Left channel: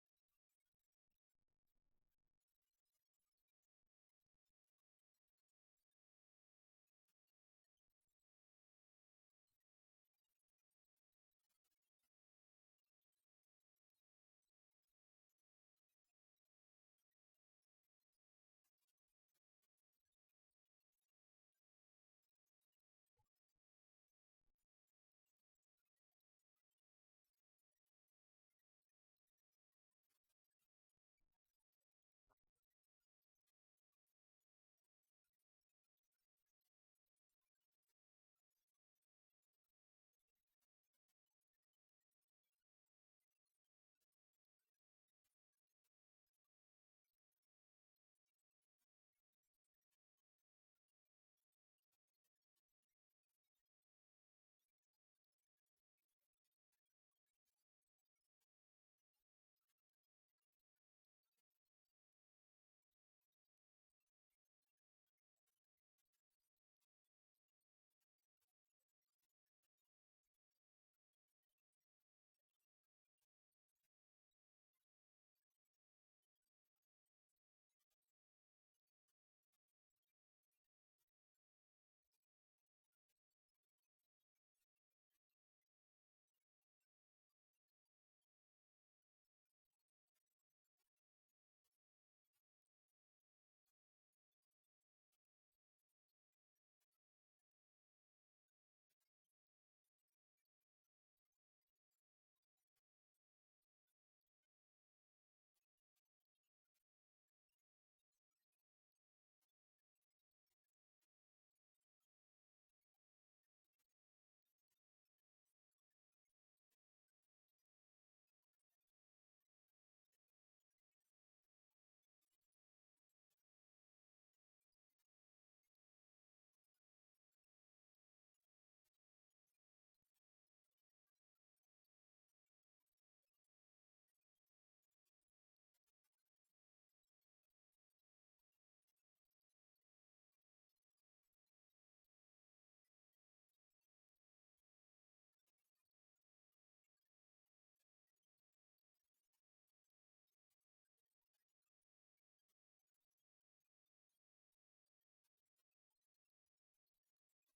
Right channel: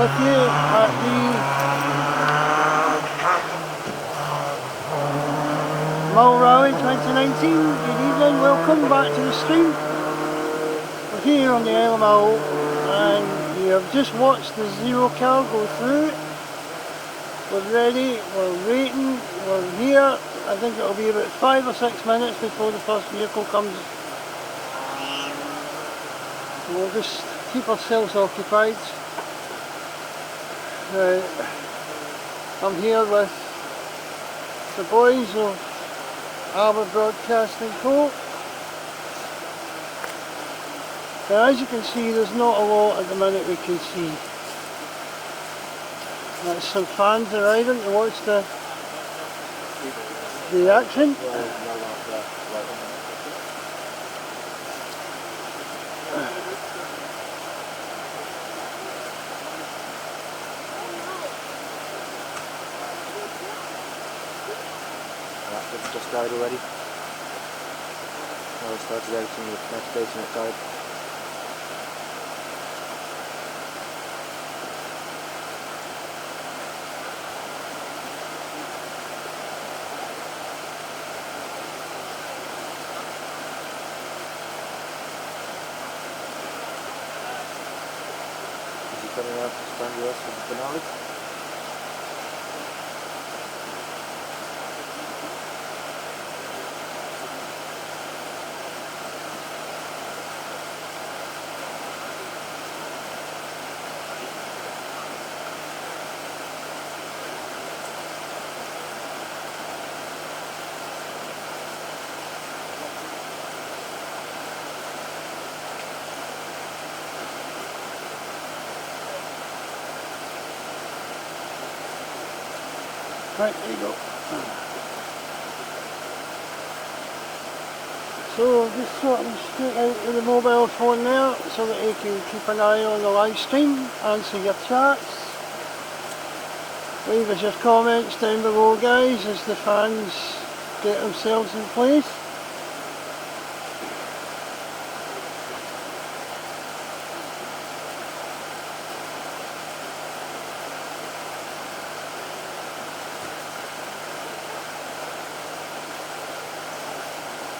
with you at the Mull Rally 2019. Good evening, welcome back to the stream. We're here on the Isle of Mull and you have just watched the zero car go through. We're ready, we're waiting, we're here. I think it'll be about 5 or 6 minutes before the first vehicle comes. So we'll just keep ourselves occupied. I'm here with the boys of Alba Broadcasting Co. Now, as you can see, there's not a lot at the minute we can see. There's some fans arriving to watch the action. Just died already. Now it started out in the next station it died. Is he coming out to stand with us for the finale? Right, there you go. So just sort of straight out with the mobile phone there so that you can keep an eye on the live stream, answer your chats. Leave us your comments down below, guys, as the fans get themselves in place.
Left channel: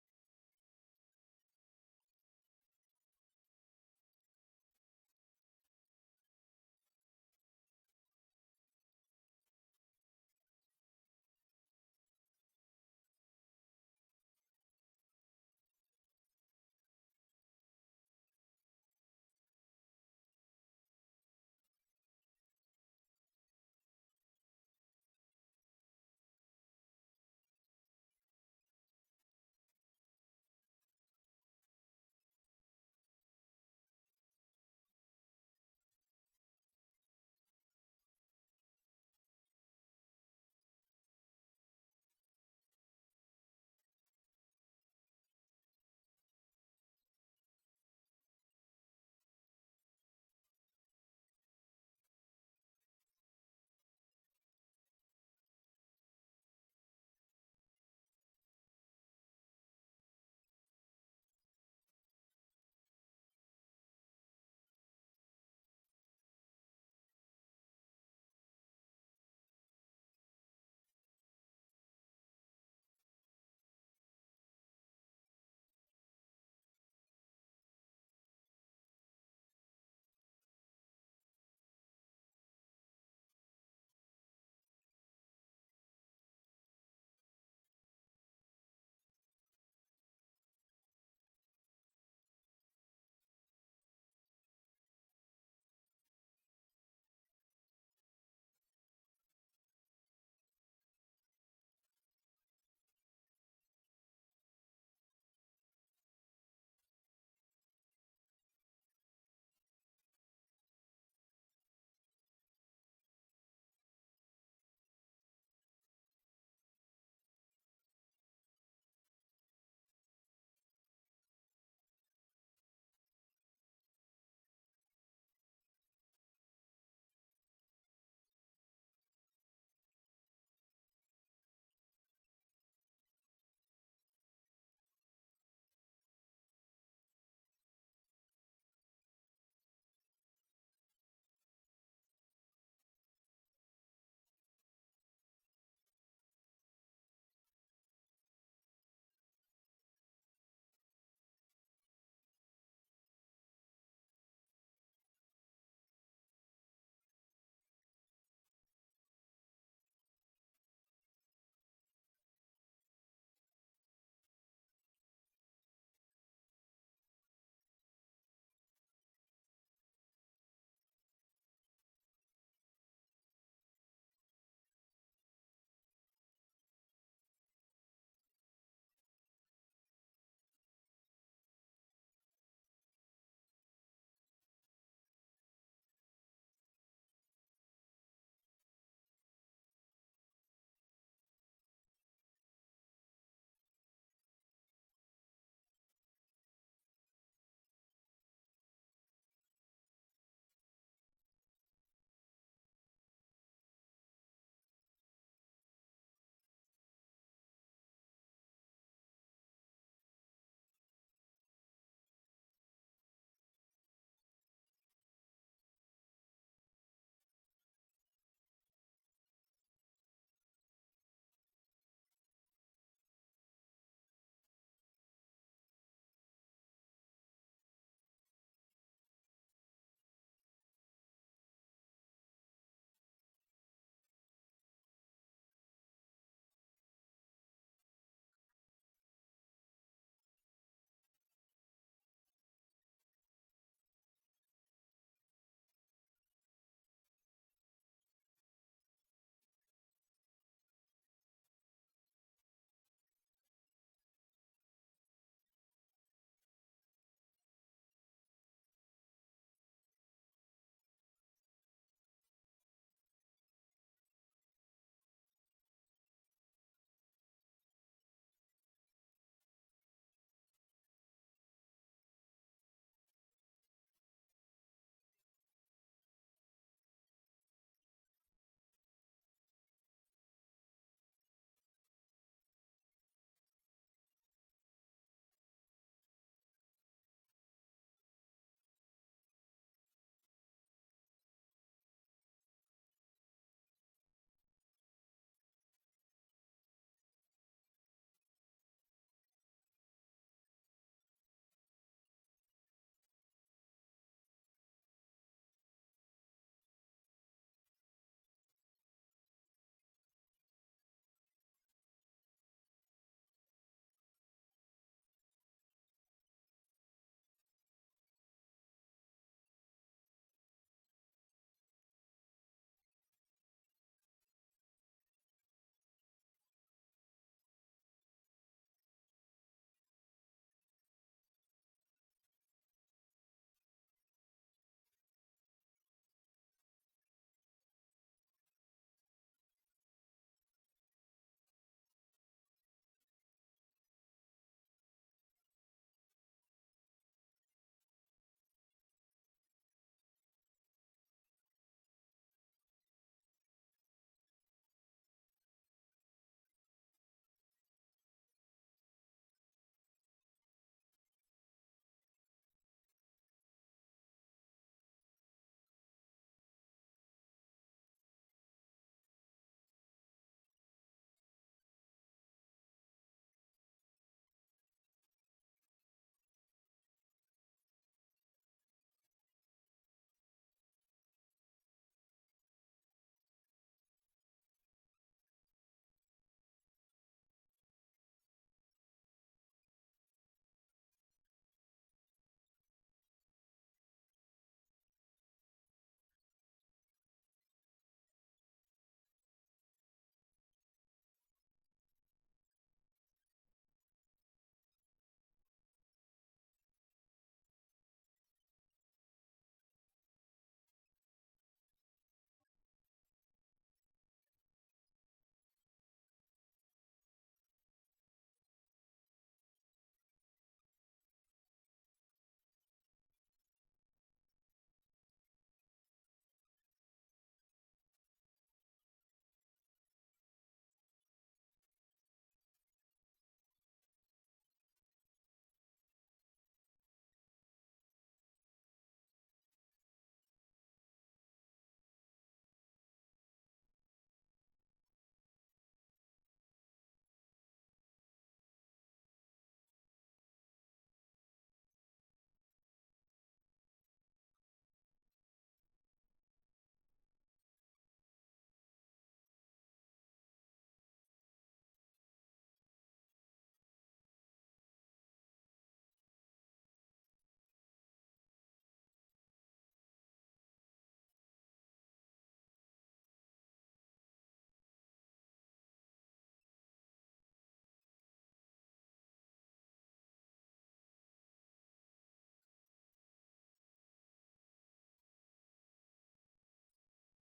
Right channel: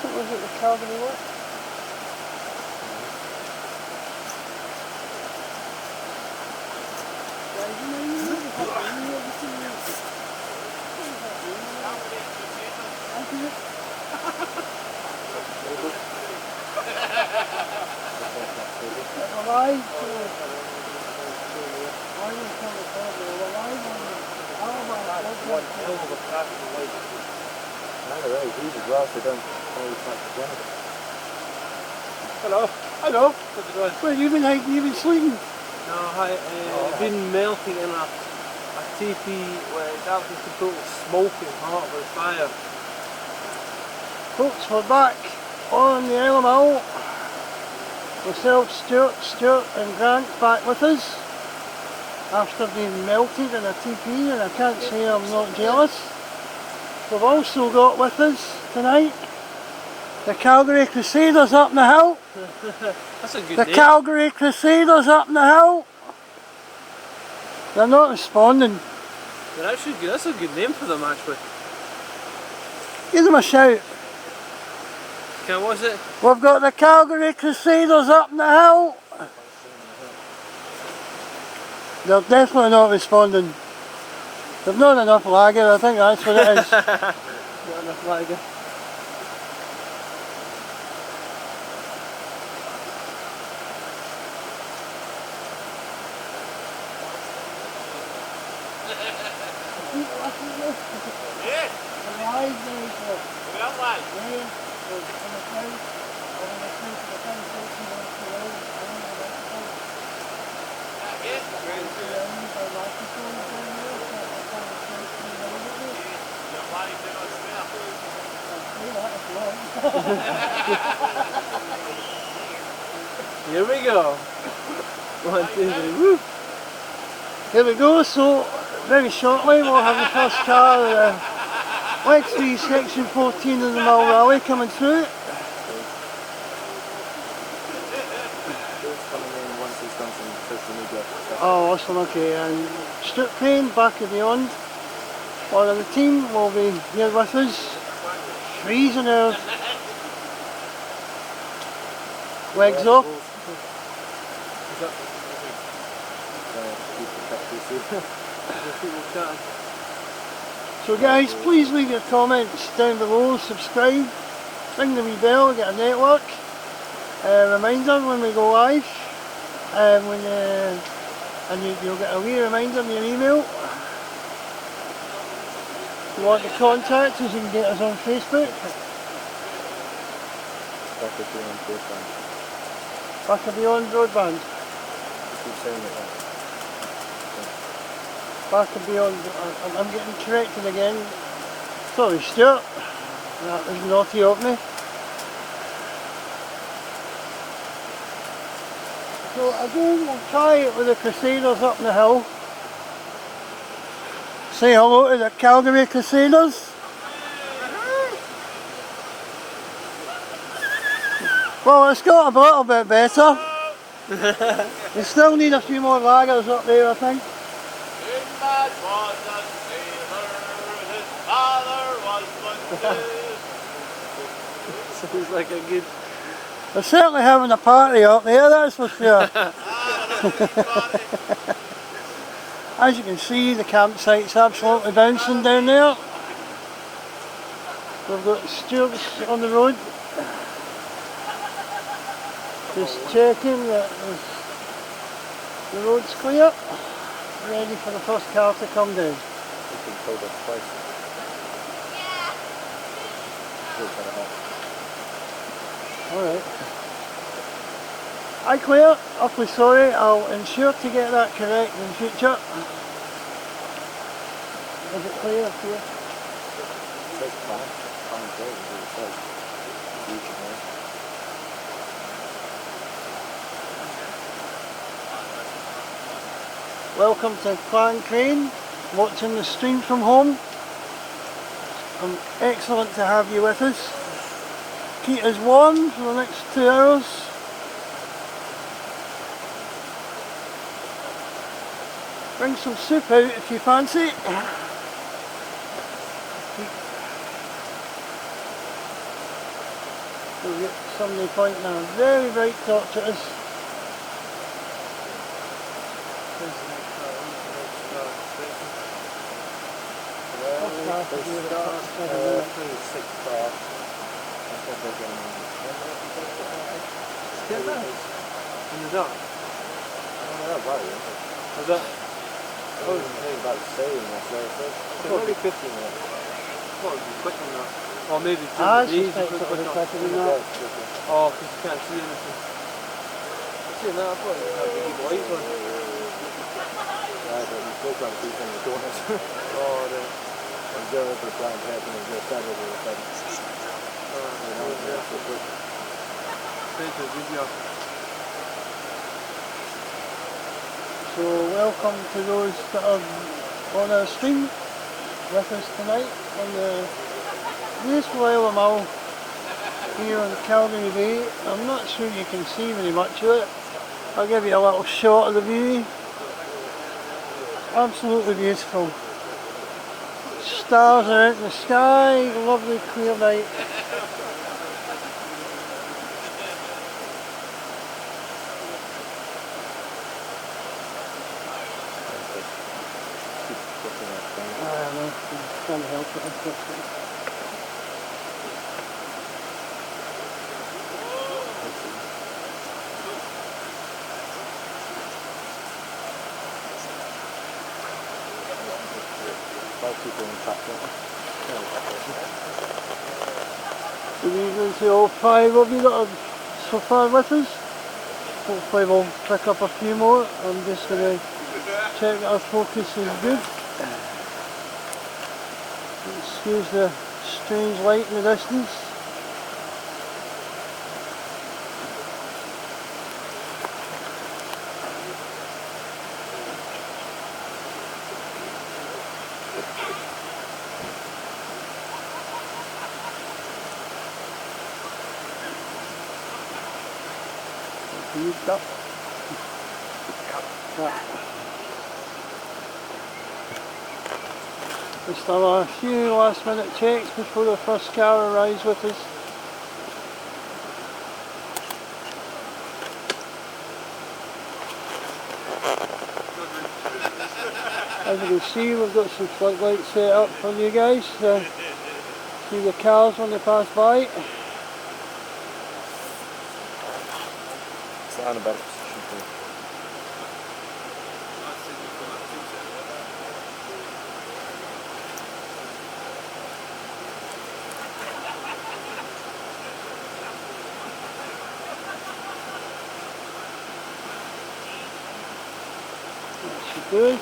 What was it, the Calgary what? Hello. Hello. How's it going? Where you been hiding? You been sleeping? No, I've been melting in a teepee where it's absolutely total smoking hot with fire. Folks, we're back on the Isle of Mull. Myself, Stuart and Grant back with us after being melted in a teepee, and I can't say I'm not jealous. We've also got with us tonight the Calgary Crusaders up in the hill. That's a good The name. Calgary Crusaders up in the hill. They're not responding. They're actually good. That's a good name for them actually. Give them a shout. Okay, what is it? We've got the Calgary Crusaders up in the hill. They're definitely not responding. They've not enough lager, I think that's what it is. Not enough lager. Here we go. 1, 2, 3, woo! Here we go, so very shortly we'll have the first car, let's see section 14 of the Mull Rally coming through. Oh, awesome. Okay, and Strip Crane back of beyond. One of the team will be here with us. Freezing earth. Legs up. So guys, please leave your comments down below, subscribe, ring the wee bell, get a network. Reminder when we go live, and you'll get a wee reminder in your email. If you want to contact us, you can get us on Facebook. Back of Beyond Broadband. Keep saying it. Back of Beyond, I'm getting corrected again. Sorry Stuart, that was naughty of me. So again, we'll try it with the Crusaders up the hill. Say hello to the Calgary Crusaders. Well, it's got a little bit better. We still need a few more lagers up there, I think. Sinbad was a sailor, his father was one too. Sounds like a good... They're certainly having a party up there, that's for sure. As you can see, the campsite's absolutely bouncing down there. We've got stewards on the road. Just checking that the road's clear. Ready for the first car to come down. Alright. Aye clear, awfully sorry, I'll ensure to get that correct in future. Is it clear up here? Welcome to Clan Crane, watching the stream from home. Excellent to have you with us. Keep us warm for the next 2 hours. Bring some soup out if you fancy. We'll get somebody pointing a very bright torch at us. Get that? In the dark? Was that? I was thinking about saying that, so it's only 15 minutes. What would be quick on that? Or maybe Ah, during it's the just days like you could sort of quick on. quicker than that. Oh, because you can't see anything. I see that, I thought you had to keep lights on. Yeah, but you still can't see from the corners. Oh, then. I'm going for the plan to happen and just stand over the fence. So welcome to those that are on our stream with us tonight on the beautiful Alba here on Calgary Bay. I'm not sure you can see very much of it. I'll give you a little shot of the view. Absolutely beautiful. Stars are out in the sky, lovely clear night. I know, I'm trying to help it, unfortunately. Good evening to all 5 of you that are so far with us. Hopefully we'll pick up a few more. I'm just going to check that our focus is good. Excuse the strange light in the distance. Used up. Yeah. Just done a few last minute checks before the first car arrives with us. As you can see, we've got some floodlights set up for you guys to see the cars when they pass by. It's not in a better position for She does.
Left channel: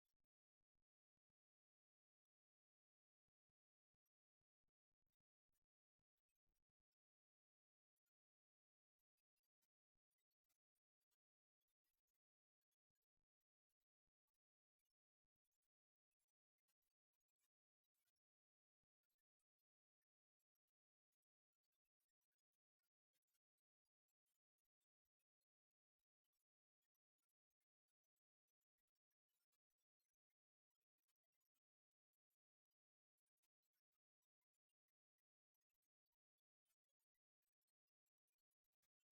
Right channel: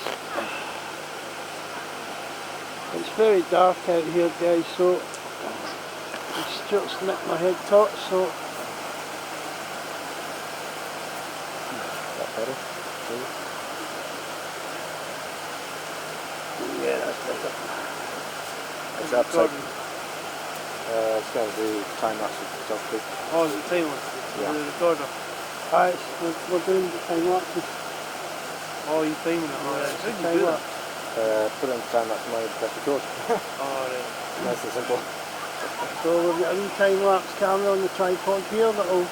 It's very dark out here, guys, so Stuart's nicked my head top, so that better. yeah, that's better. It's upside. It's going to do time lapse with stuff too. Oh, is it time lapse? Yeah. The recorder. Alright, we're doing the time lapses. Oh, you're timing it. Oh, right. How do you do that? Put it in time lapse mode, press record. Oh, right. Nice and simple. So we've got a wee time lapse camera on the tripod here that'll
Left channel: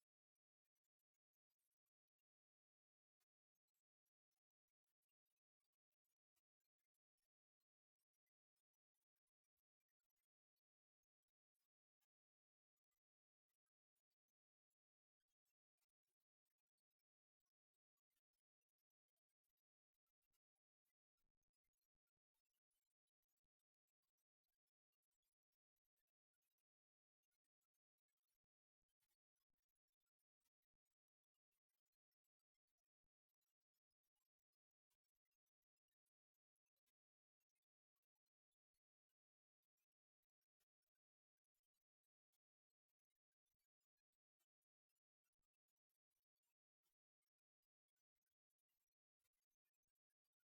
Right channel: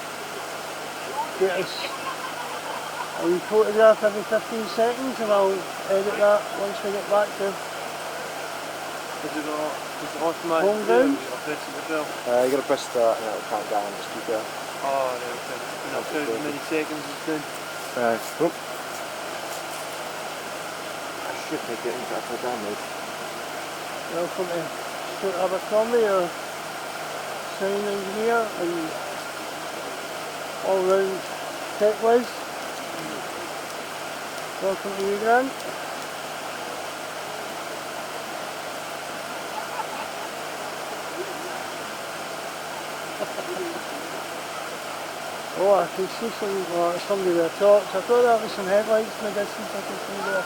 get us a wee photograph every 15 seconds, and I'll edit that once we get back to Is it automatic? home ground. Or press it yourself? You got to press start and it'll count down and just keep going. Oh, right, okay. And I'll count how many seconds it's doing. Oh. I should make it into upside down mode. Welcome to Stuart Abercrombie, our sound engineer and all round tech whiz. Welcome to you, Grant. Oh, I can see somebody with a torch. I thought that was some headlights in the distance I can see there.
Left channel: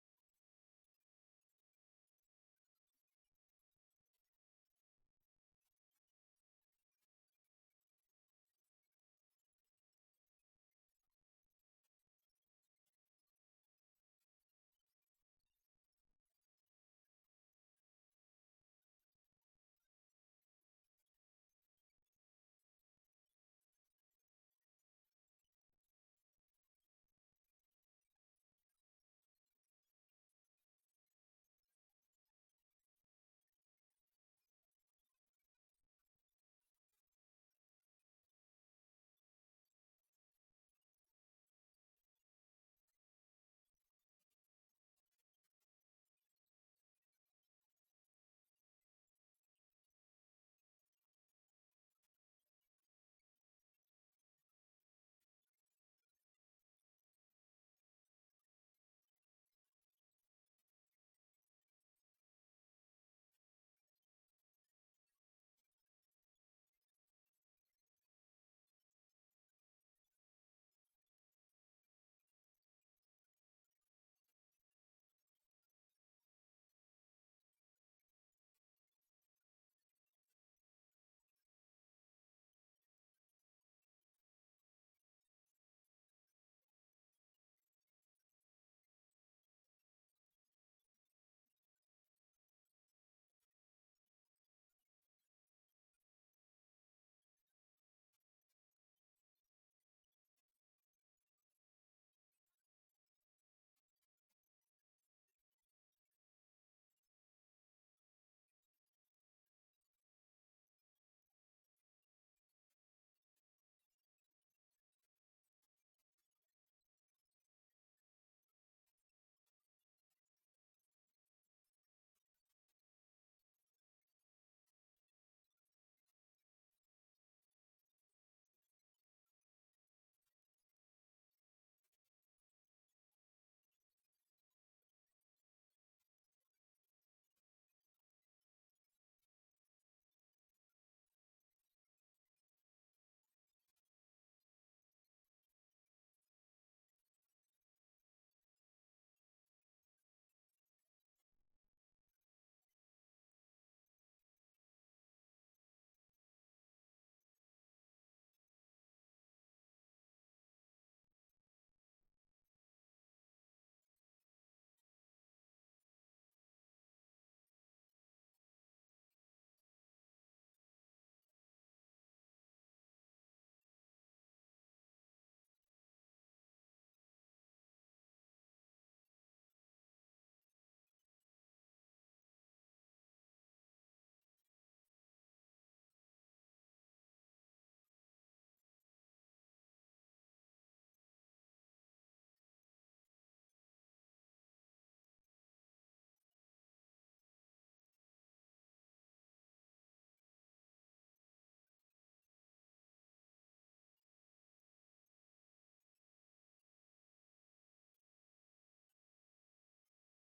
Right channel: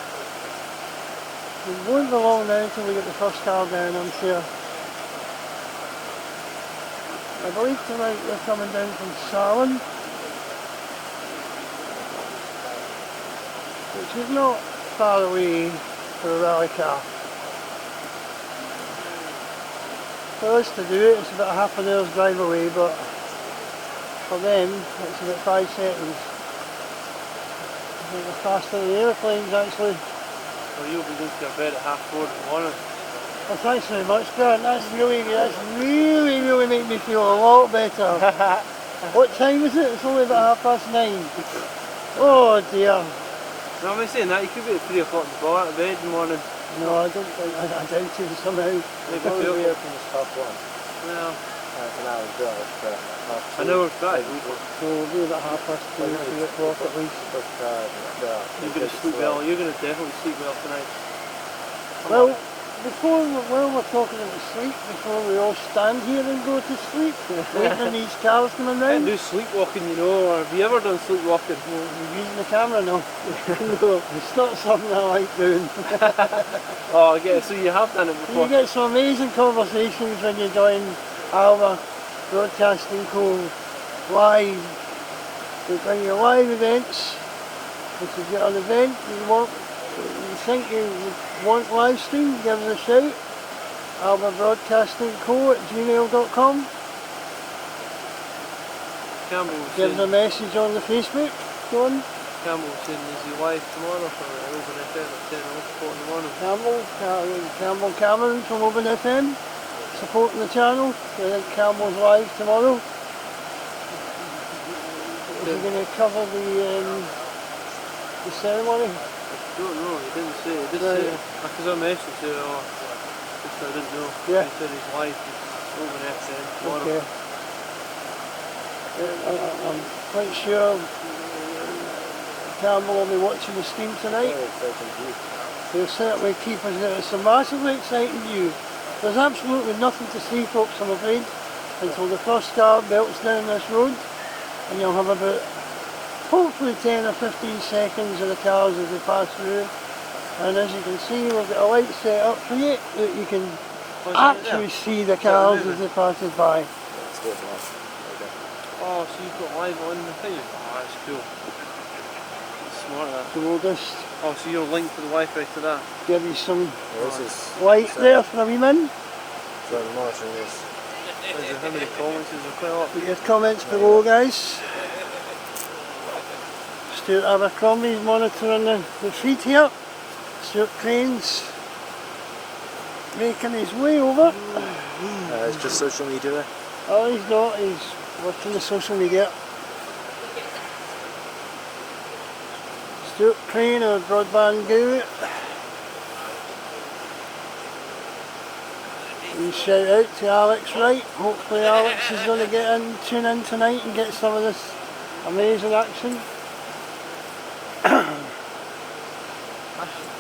We won't be long now until we get the first car down, I'm sure. I believe tonight they're coming down from Salon, which is not far away for a rally car. For us to do it, it's about half an hour's drive away, but for them, it's about 5 seconds. I think they're faster than the airplanes, actually. Well, you'll be going to your bed at 4:30 in the morning. Well, thanks very much, Grant. That's really made me feel a lot better. What time is it? It's only about 9:30. Oh dear. No, I'm saying that. You could be at 3 o'clock in the bar at bed in the morning. No, I don't think, I doubt it somehow. Maybe Probably 2 be o'clock. open as half one. Well, It's an hour's drive, but half I know it's right. So we'll be about 2:30, 3 o'clock at least. You're going to sleep well. You're going to definitely sleep well tonight. Well, while we're talking about sleep, before we all stand here and go to sleep, waiting on these cars coming I round. do sleepwalking, you know, or have you ever done sleepwalking? You're using the camera now. No, it's not something I like doing. Oh, I get it. So you have done it You before. get some amazing conversations when you join Alba Broadcasting Co. live. We bring you live events. If you've got an event you think you would want live stream, give us a shout. Alba Broadcasting Co. @gmail.com. Campbell was Give us a saying, message on the Facebook. Go on. Campbell was saying, is he live tomorrow for Open FM at 10 o'clock in the morning? Campbell Cameron from Open FM supporting the channel. I think Campbell's live tomorrow. Is he going to cover the ceremony? I don't know, he didn't say. He did Right. say, because I messaged him, just I didn't know. Yeah. He said he's live, he's Open FM tomorrow. Okay. I'm quite sure Campbell will be watching the stream tonight. He'll certainly keep us there. It's a massively exciting view. There's absolutely nothing to see, folks, I'm afraid, until the first car belts down this road, and you'll have about hopefully 10 or 15 seconds of the cars as they pass through. And as you can see, we've got a light set up for you that you can actually see the cars as they pass by. Oh, so you've got live on the thing? Oh, that's cool. That's smart, that. So we'll just Oh, so you're linked to the Wi-Fi to that? Give you some This is light there for a wee min. so I'm monitoring this. Is there, how many comments is there? Quite a lot. Put your comments below, guys. Stuart Abercrombie's monitoring the feed here. Stuart Crane's making his way over. It's just social media there. Oh, he's not, he's working the social media. Stuart Crane, our broadband guru. We shout out to Alex Wright. Hopefully Alex is going to tune in tonight and get some of this amazing action. Actually,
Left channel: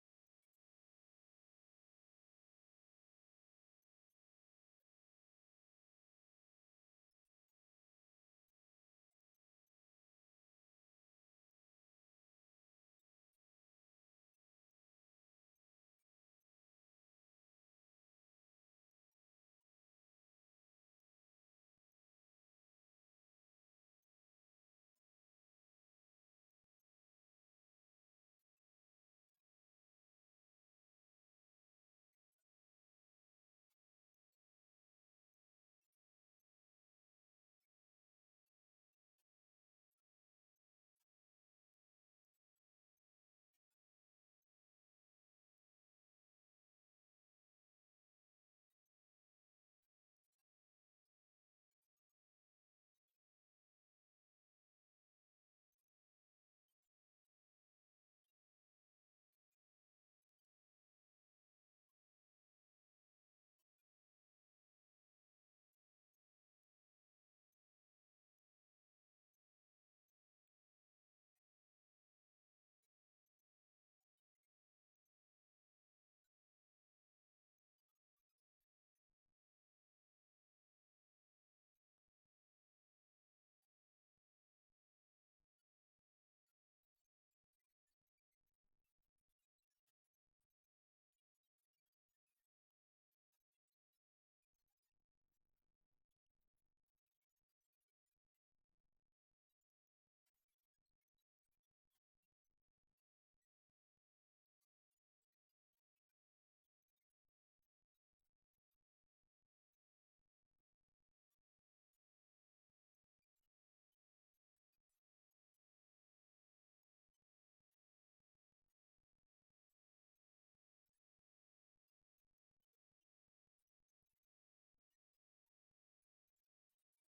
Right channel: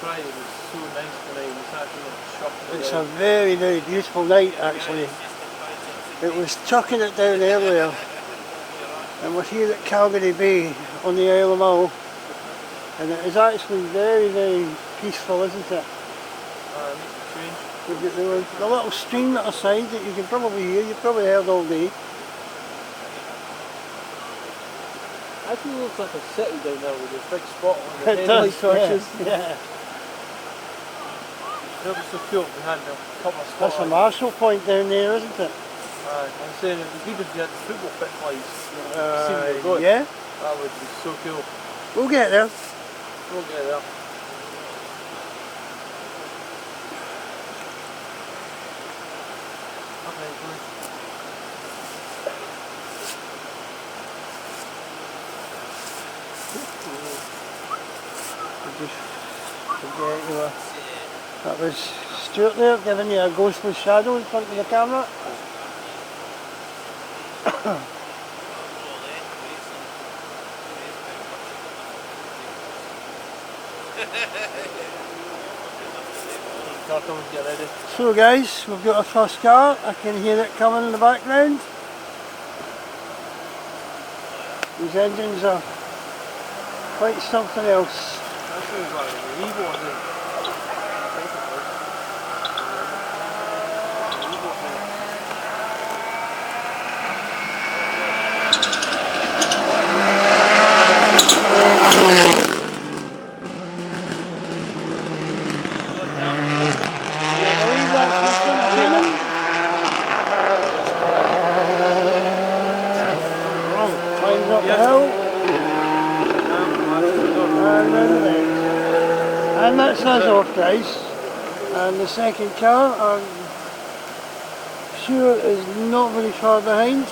Friday was so nice tonight. It's actually shocking. It's a very, very beautiful night actually. It was chucking it down earlier, and we're here at Calgary Bay on the Isle of Mull, and it is actually very, very peaceful, isn't it? We've got the little stream at our side that you can probably hear, you've probably heard all day. Actually looks like a city down there with a big spot on the It headlight does, torches. yeah. That was so cool if we had a couple of spots. That's a Marshall point down there, isn't it? I'm saying it would be good if you had the football pitch lights. Yeah, That would be so cool. we'll get there. We'll get there. That was Stuart there giving you a ghostly shadow in front of the camera. Get ready. So guys, we've got our first car. I can hear it coming in the background. These engines are quite something else. That sounds like an Evo, I think. And that's us off, guys. And the second car, I'm sure, is not very far behind.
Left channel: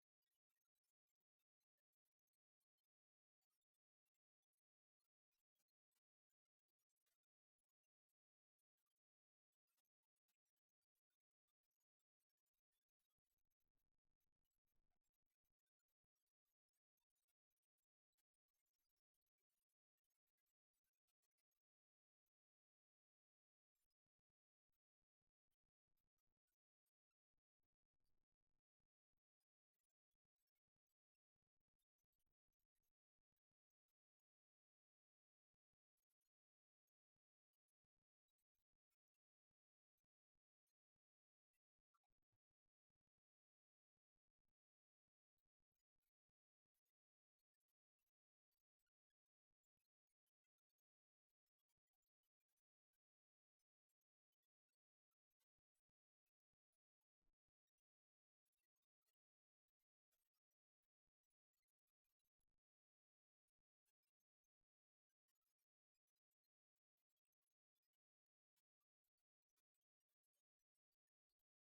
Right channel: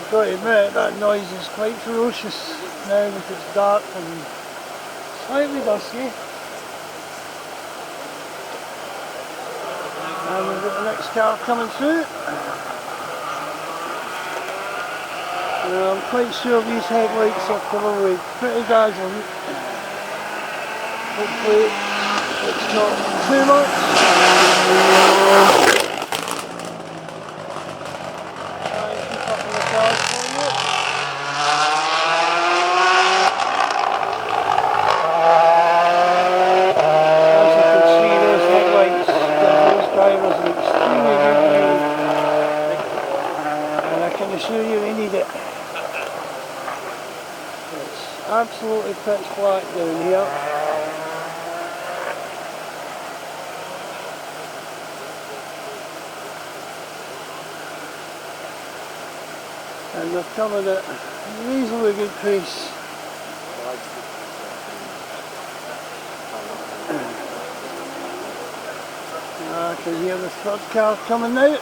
I've got to admit, that noise is quite ferocious now that it's dark and slightly dusky. And we've got the next car coming through. I'm quite sure these headlights are probably pretty dazzling. Hopefully it's not too much. Try and keep up with the cars for you. As you can see, those headlights give those drivers an extremely good view. And I can assure you they need it. Absolutely pitch black down here. And they're coming at a reasonably good pace. I can hear the third car coming now.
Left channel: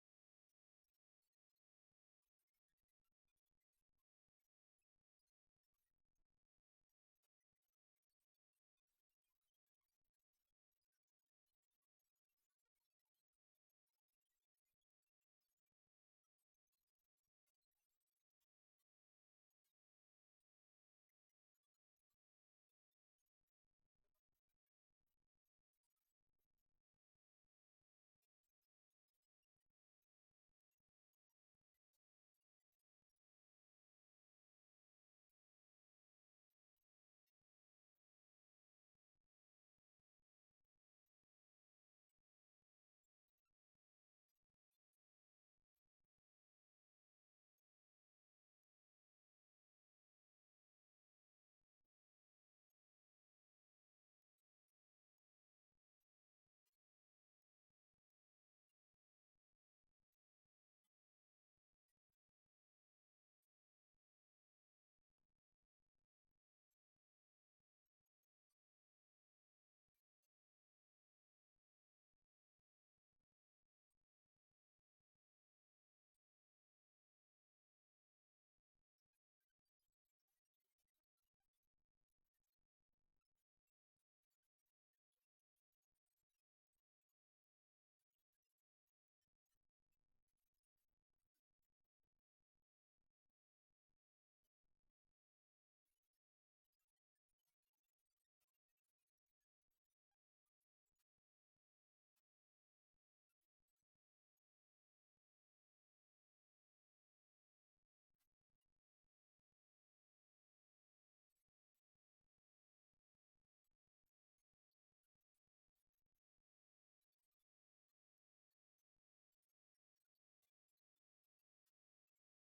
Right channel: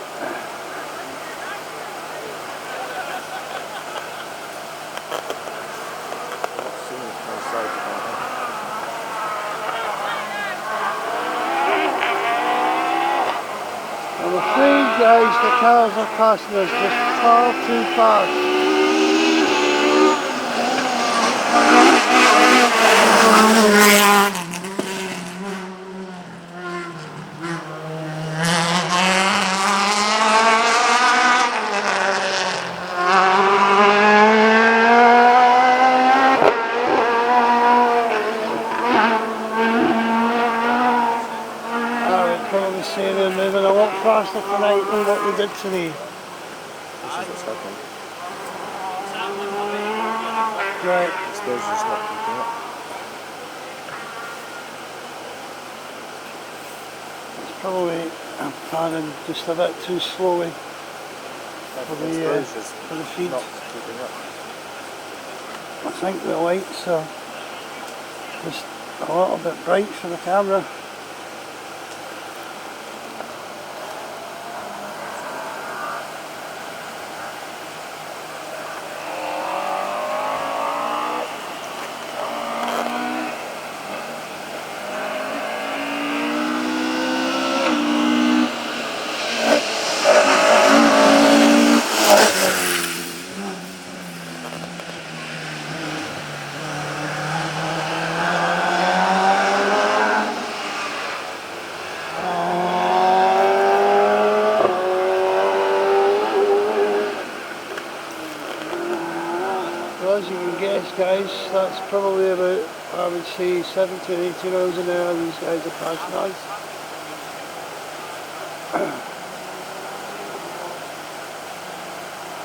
I'm afraid, guys, the cars are passing us just far too fast. I would probably say they're moving a lot faster tonight than what we did today. happening. Right. Exposure's not keeping up. It's probably panning just a bit too slowly for the feed. Not keeping up. I think the lights are just a little bit bright for the camera. As you can guess, guys, that's probably about, I would say, 70 or 80 miles an hour these guys are passing us.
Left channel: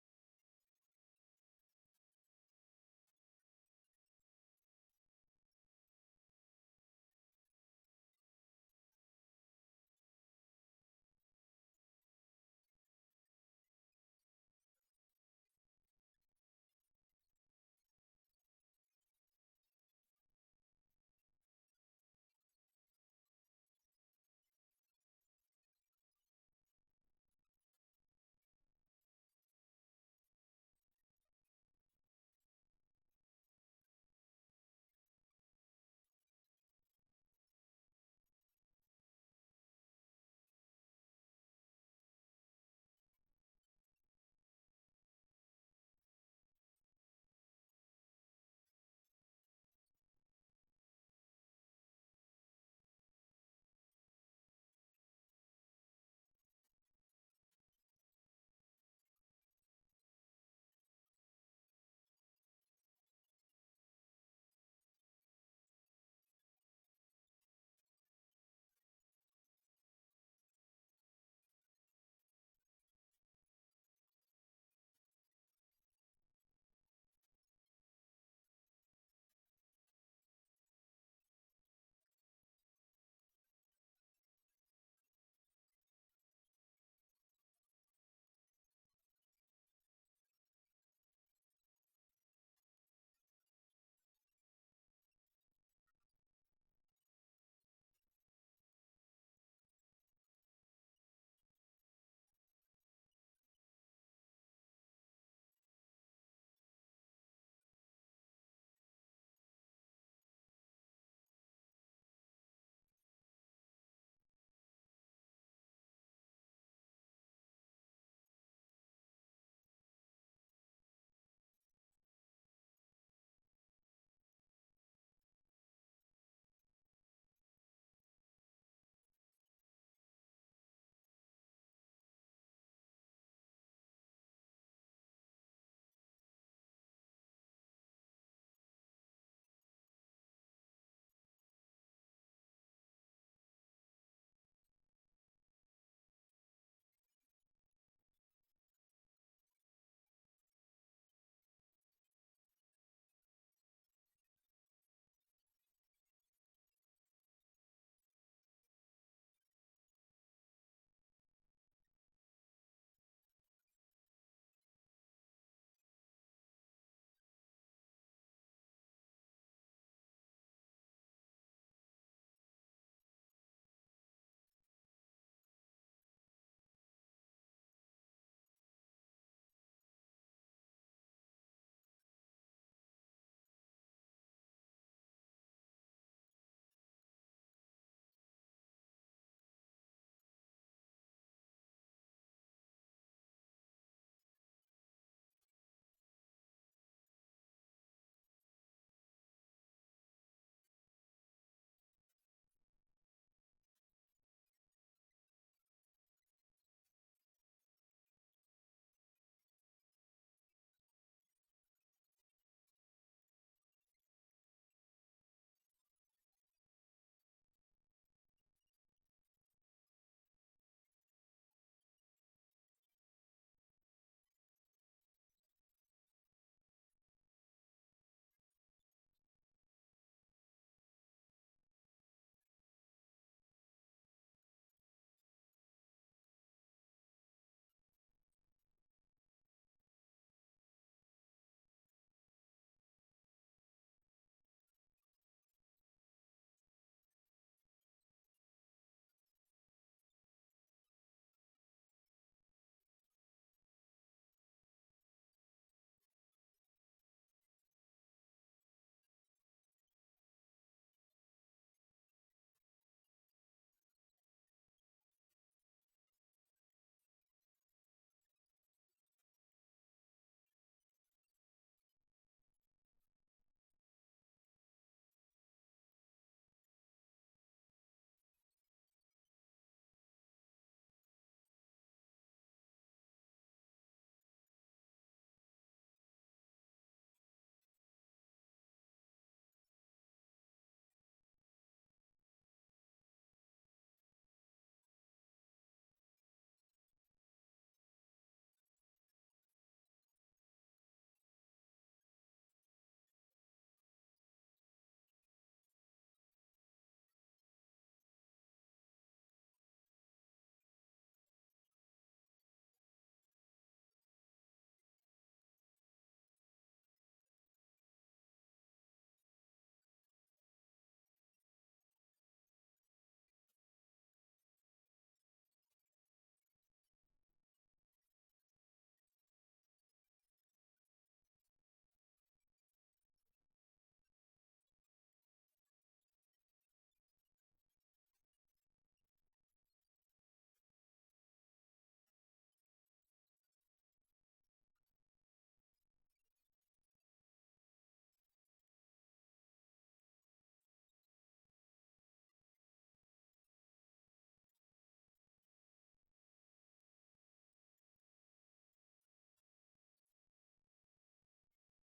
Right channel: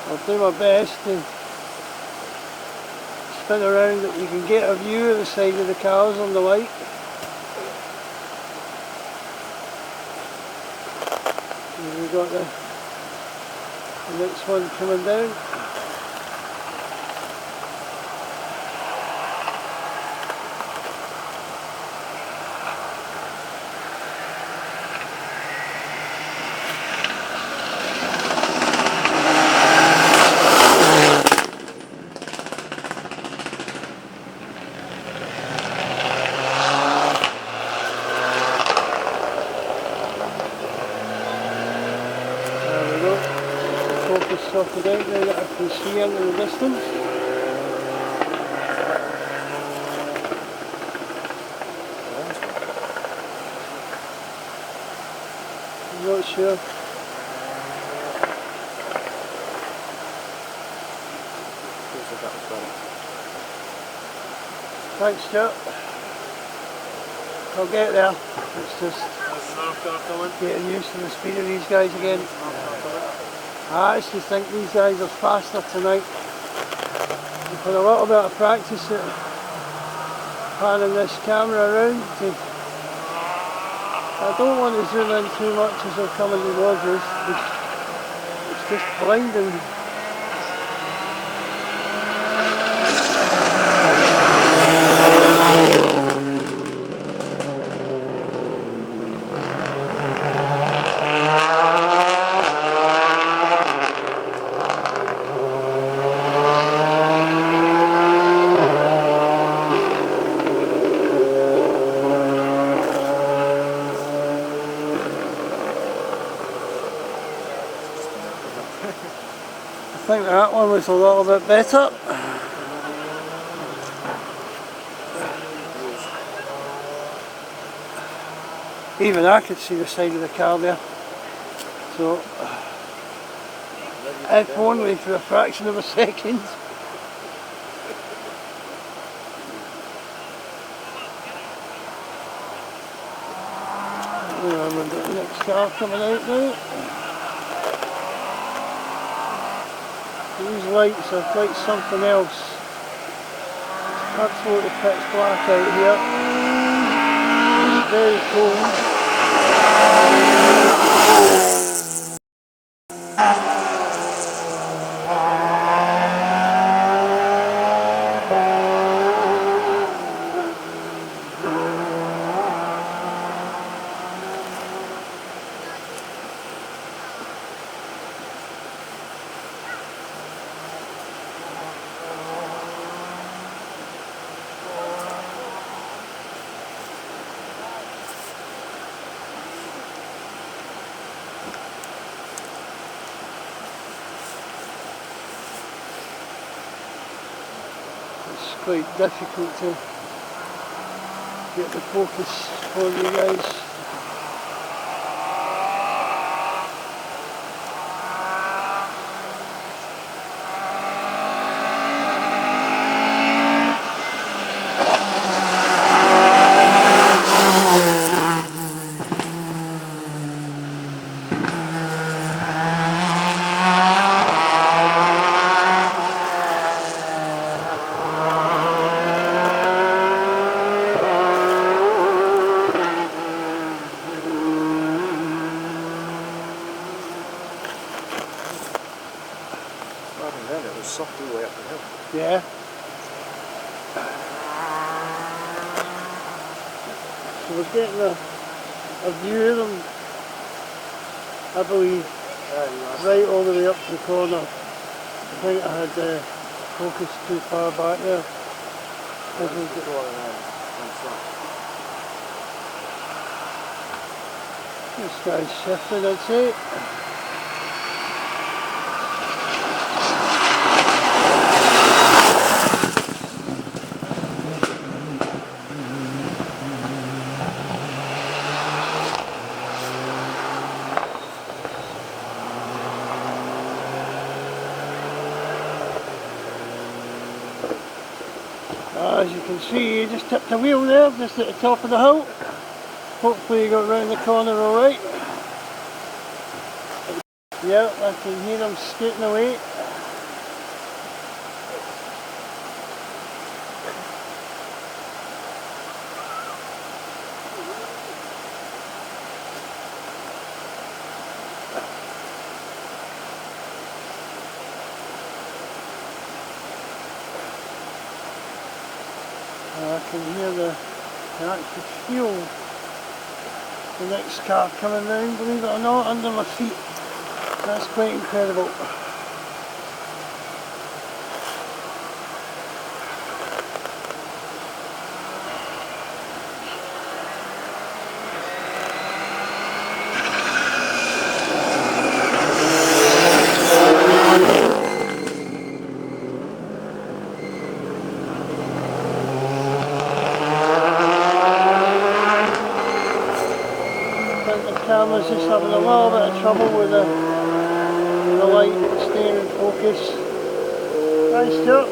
I'll do my best to spin around that you can get a view of the side of the cars on the light. And we've got the next one coming down. Sorted out now that I can see into the distance. I'm not sure. Thanks, Stuart. I'll get there. It's just getting used to the speed of these guys again. I actually think these guys are faster tonight. I've had a little bit of practice at panning this camera around. I don't want to zoom in too much as they're coming towards us. It's just blinding. I think that one was a little bit better. Even I could see the side of the car there. So, if only for a fraction of a second. We've got the next car coming out now. These lights are quite something else. It's absolutely pitch black out here. It's very cold. It's quite difficult to get the focus for you guys. and then it was soft all the way up the hill. Yeah. So we're getting a view of them, I believe, right all the way up to the corner. I think I had focused too far back there. This guy's shifting, I'd say. As you can see, you just tipped a wheel there, just at the top of the hill. Hopefully you got round the corner alright. Yeah, I can hear them skating away. I can hear the actual feel the next car coming round, believe it or not, under my feet. That's quite incredible. The camera's just having a little bit of trouble with the light staying in focus. Hi Stuart.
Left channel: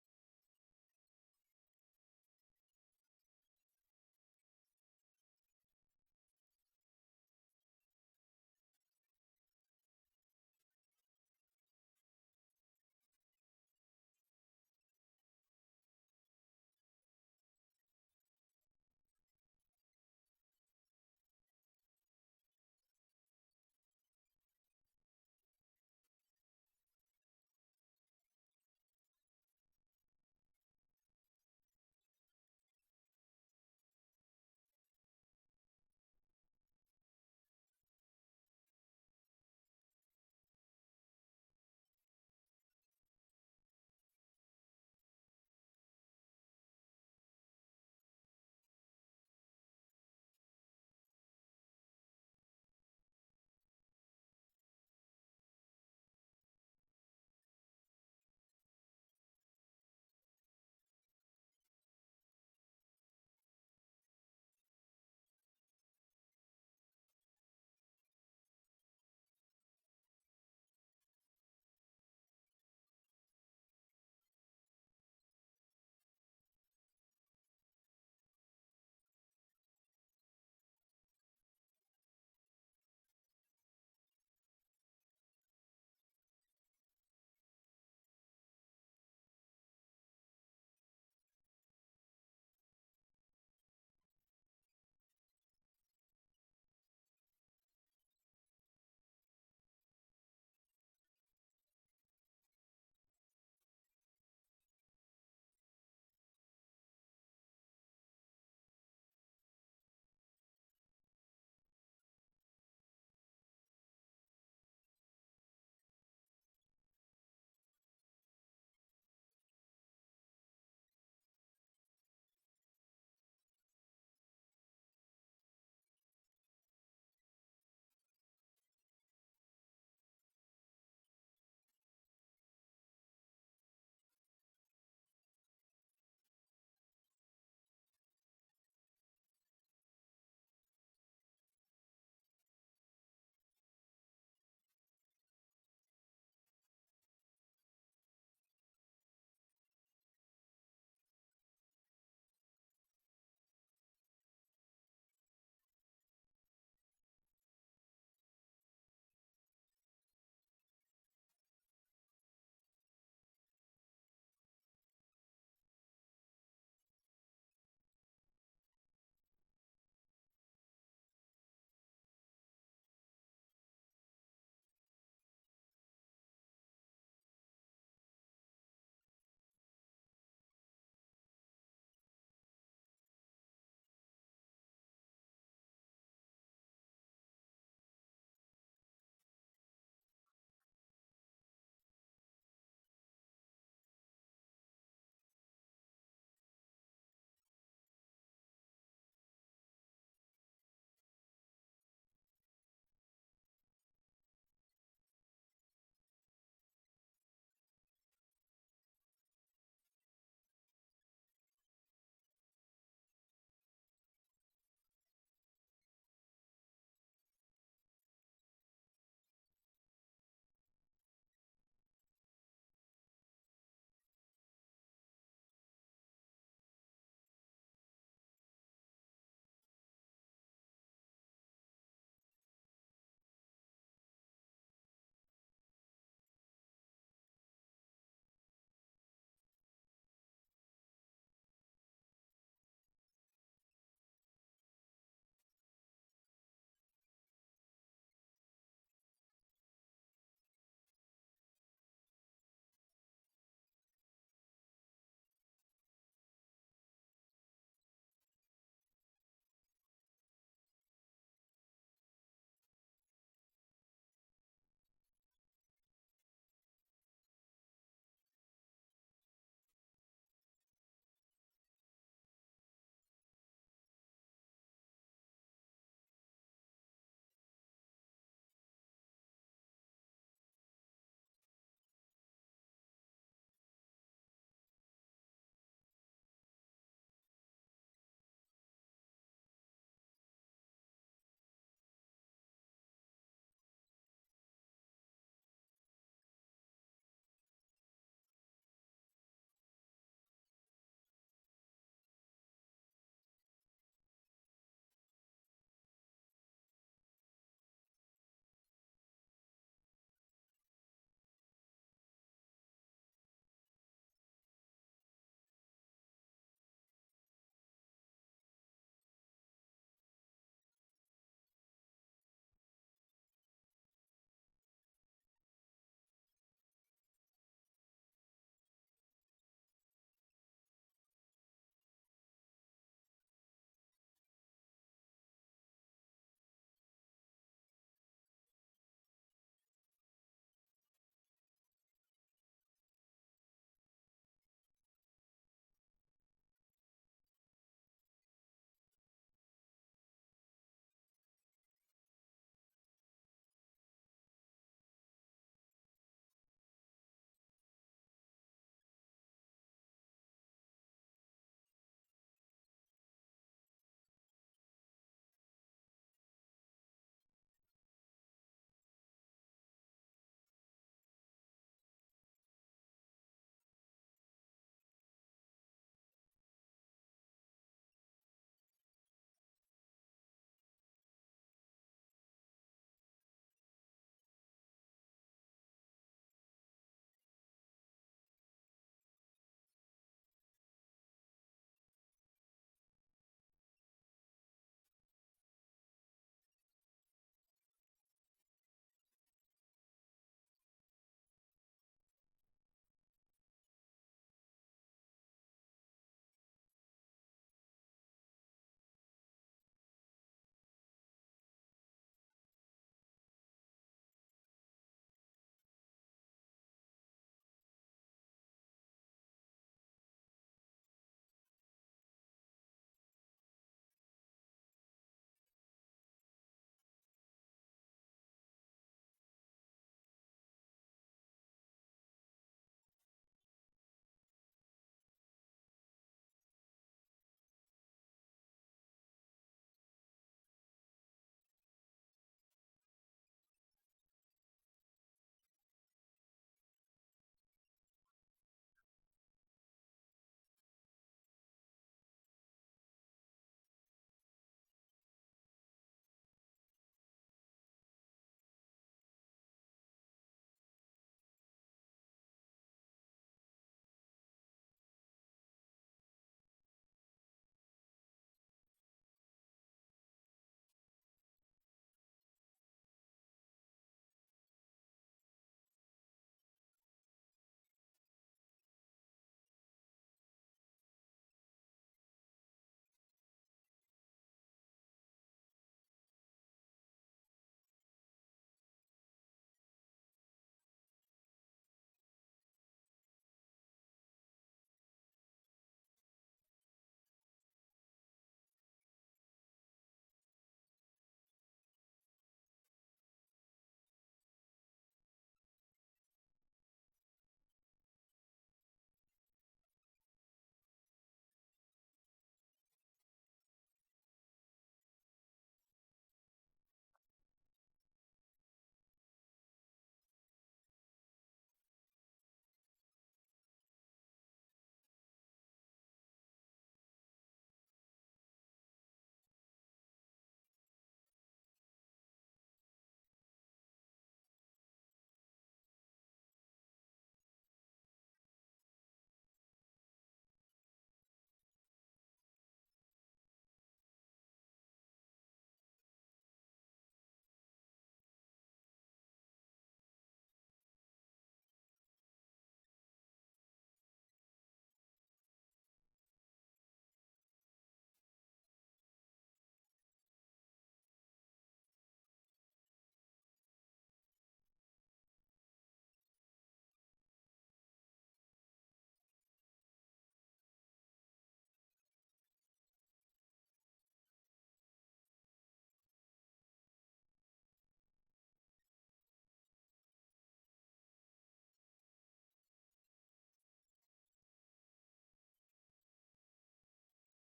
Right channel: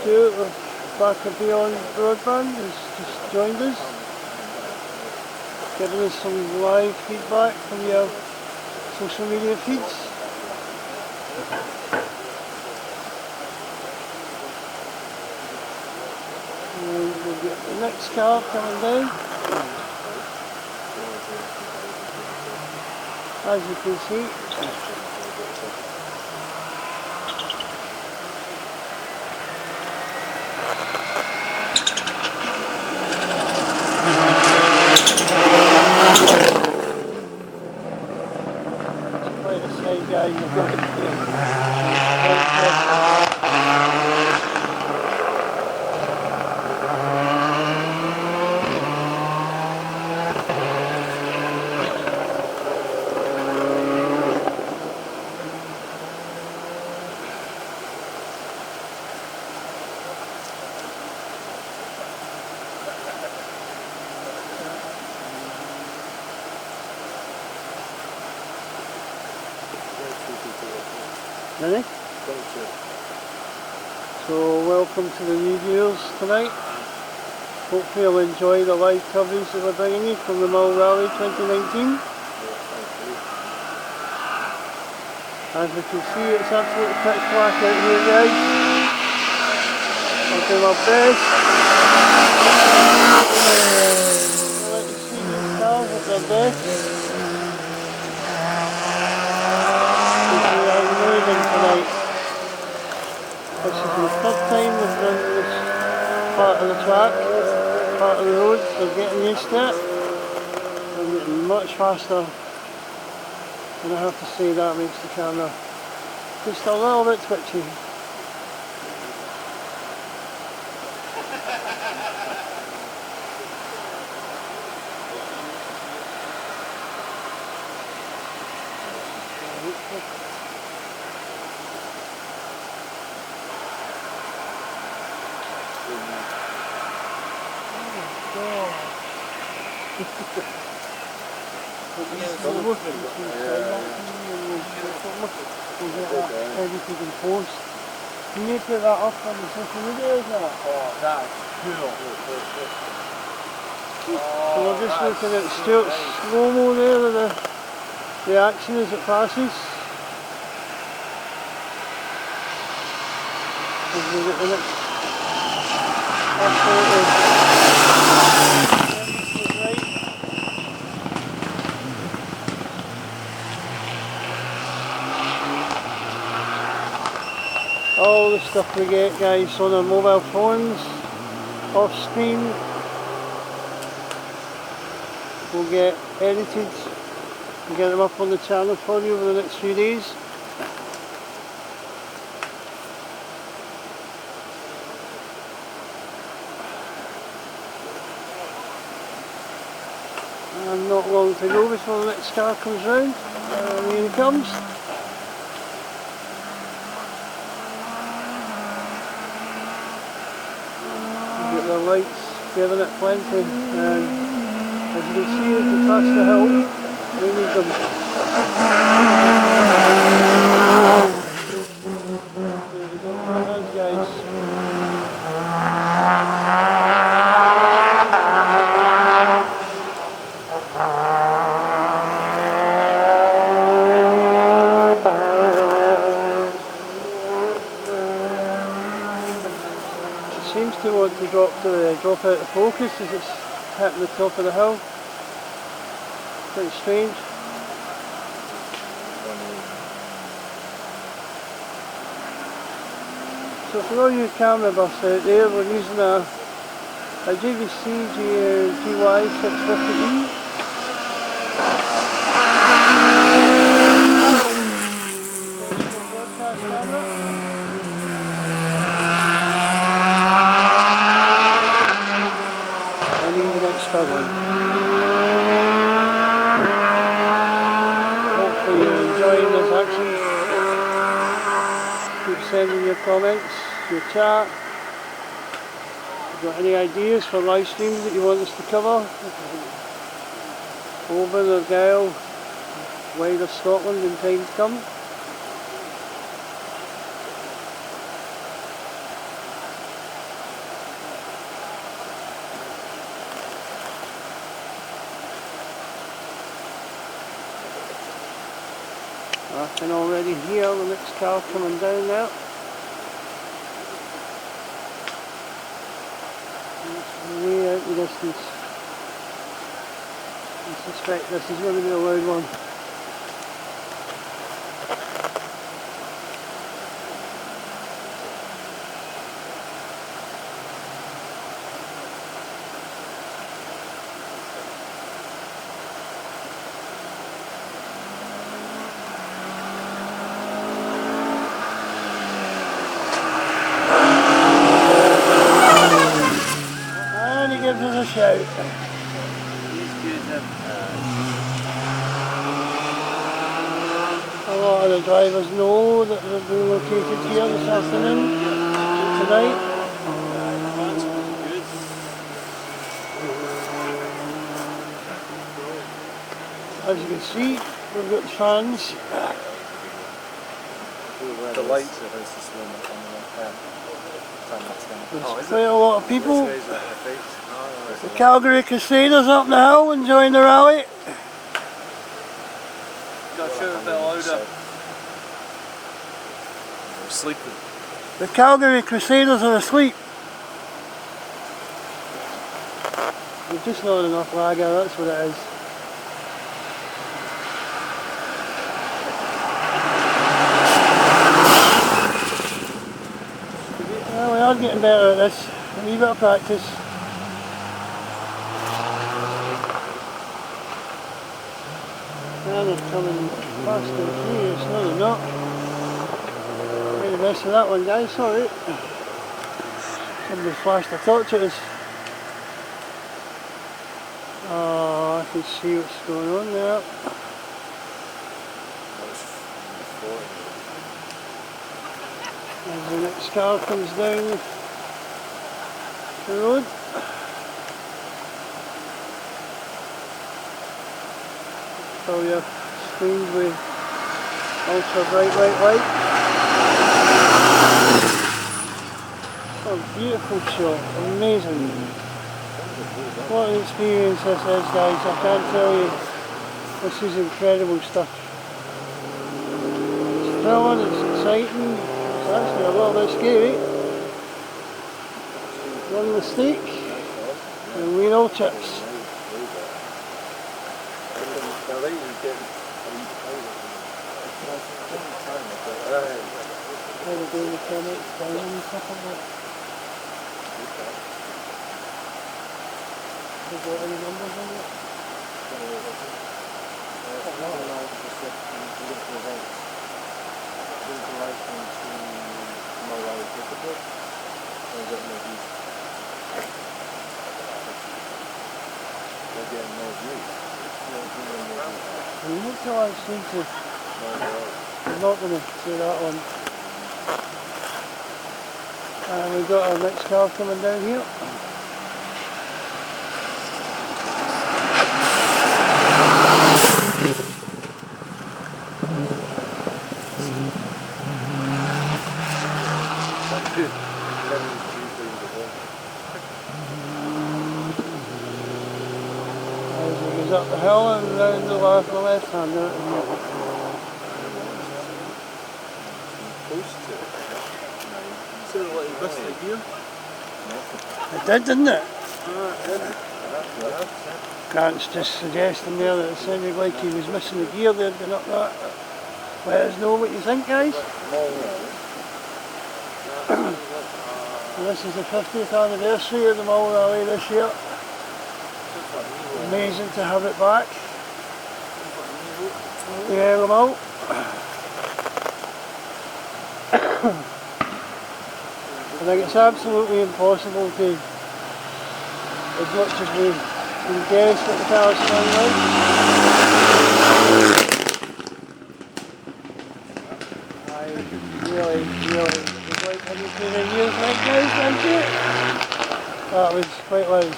Stuart of back of Beyond Broadband has just joined us, giving us some live feedback from your social media feeds. And we'll get the next car coming down. As you can see. It's quite a sight, guys. You've got to Ready? So welcome to the new viewers tonight. Hopefully you'll enjoy the live coverage that we're bringing you from the Mull Rally 2019. As we can see, it's absolutely pitch black out here, guys. I'll do my best. I'll let you see these cars at their best. Tonight. This is the third time we've done this part of the track, part of the road, so getting used to it. I'm getting much faster, and I have to say that makes the camera just a little bit twitchy. Everything in post. Can you put that up on the social media, is that? Oh, that's cool. So we're just looking at Stuart's slow-mo there with the action as it passes. As we get the next absolutely right. all the stuff we get, guys, on our mobile phones, off screen, will get edited and get them up on the channel for you over the next few days. And not long to go before the next car comes round. Here he comes. Get the lights giving it plenty, and as you can see as we pass the hill, we need them. There we go, hands guys. Seems to want to drop out of focus as it's hitting the top of the hill. Quite strange. So for all you camera buffs out there, we're using a JVC GY 650E. Hopefully you're enjoying this action. Keep sending your comments, your chat. If you've got any ideas for live streams that you want us to cover, Oban or Gale, wider Scotland in time to come. I can already hear the next car coming down there. It's way out the distance. I suspect this is going to be a loud one. Gives us a shout. A lot of the drivers know that they're being located here this afternoon, tonight. As you can see, we've got fans. The lights are just this one. There's quite a lot of people. The Calgary Crusaders up the hill enjoying the rally. Got to shout a bit louder. We're sleeping. The Calgary Crusaders are asleep. There's just not enough lager, that's what it is. Well, we are getting better at this. A wee bit of practice. Now they're coming fast and furious. No, they're not. Made a mess of that one, guys. Sorry. Somebody flashed a torch at us. Oh, I can see what's going on there. As the next car comes down the road. Fill your screens with ultra bright white light. Oh, beautiful shot, amazing. What an experience this is, guys, I can't tell you. This is incredible stuff. It's thrilling, it's exciting, it's actually a little bit scary. One mistake and we're all chips. kind of doing the comments down and stuff like that. Have you got any numbers on it? I'm not sure I seem to. I'm not going to say that one. And we've got our next car coming down here. As he goes up the hill and round the left hand out in here. Sounded like you missed the gear. It did, didn't it? Grant's just suggesting there that it sounded like he was missing the gear there going up that. Let us know what you think, guys. This is the 50th anniversary of the Mull Rally this year. Amazing to have it back. The Isle of Mull. I think it's absolutely impossible to, as much as we can guess what the car's sound like. I really would like to be the years like guys, thank you. That was quite loud.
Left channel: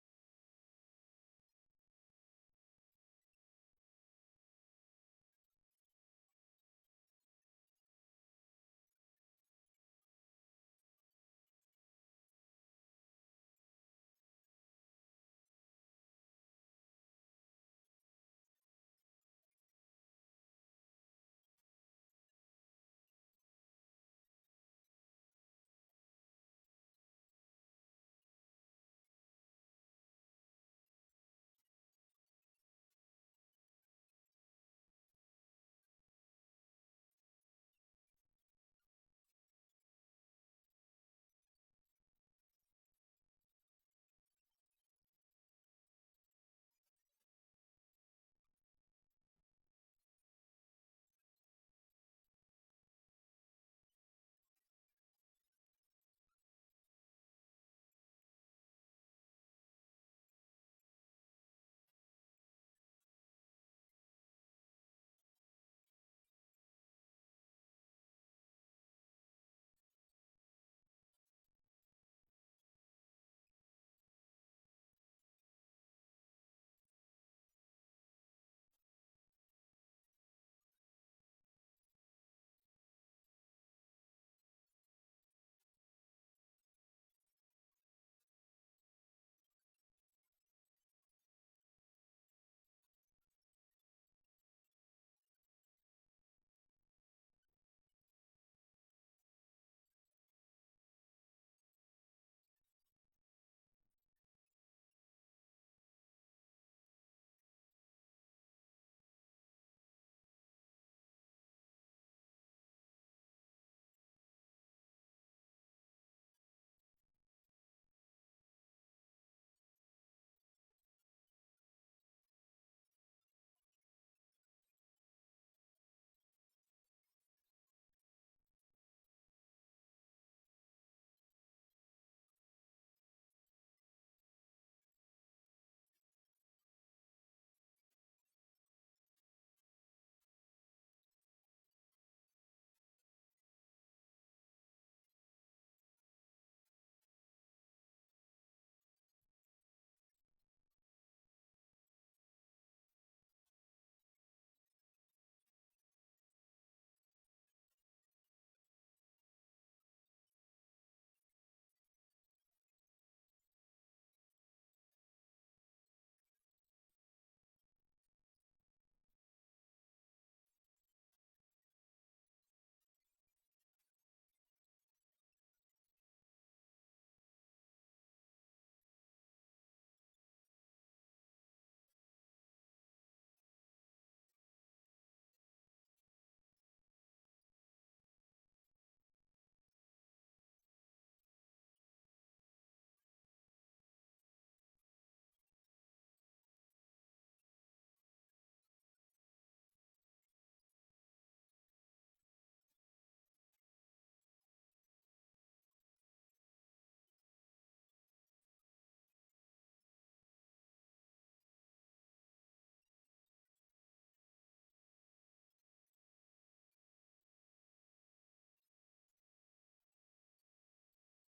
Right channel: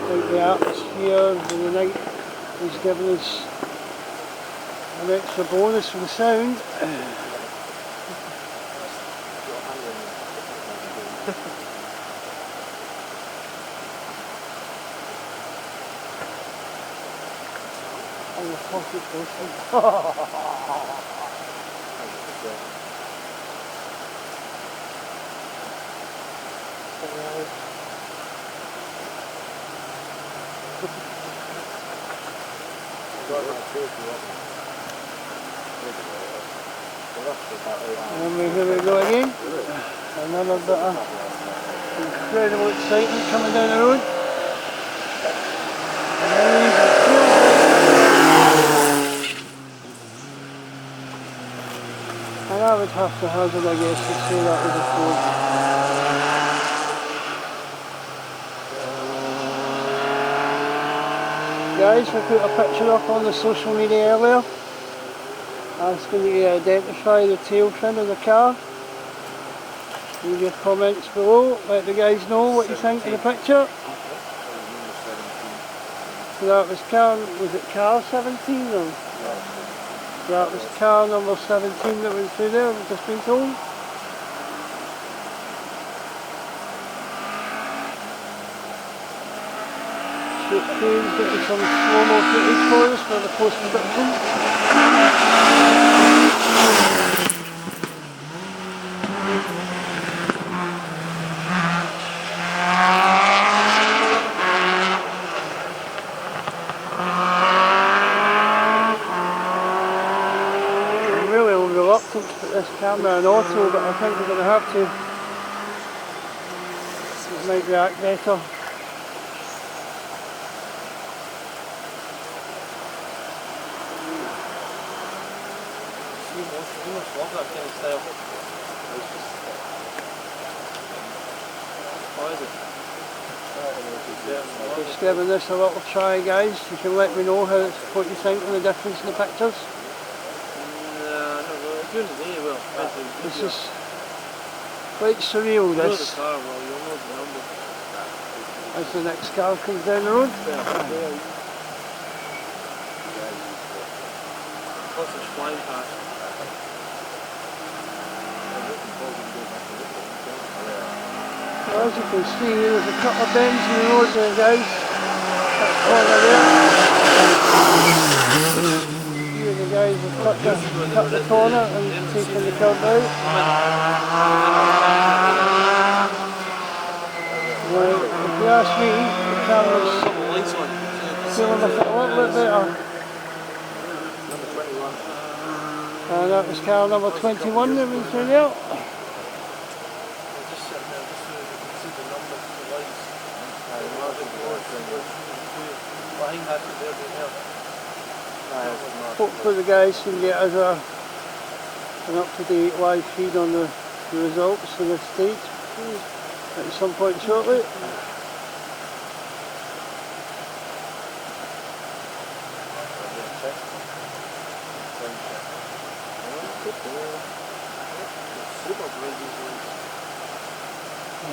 I think the atmosphere of the night is giving us an extra bonus for the sound. Oh, the pocket posting. And here we go again. Another bit of incredible excitement coming down the road. And I would have to hazard, I guess, to say that was a Ford. Guys, we put a picture up on the social media earlier asking you to identify the tail fin of the car. Leave your comments below, let the guys know what you think of the picture. So that was car 17 or? That was car number 17 that went through there, we've just been told. Shane's getting some slow-mo footage for us for the post-production. I'm really reluctant to put this camera in auto, but I think we're going to have to. It might react better. You must love that kind of style. What is it? Just giving this a little try, guys. You can let me know what you think of the difference in the pictures. No, not really. During the day, well. This is quite surreal, You know the this. car well, you'll know the number. As the next car comes down the road. Lots of flying past. Well, as you can see, there's a couple of bends in the road there, guys. That corner there. Here the guys have cut the corner and taken the curb out. Well, if you ask me, the camera's feeling a little bit better. Number 21. And that was car number 21 that was through there. Just sitting there just so you can see the numbers, the lights. I imagine the last thing was I think that's what they're doing here. Hopefully the guys can get us an up-to-date live feed on the results of the stage at some point shortly. Super bright these lights.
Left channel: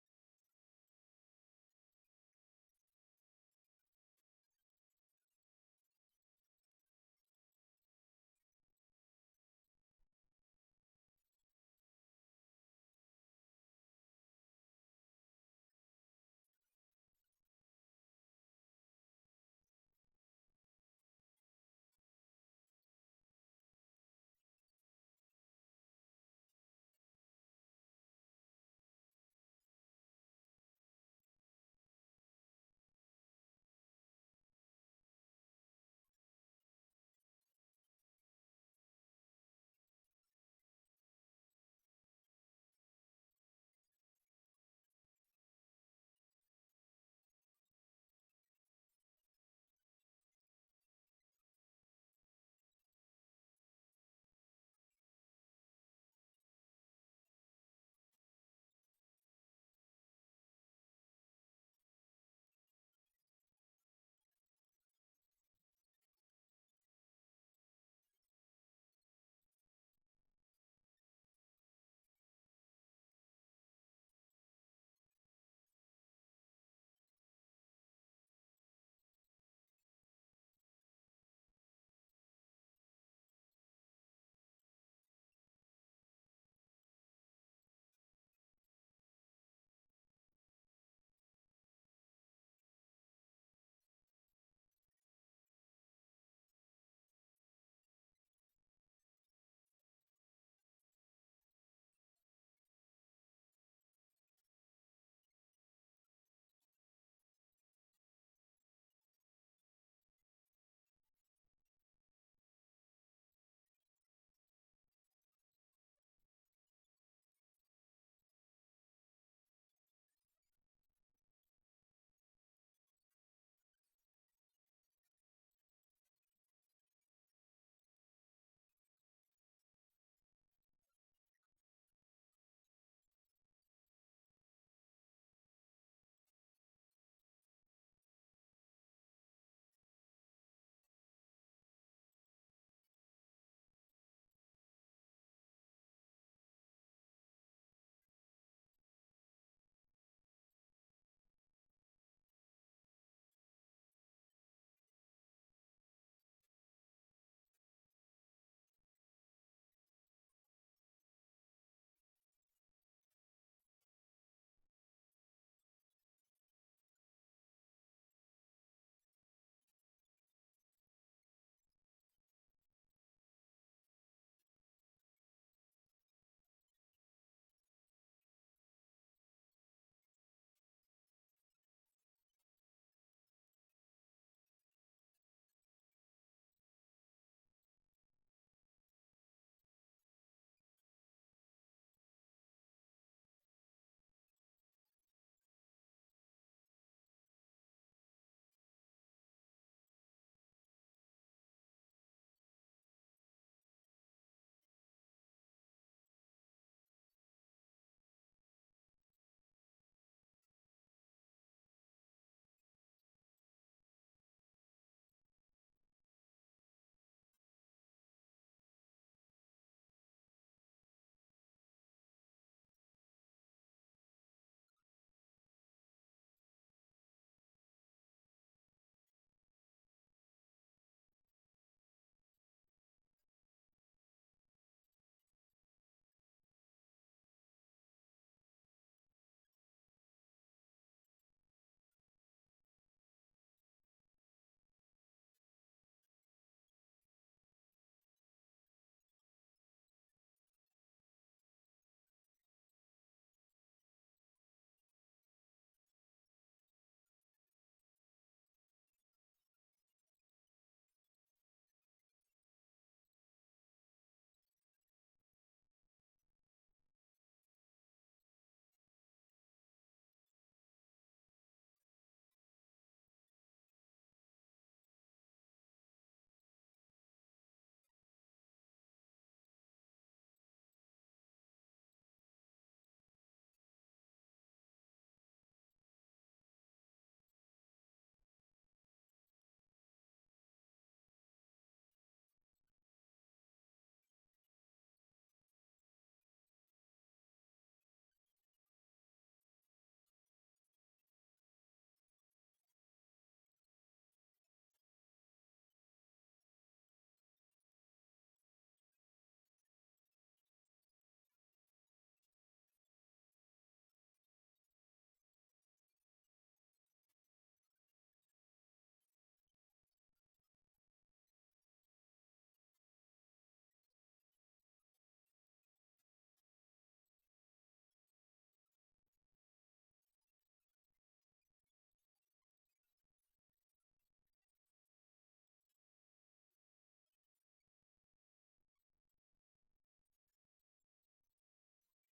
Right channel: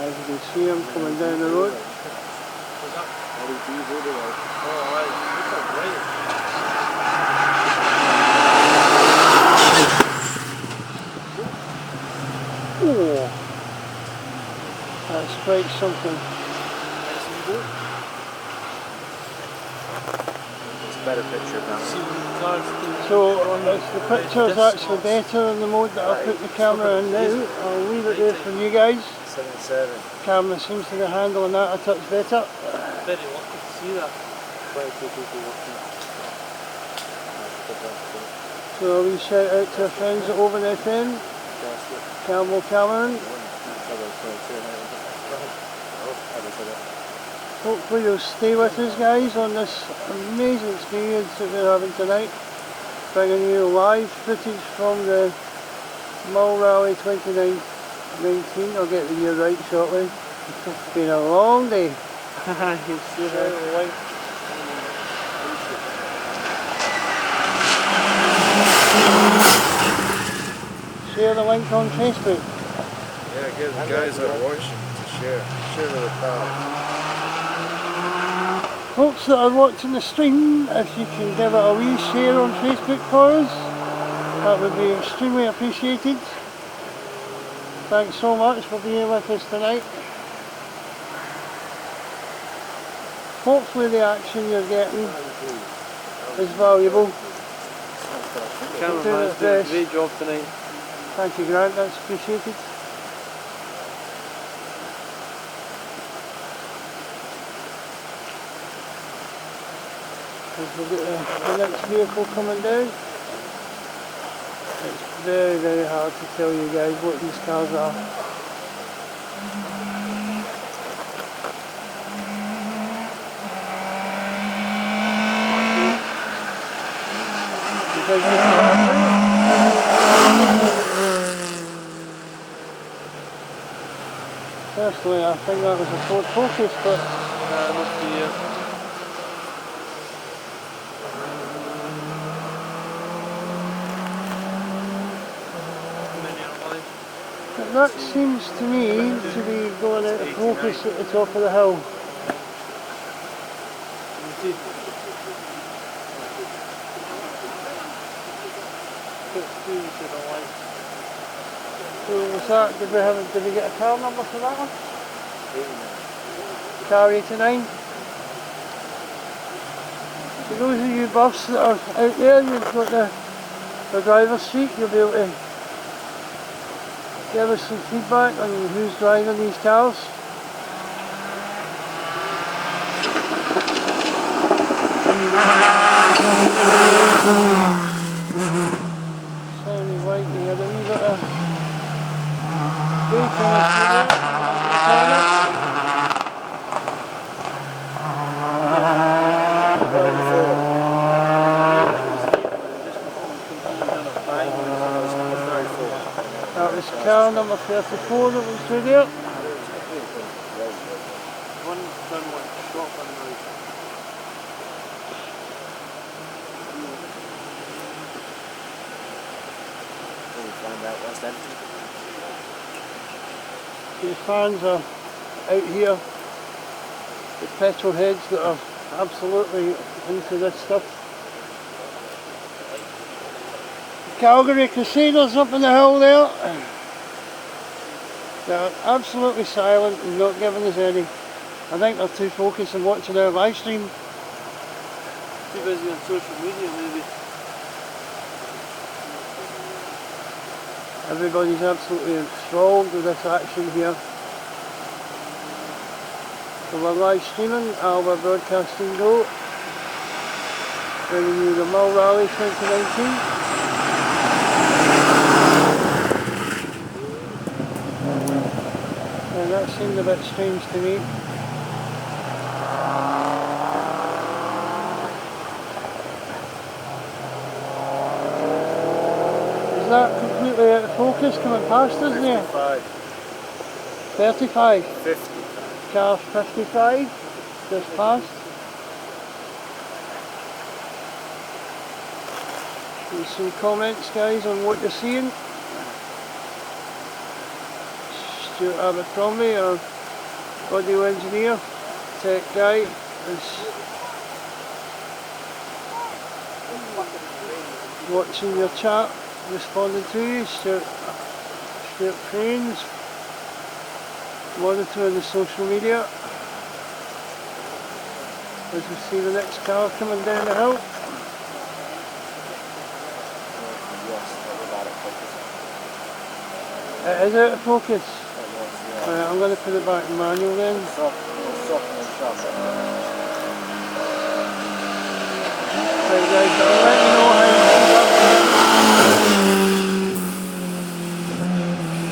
As you can see them coming down the road. Was that? LEDs everywhere. Oh, right. Super bright. Oh, that's quite something. Nice and good. It's a better picture now. See when the cars do. So the picture's actually better in the mode that I put the camera in now. I'll leave it there for you guys. 77. Camera seems to be handling that a touch better. Very lucky to see that. Quite a few people watching. So a wee shout out to our friends at Over FM, Campbell Cameron. Hopefully you'll stay with us guys on this amazing experience that we're having tonight. Bringing you live footage from the Mull Rally 2019. I'll get the year right shortly. It's been a long day. You see that light. Share the link on Facebook. Yeah, give the guys that are watching to share. Share with the pals. Folks that are watching the stream, if you can give it a wee share on Facebook for us, that would be extremely appreciated. Thanks so much for being with us tonight. Hopefully the action you're getting is valuable. Cameraman's doing a great job tonight. Thank you Grant, that's appreciated. As we get the next vehicle coming down, it's very, very hard to tell you guys what these cars are. Personally, I think that was a Ford Focus, but Must be that seems to me to be going out of focus at the top of the hill. So was that, did we get a car number for that one? 89. Car 89. For those of you buffs that are out there, you've got the driver's seat, you'll be able to give us some feedback on who's driving these cars. Soundy white here, a wee bit of bacon That was car number 34 that was through there. one done one shotgun now. Find out what's empty. The fans are out here, the petrol heads that are absolutely into this stuff. The Calgary Crusaders up in the hill there. They're absolutely silent and not giving us any. I think they're too focused on watching our live stream. Too busy on social media maybe. Everybody's absolutely enthralled with this action here. So we're live streaming, Alba Broadcasting Go. bringing you the Mull Rally 2019. And that seemed a bit strange to me. Is that completely out of focus coming past us there? 35? 50. Car 55 just passed. There's some comments, guys, on what you're seeing. Stuart Abercrombie, our audio engineer, tech guy, is watching your chat, responding to you. Stuart Crane's monitoring the social media as we see the next car coming down the hill. It is out of focus. Right, I'm going to put it back in manual then. Right guys, I'll let you know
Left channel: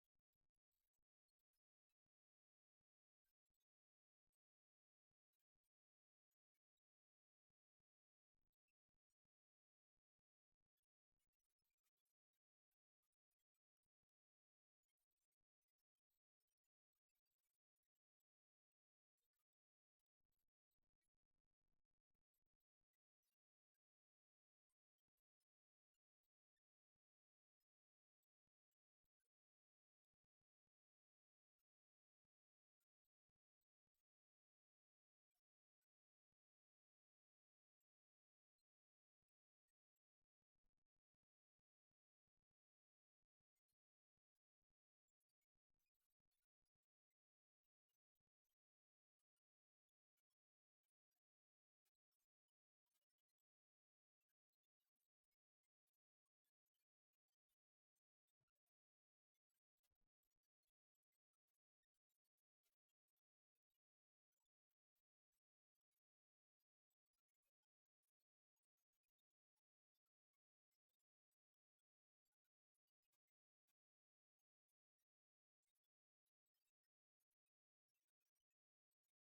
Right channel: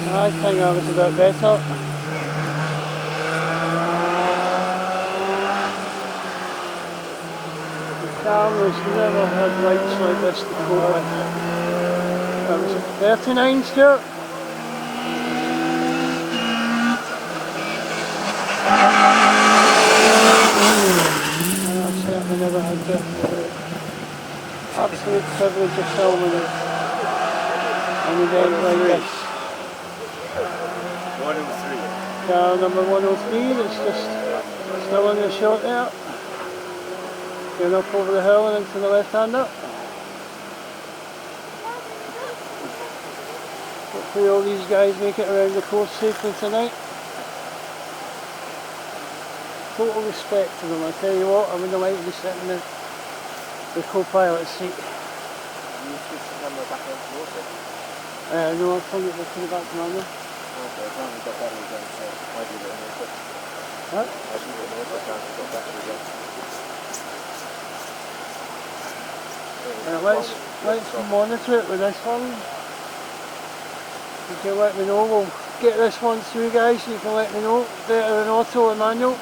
how I think that was a bit better. The camera's never had lights like this to cope with. That was a 39, Stuart. I've certainly never had the absolute privilege of filming it an event like this. 103. Car number 103 that's just still in the shot there. Going up over the hill and into the left-hander. Hopefully all these guys make it around the course safely tonight. Total respect to them, I tell you what, I wouldn't like to be sitting in the co-pilot seat. You switch the camera back on towards it? No, I've put it back to manual. Okay, as long as you've got battery again, so I do it anyway. What? I do it anyway, as long as you've got battery again. Let's monitor it with this one. You can let me know, we'll get this one through guys, so you can let me know. Better than auto or manual.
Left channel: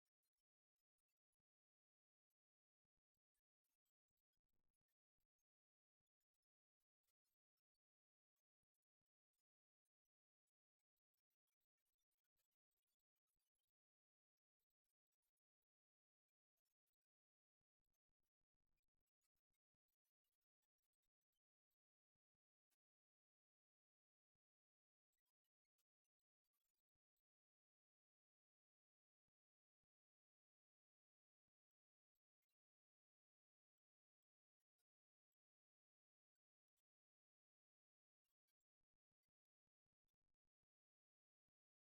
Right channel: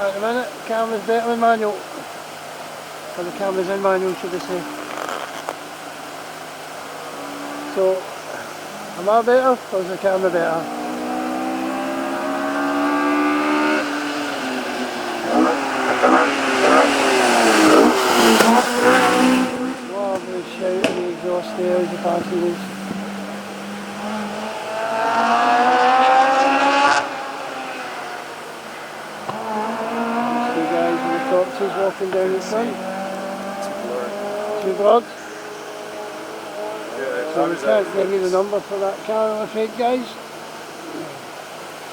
At the minute, the camera's better than manual. Or the camera's in manual, should I say. So, am I better or is the camera better? Lovely shout in the exhaust there as the passengers. He's walking down the front. Too broad. So we can't give you the number for that car, I'm afraid, guys.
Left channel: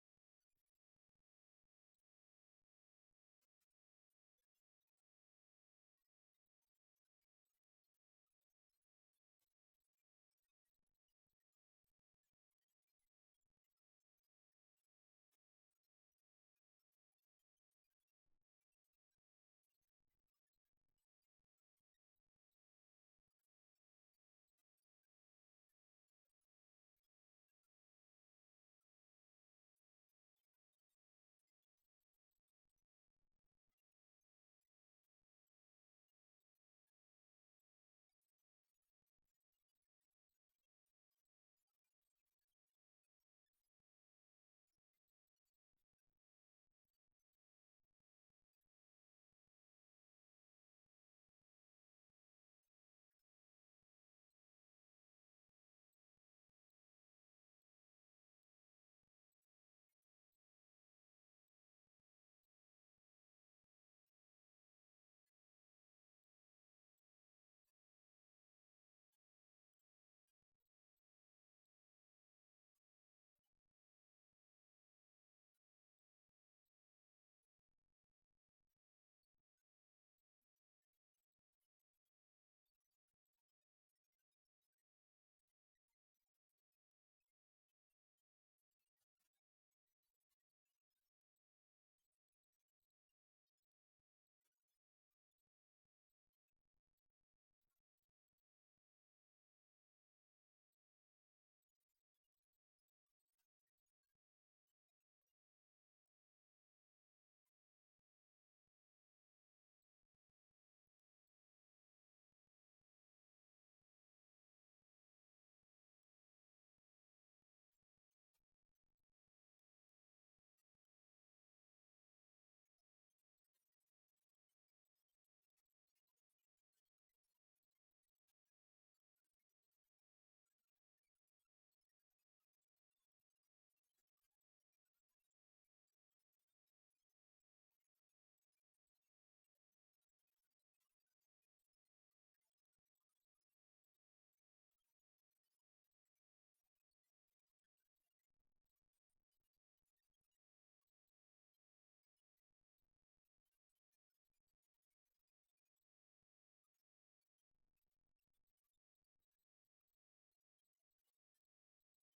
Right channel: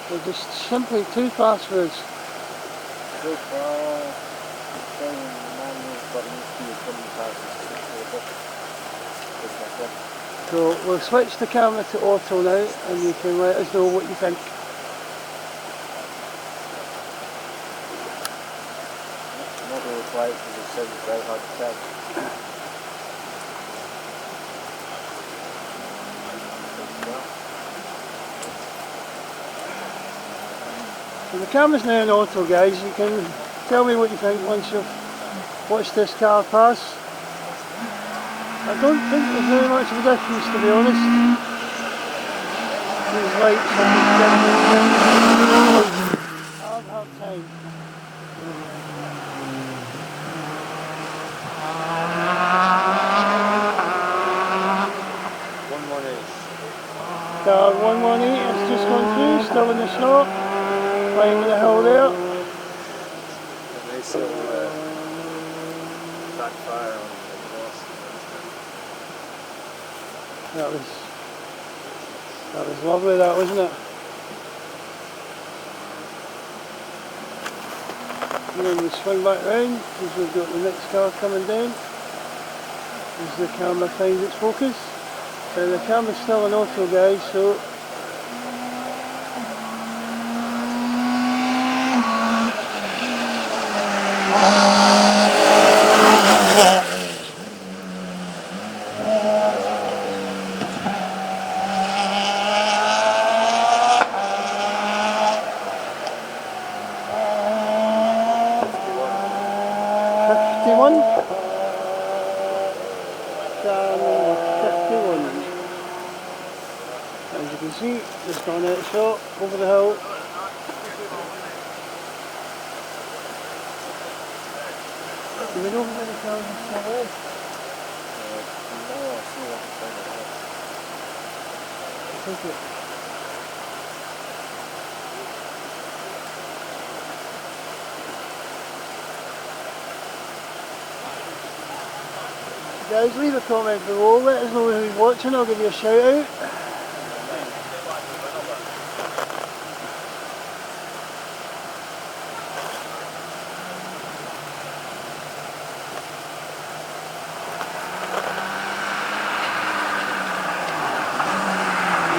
They're just simply too fast for us. So we'll switch the camera to auto now and you can let us know what you think. Because it says it's very hard to tell. So the camera's now in auto, guys. You can tell me what you think once you've watched this car pass. I don't think there's very much of a difference, to be honest. These lights are hard time. 118 has just gone through, still in the slot, climbing the hill there. And they still backfire on the exhaust. That was lovely, that, wasn't it? And then we swing back round because we've got the next car coming down as the camera finds its focus. So the camera's still in auto, guys, so 51. Car number 51. As you can see, just on that shot, over the hill. Do we know where the cars are still in? No, I see what I'm saying. I think it. Guys, leave a comment below, let us know who's watching, I'll give you a shout out.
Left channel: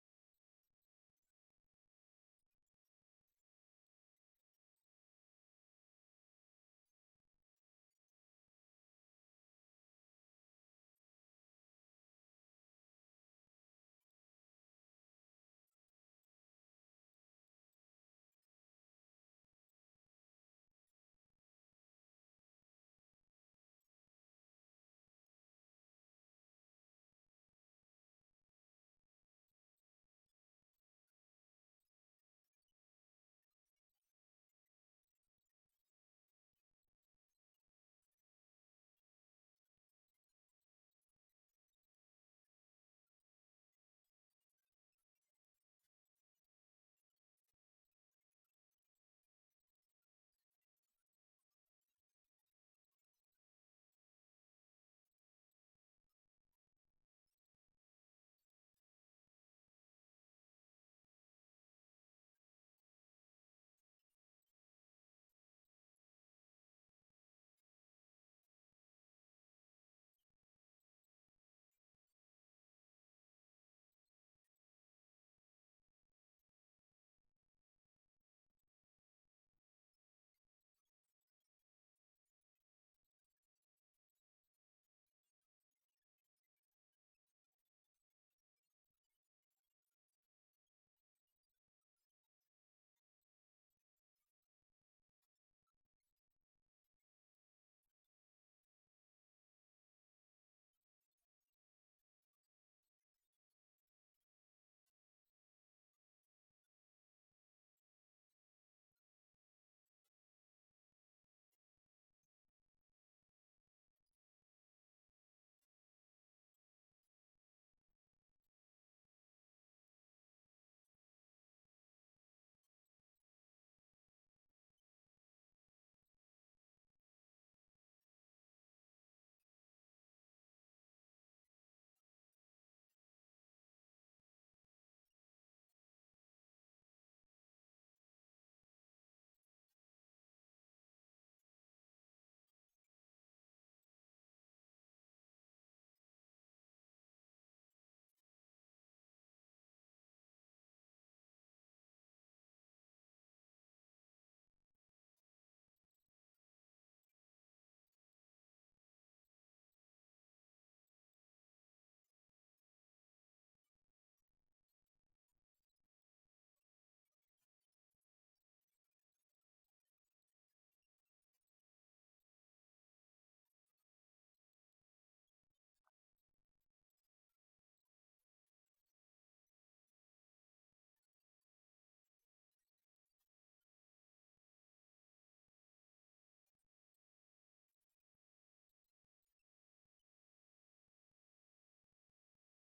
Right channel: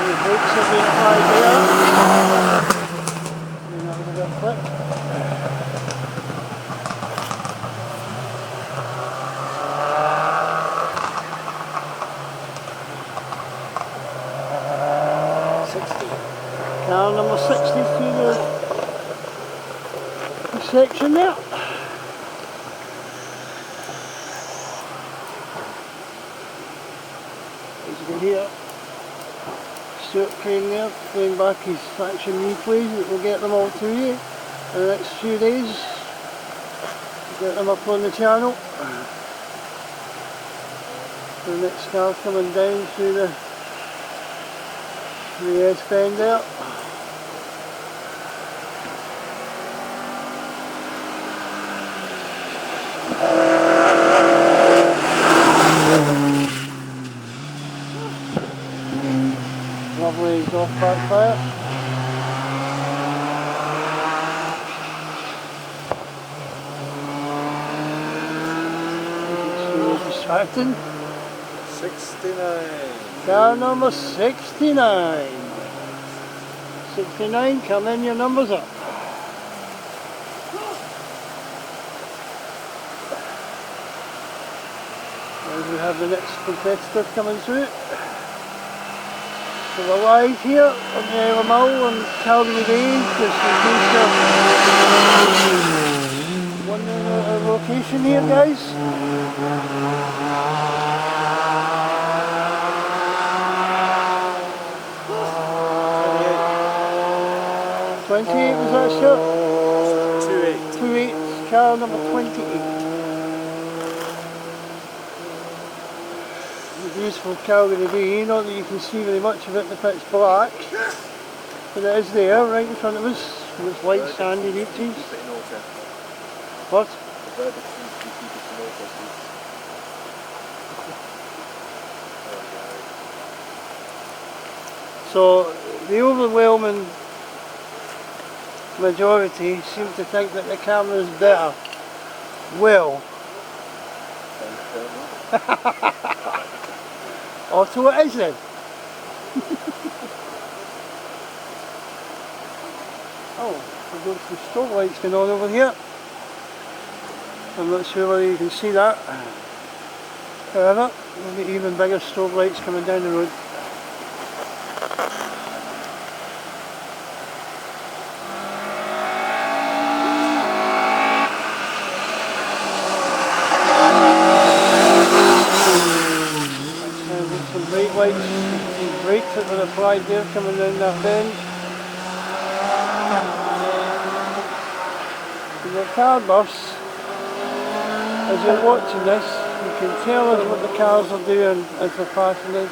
The brakes have been applied there. And that was a bit of flip. Car number 60 through the section there. As you can hear, Stuart Crane there playing back his action replays that will get them all to you in the next few days. Get them up on the channel. The next car coming down through the S-bend there. Lovely exhaust backfire. Distracting. 69. Car number 69. 69, come in, your numbers up. As we have the next competitor coming through. So we're live here on the Alba on Calgary Bay, just in case you're wondering our location here, guys. 28 was that shot? 28. 28, car number 28. The beautiful Calgary Bay, not that you can see very much of it in the pitch black, but it is there, right in front of us, with its white sandy beaches. What? So the overwhelming majority seem to think that the camera is better. Well, oh, so it is then. Oh, we've got some strobe lights going on over here. I'm not sure whether you can see that. However, there'll be even bigger strobe lights coming down the road. Some brake lights, some brakes that were applied there coming down that bend. The car bus, as you're watching this, you can tell us what the cars are doing as they're passing us,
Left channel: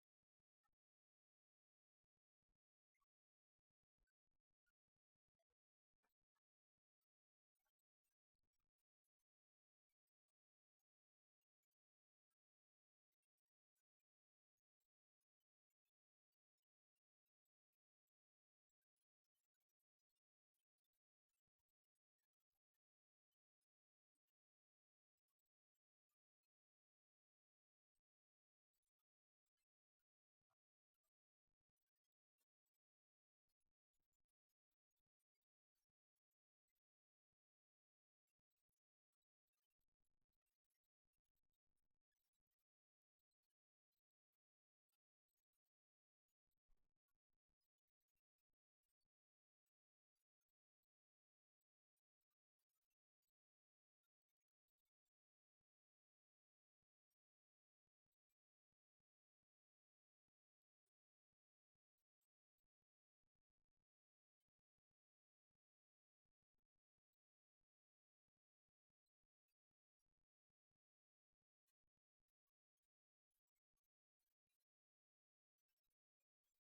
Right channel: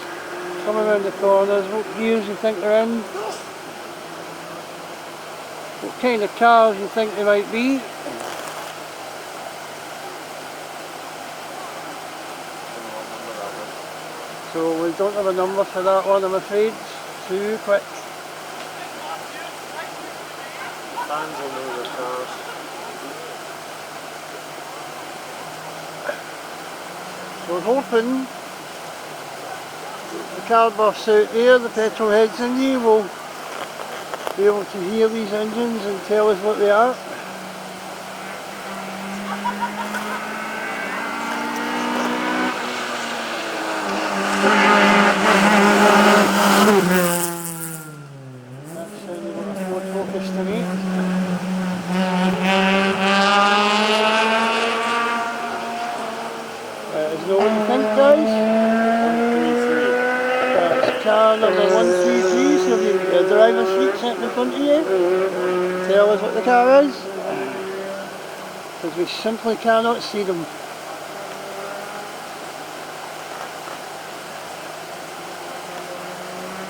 coming around the corners, what gears you think they're in, what kind of cars you think they might be. So we don't have a number for that one, I'm afraid. It's too quick. Fans will know the cars. We're hoping the car buffs out there, the petrol heads in you, will be able to hear these engines and tell us what they are. That sounded like a Ford Focus to me. number 133, so if you've got a driver's seat sitting in front of you, tell us what the car is, because we simply cannot see them.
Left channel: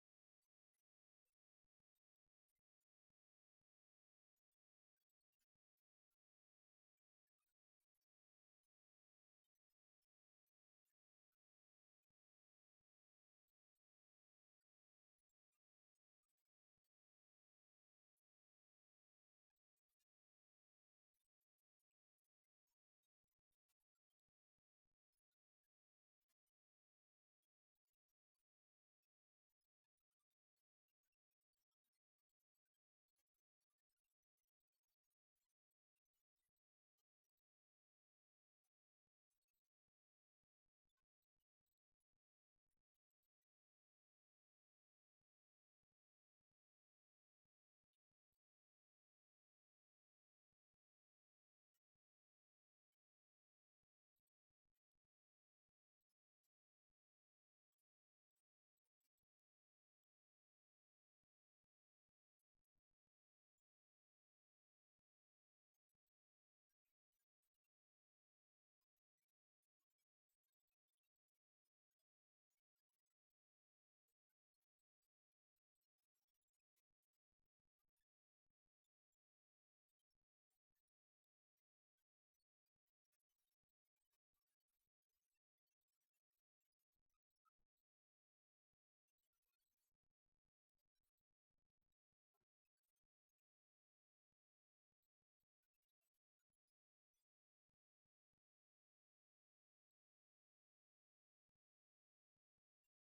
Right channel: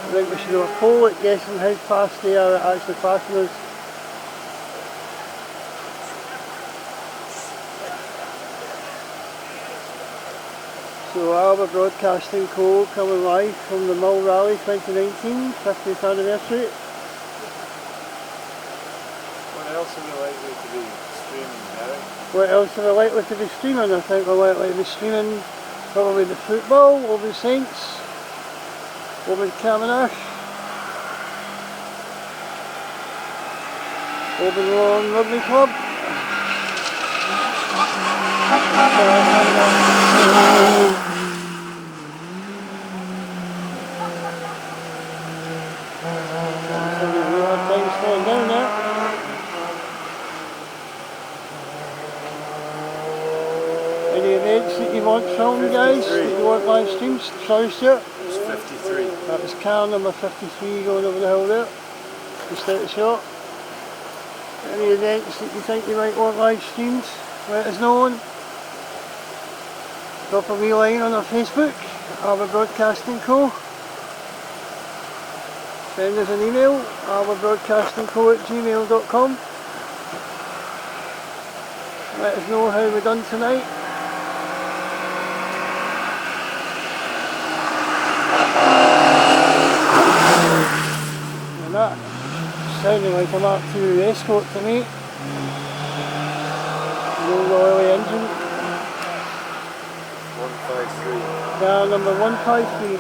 I think we should have a poll at guessing how fast they are at actually passing us. So Alba Broadcasting Co. coming live from the Mull Rally 2019, 50th anniversary. What else are we likely to be streaming, Gary? What else are we likely to be streaming? I think we're likely to be streaming probably the football, over the Saints, over the Cavendish, over the Lawn Rugby Club. Down there. Any events that you want filmed, guys? That you want live streams? Sorry, Stuart? It's 53. That was car number 53 going over the hill there, just out the shot. Any events that you think you might want live streamed, let us know on. Drop a wee line on our Facebook, Alba Broadcasting Co. Send us an email, albabroadcastingco@gmail.com. Let us know how we're done tonight. And that sounding like a Mark II Escort to me. No oily engine. 153. Car number 153.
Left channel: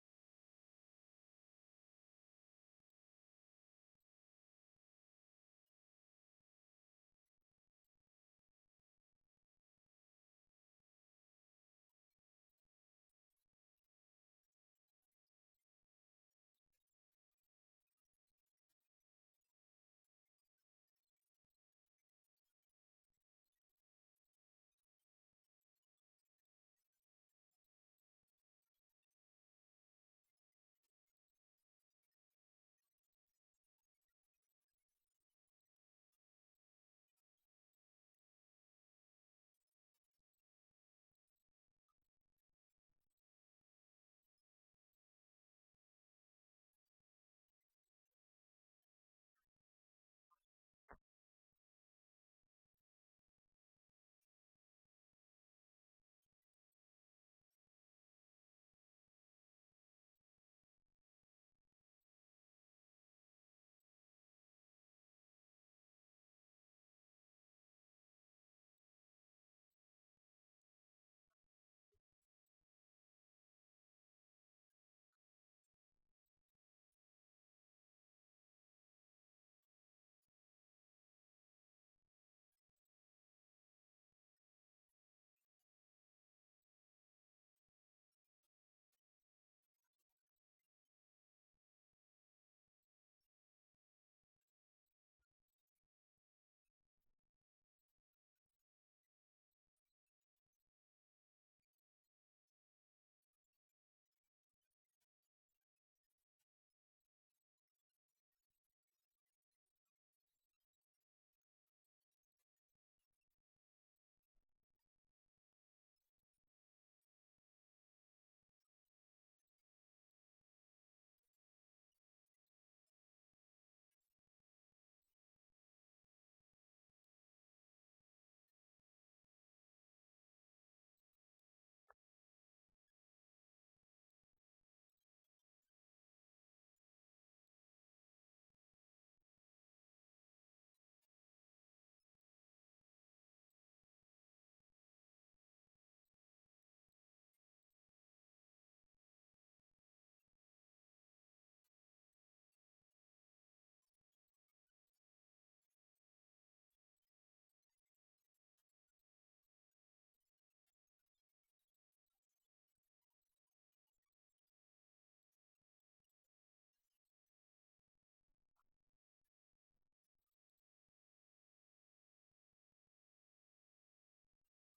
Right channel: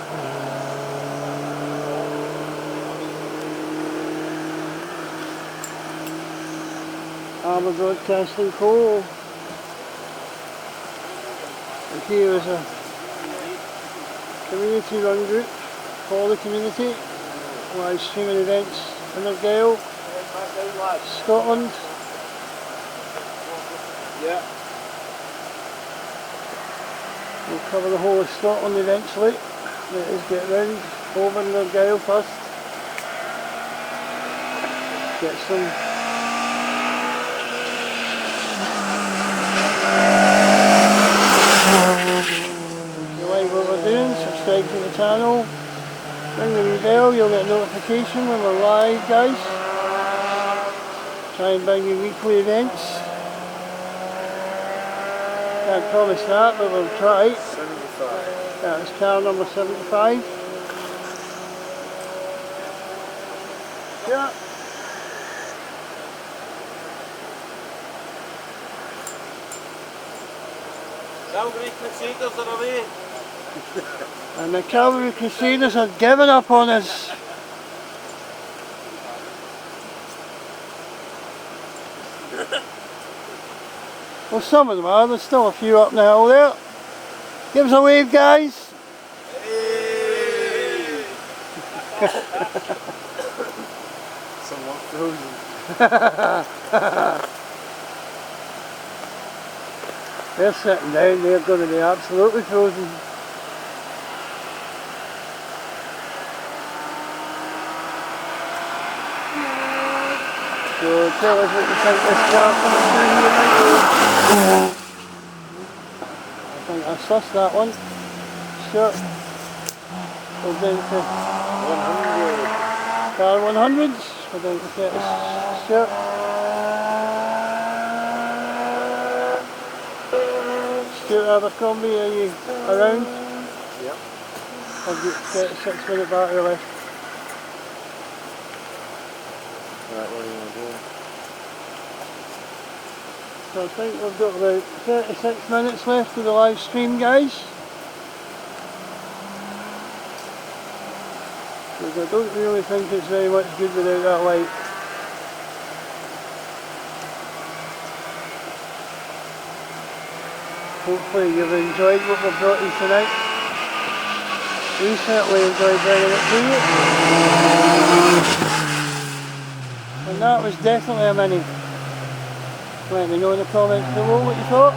Alba Broadcasting Co. And here is a community run group for the community, live streaming events in Argyll, Scotland. Yeah. We'll cover the whole of Scotland eventually. Let us get round over in Argyll first. Get some subscribe to the channel, ring the wee bell, you'll get a notification when we're live, guys. Try and bring you weekly events. Can't promise that, but we'll try. 75. That is car number 75. Yeah. Calgary Crusaders are away. And the Calgary Crusaders have given up on us. Well, some of them are, there's still a few up the hill there. Give us a wave, guys. Hey. Somewhat frozen. They're sitting down, they're going to be absolutely frozen. So tell us what you think this car coming through here might be. I think I sussed that one. Sure. We're down to 100. car 100s. We're down to 30. Sure. Stuart Abercrombie, are you around? Yep. I've got 36-minute battery left. Right, what are you going to do? So I think we've got about 36 minutes left of the live stream, guys. Because I don't really think it's very much good without that light. Hopefully you've enjoyed what we've brought you tonight. We certainly enjoyed bringing it to you. And that was definitely a mini. Let me know in the comments below what you thought.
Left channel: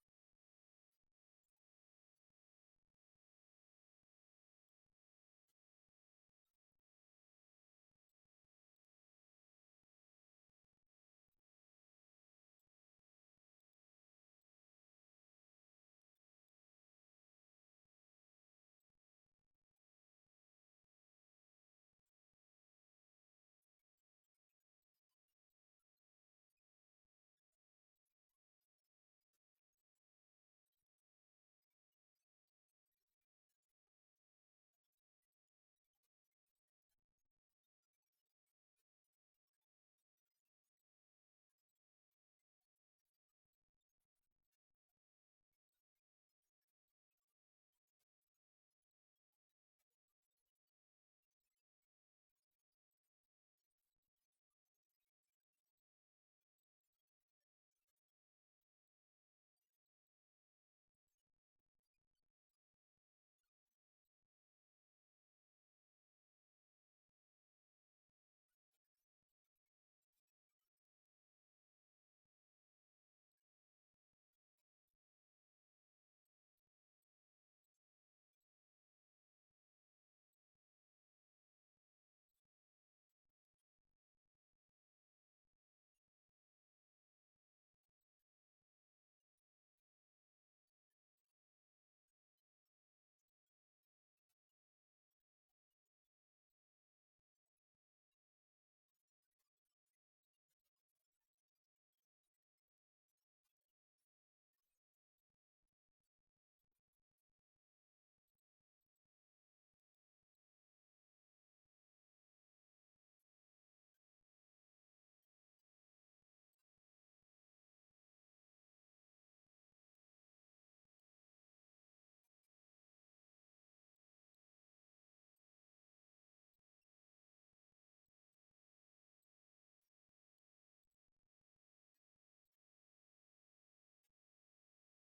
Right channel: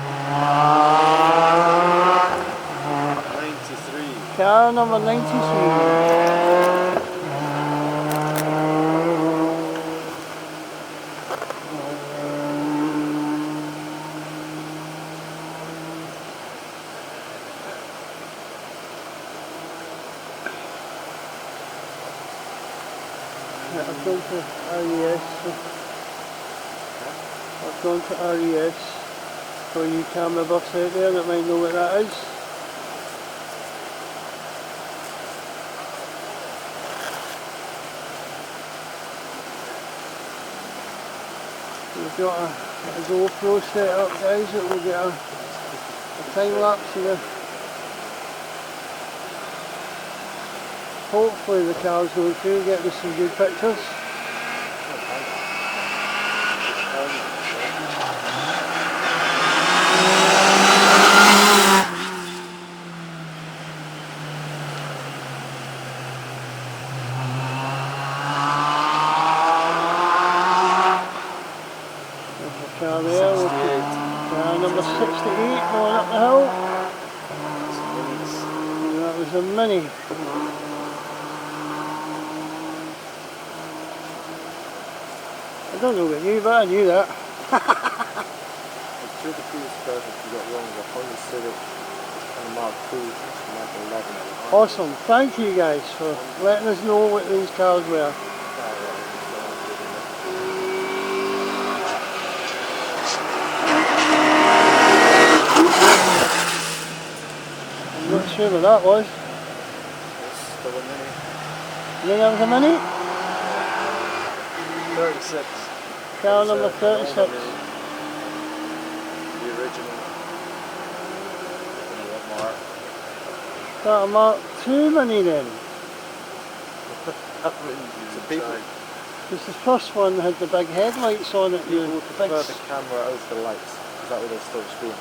93. Car number 93. I've gone to RES. So I've gone to RES for you camera buffs out there that might know what that is. We've got a GoPro set up, guys, that will get a time lapse of the. Hopefully the car's going through, get us some good pictures. There's the car there, car number 68 going up the hill. And that was a Mini. I don't know about you, but I knew that. It's two of the previous cars that you got wrong, the Honda Civic and the Mark II, Mark 11. Awesome, thank you guys for letting us know what these cars were. I'm not sure what that was. It's still a Mini. You think that was a Mini? 36. Car It's, number 36. The original. Mark. Got a Mark II Mini then. It's a people. Because the first one had the big headlights on it. People and would the prefer big the camera over the lights. Is that what they're still screen?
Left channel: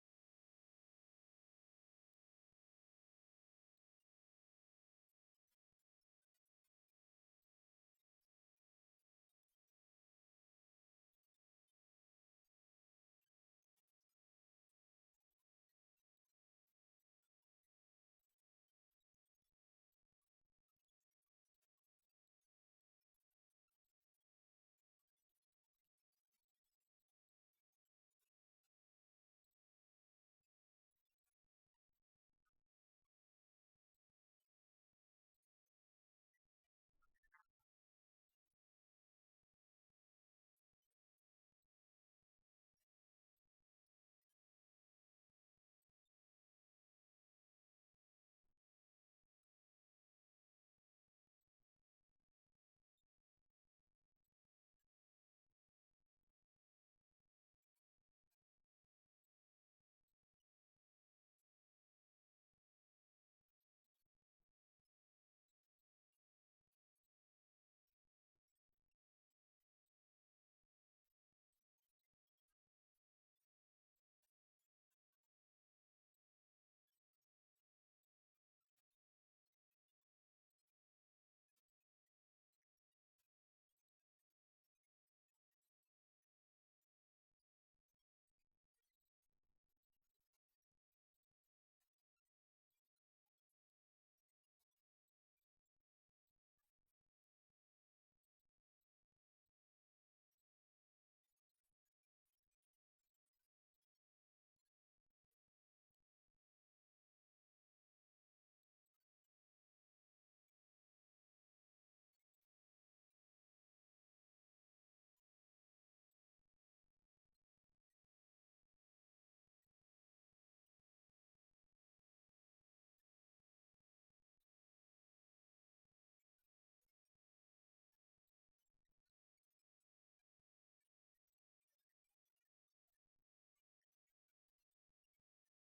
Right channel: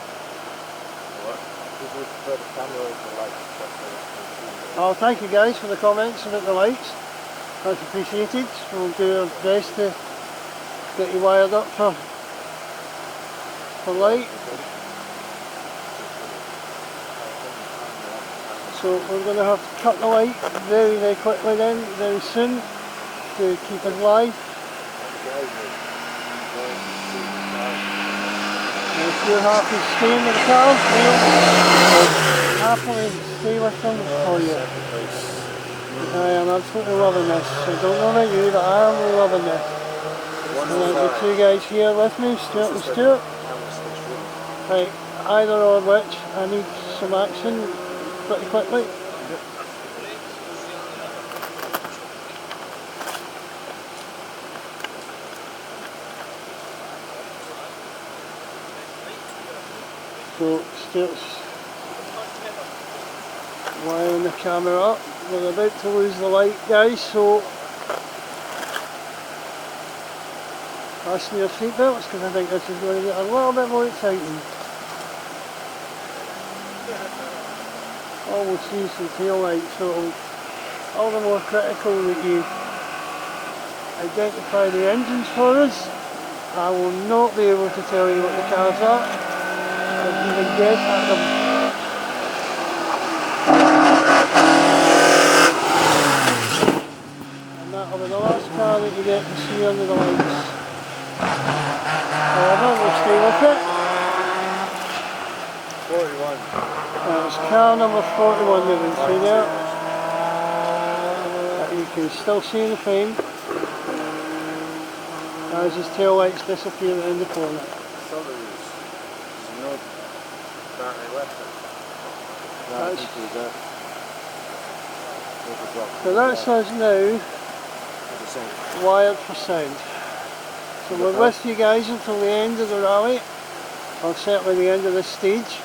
What? People would prefer the camera over the lights. That's what they're still screen. Oh, thank you guys for the comments about the lights. That's appreciated. We'll do our best to get you wired up for light. So we're going to have to cut the light very, very quickly then, very soon, to keep us live. And if you're happy staying with the cars, we'll happily stay with them for you. I am absolutely loving this. I don't know about you, but I am loving this. And there's the two guys here with me, Stuart and Stuart. Right, either or which, I need some action pretty quickly. So Stuart's wiring the camera up. We're about to lose the light, guys, so fasten your seatbelts because I think this is going to get a little bit more exciting. Oh, we'll see some tail lights, so all the more critical that you identify the engines for us. I will not be able to tell you what the cars are. I'll even guess at them. And that'll be the last car that you get to see under the lights. However, we'll stay with it. 41. It's car number 41 you can see there. That you can still see in the frame as his tail lights disappear around the corner. No battery left. So that's us now wired for sound. So we're with you guys until the end of the rally, or certainly the end of this stage.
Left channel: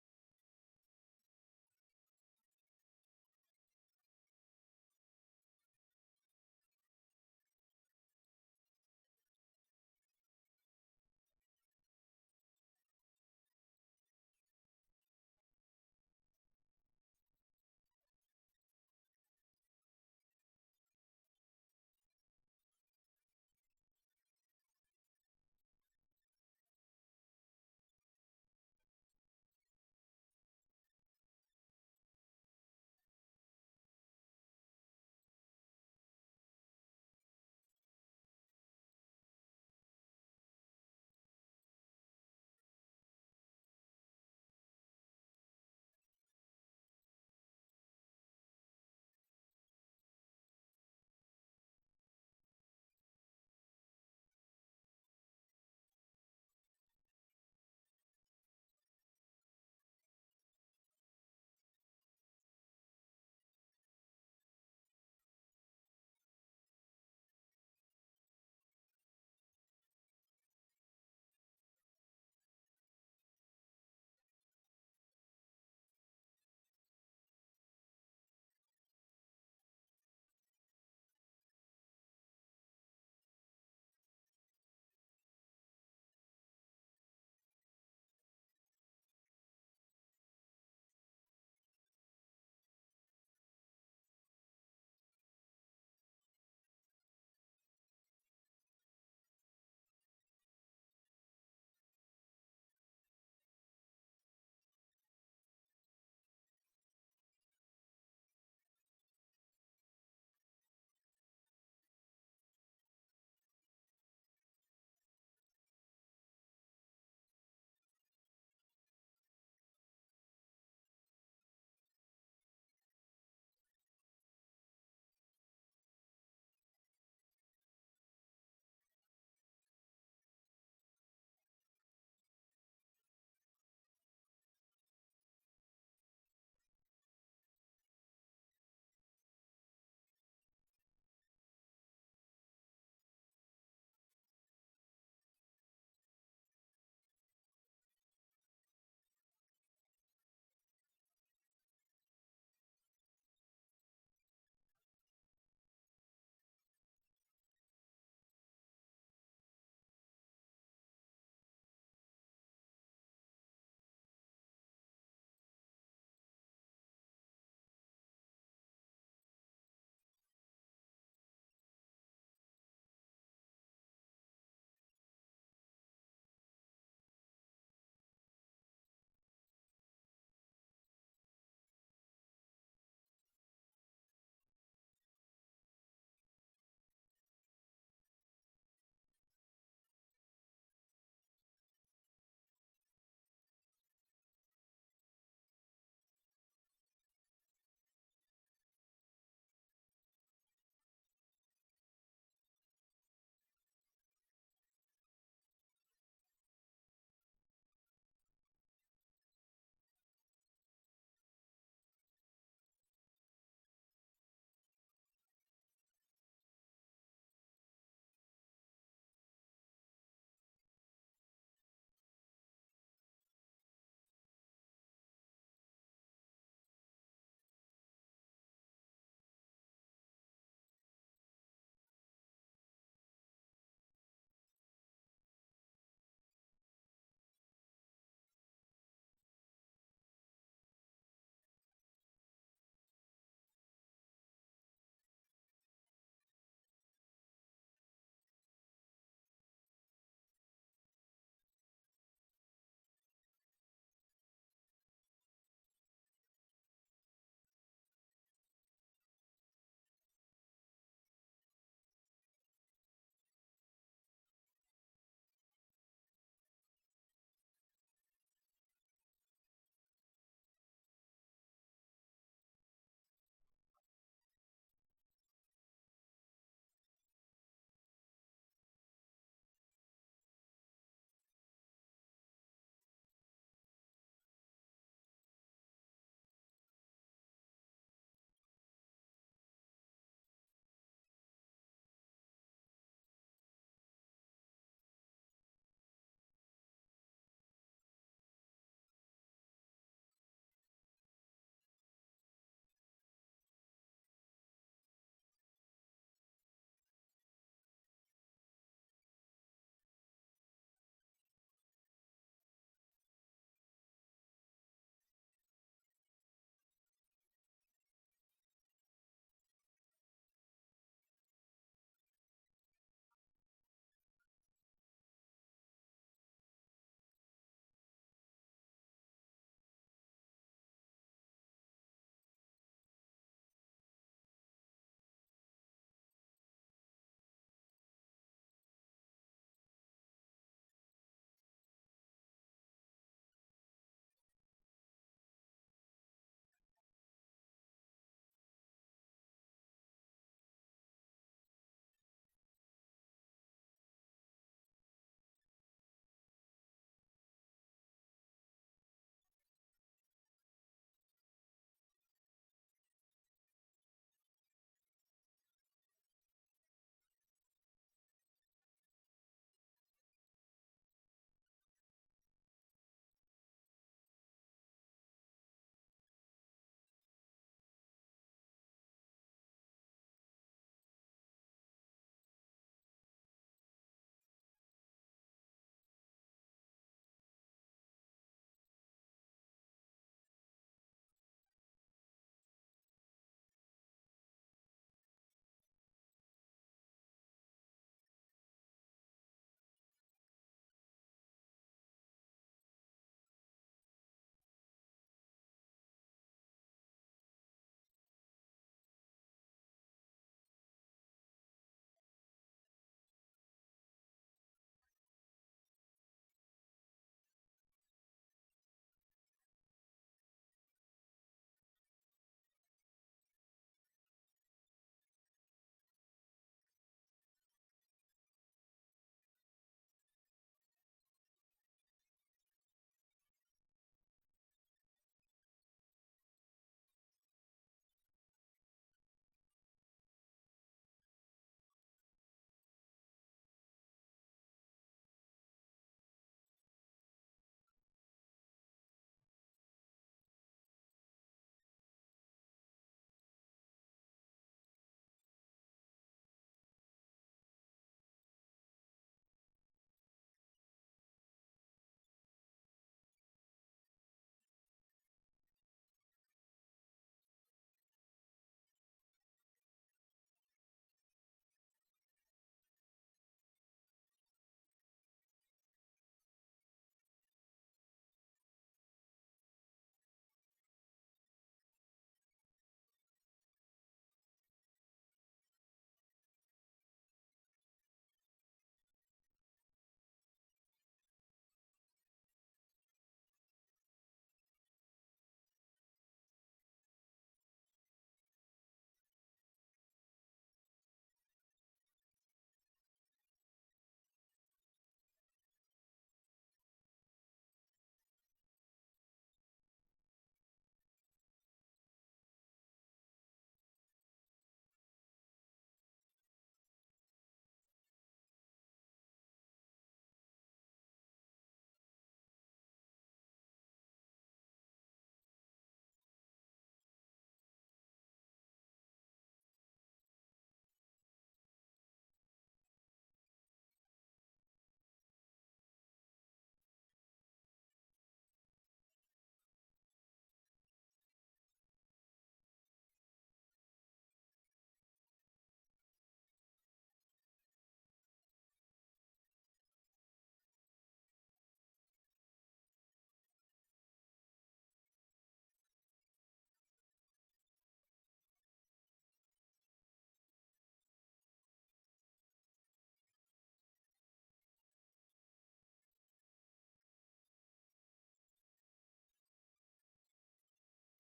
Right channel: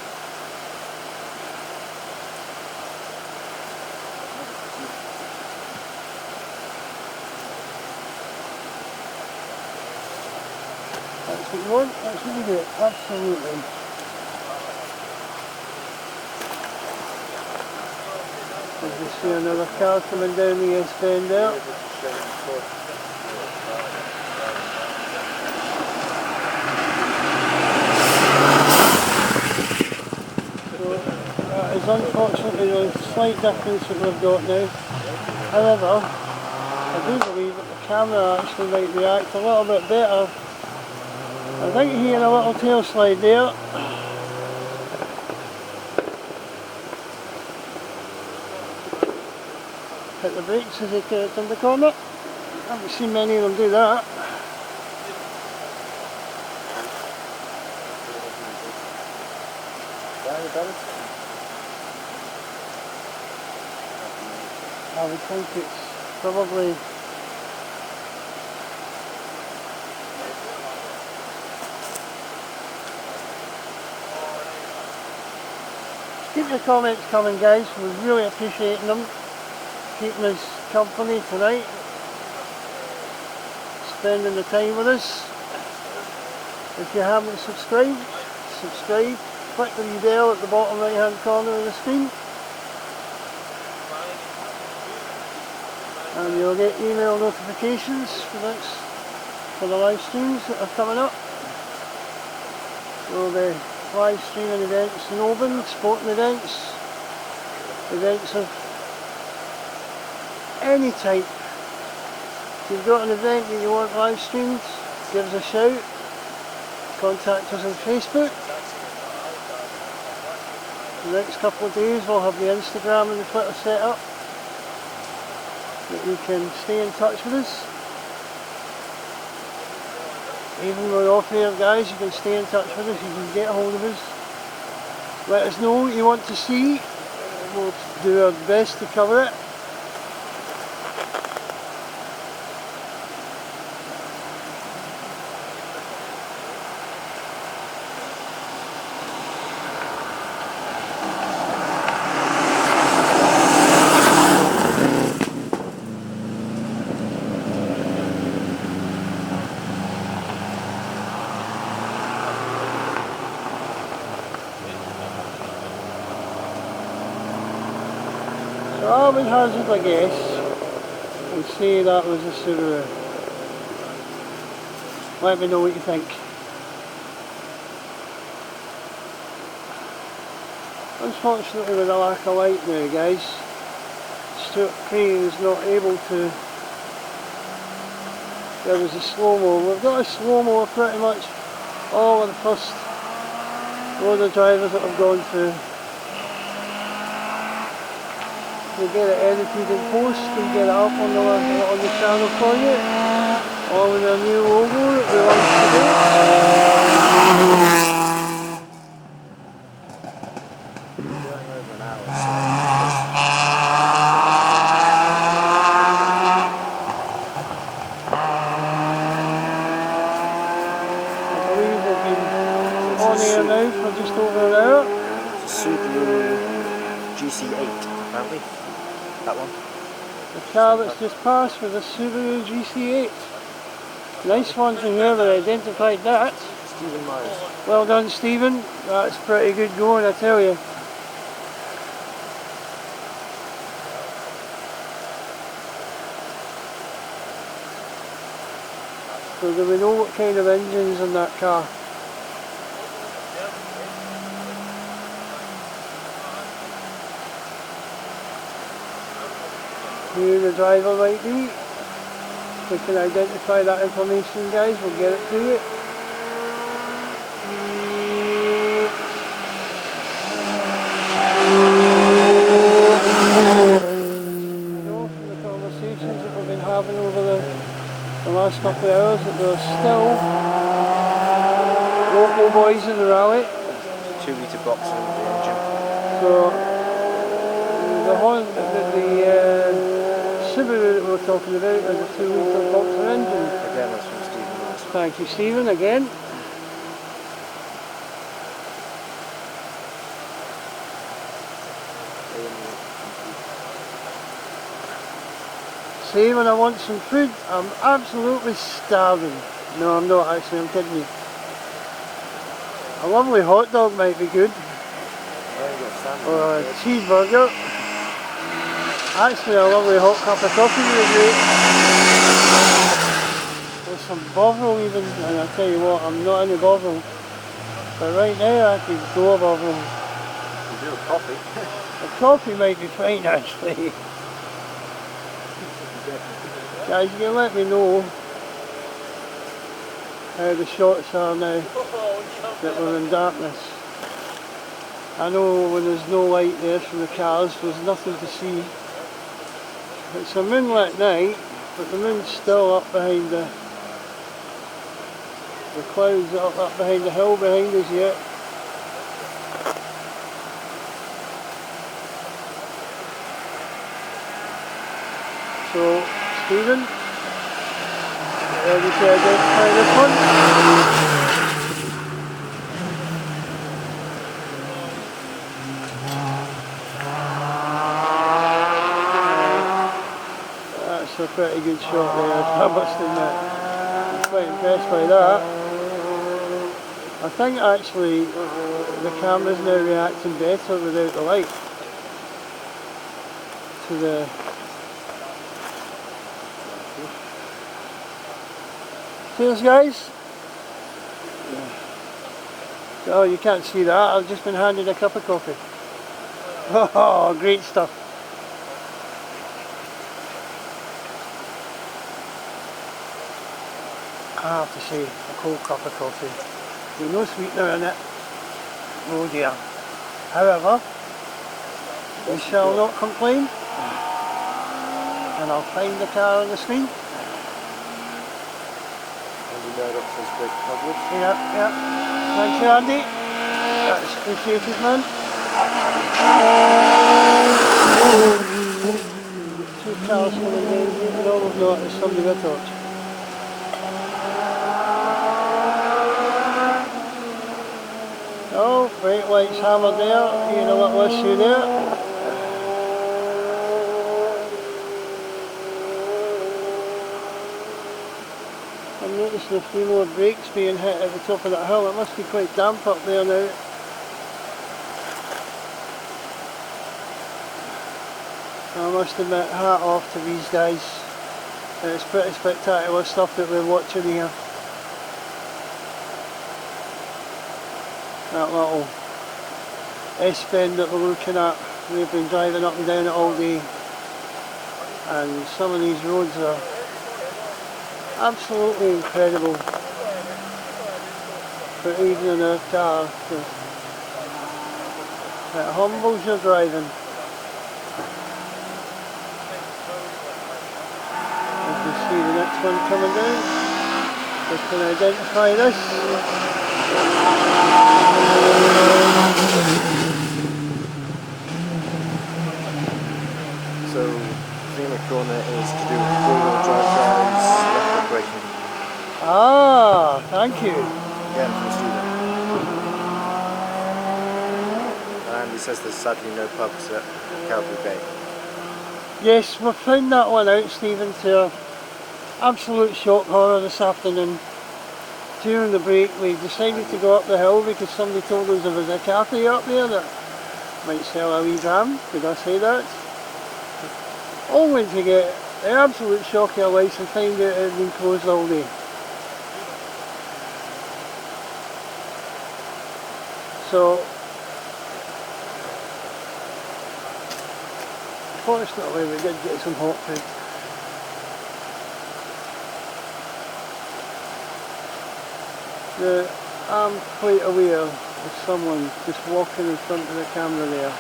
That's what you want, that's what you do, absolutely. As you see another car coming down the east bend there. That is unfortunately the slight difference that we've got now. However, I do believe that the camera actually might react a little bit better. I think you hear a little tail slide there. Hit the brakes as he turns in the corner. haven't seen many of them do that. I would think it's probably keep your comments coming, guys. We're really appreciating them, keeping us company tonight, spending the time with us. If you haven't subscribed, subscribe, click the wee bell at the bottom right hand corner of the screen and you'll get email notifications for the live streams that are coming up. We'll be live streaming events in Oban, sporting events, events of any type. If you've got an event that you want live streamed, give us a shout. Contact us on Facebook. The next couple of days we'll have the Instagram and the Twitter set up that you can stay in touch with us. Even when we're off here, guys, you can stay in touch with us, you can get a hold of us. Let us know what you want to see, we'll do our best to cover it. I would hazard a guess and say that was a Subaru. Let me know what you think. Unfortunately, with the lack of light now, guys, Stuart Crane is not able to. There was a slow-mo. We've got a slow-mo pretty much all of the first load of drivers that have gone through. We get it edited in post and get it up on the channel for you, all with our new logo that we launched today. I believe we've been on air now for just over an hour. Subaru GC8, apparently. That one. The car that's just passed was a Subaru GC8. Nice one to whoever identified that. Stephen Myers. Well done, Stephen. That's pretty good going, I tell you. So do we know what kind of engine's in that car? Who the driver might be? If we can identify that information, guys, we'll get it to you. I know from the conversations that we've been having over the last couple of hours that there are still local boys in the rally. 2 litre box in the engine. So the Subaru that we were talking about is a 2 litre boxer engine. Again, that's from Stephen Myers. Thank you, Stephen, again. See, when I want some food, I'm absolutely starving. No, I'm not actually, I'm kidding you. A lovely hot dog might be good. Or a cheeseburger. Actually, a lovely hot cup of coffee would be great. With some Bovril even, and I'll tell you what, I'm not into Bovril. But right now I could go a Bovril. You do a coffee. A coffee might be fine actually. Guys, you can let me know how the shots are now that we're in darkness. I know when there's no light there from the cars, there's nothing to see. It's a moonlit night, But the moon's still up behind the clouds up behind the hill behind us yet. So, Stephen, ready to identify this one? That's a pretty good shot there, I must admit. I'm quite impressed by that. I think actually the camera's now reacting better without the light to the... Cheers guys! Oh, you can't see that, I've just been handed a cup of coffee. Oh, great stuff. I have to say, a cold cup of coffee with no sweetener in it. Oh dear. However, we shall not complain. And I'll find the car on the screen. Yep, yep. Thank you, Andy. That's appreciated, man. Two cars coming down here, and all we've got is somebody with a torch. Oh, brake lights hammered there, you know what issue there. I'm noticing a few more brakes being hit at the top of that hill. It must be quite damp up there now. I must admit, hat off to these guys. It's pretty spectacular stuff that we're watching here. That little S-bend that we're looking at, we've been driving up and down it all day, and some of these roads are absolutely incredible for even a car. It humbles your driving. You can see the next one coming down. Just can identify this. So, the corner is to do with four-wheel drive drives, left braking. Ah, thank you. Again from Stephen. And he says there's sadly no pubs at Calgary Bay. Yes, we found that one out, Stephen, to our absolute shock horror this afternoon. During the break we decided to go up the hill because somebody told us there was a cafe up there that might sell a wee dram. Did I say that? Only to get the absolute shock of our lives and find out it had been closed all day. So, fortunately we did get some hot food. I'm quite aware of someone just walking in front of the camera there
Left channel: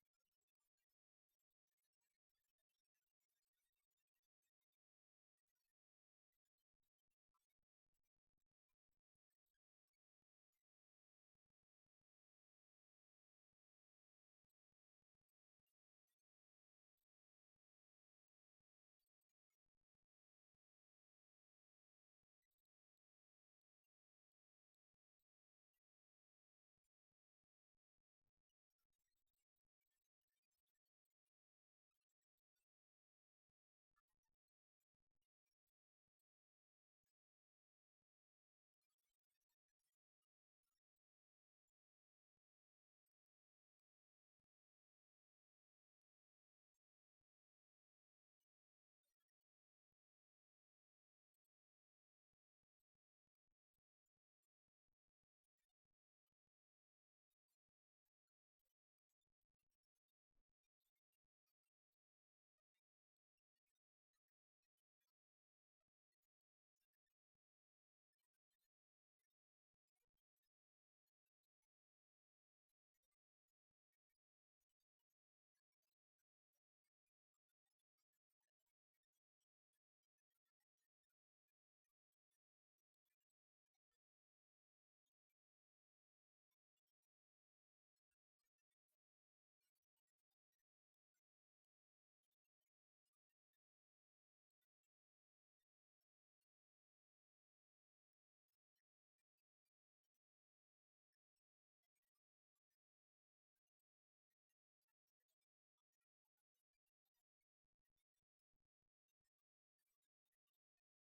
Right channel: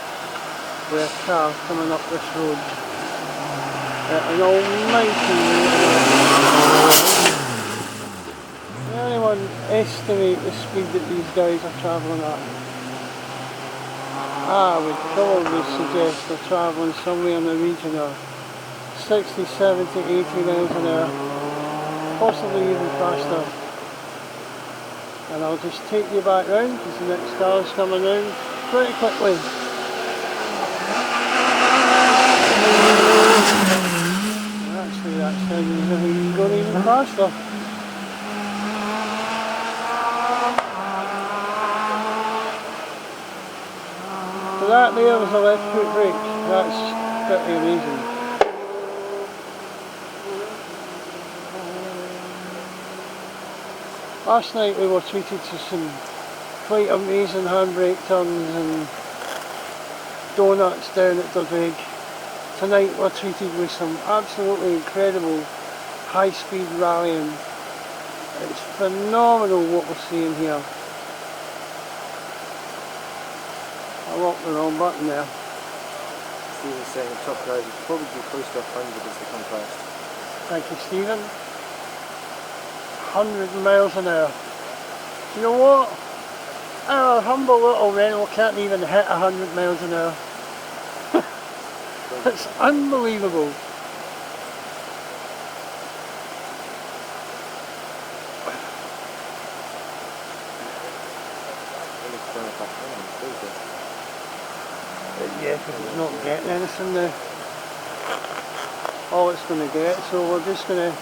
with a car coming up this road at an almighty rate. Can anyone estimate the speed that these guys are travelling at? I would probably suggest they're travelling somewhere in the region of 60, 70, 80 miles an hour, possibly even faster. And I'll just take you back round because the next car is coming round pretty quickly. Actually, that sounds like he's going even faster. So that there was a left foot brake. That's pretty amazing. Last night we were treated to some quite amazing handbrake turns and donuts down at Dundrig. Tonight we're treated with some absolutely incredible high-speed rallying. It's phenomenal what we're seeing here. I locked the wrong button there. Stephen's saying the top guys would probably be close to 100 as they come past. Thank you, Stephen. 100 miles an hour. You know what? Our humble little rental can't even hit 100 miles an hour. It's unbelievable. Yeah, because it's not getting anything now. All it's going to get, so we're just going to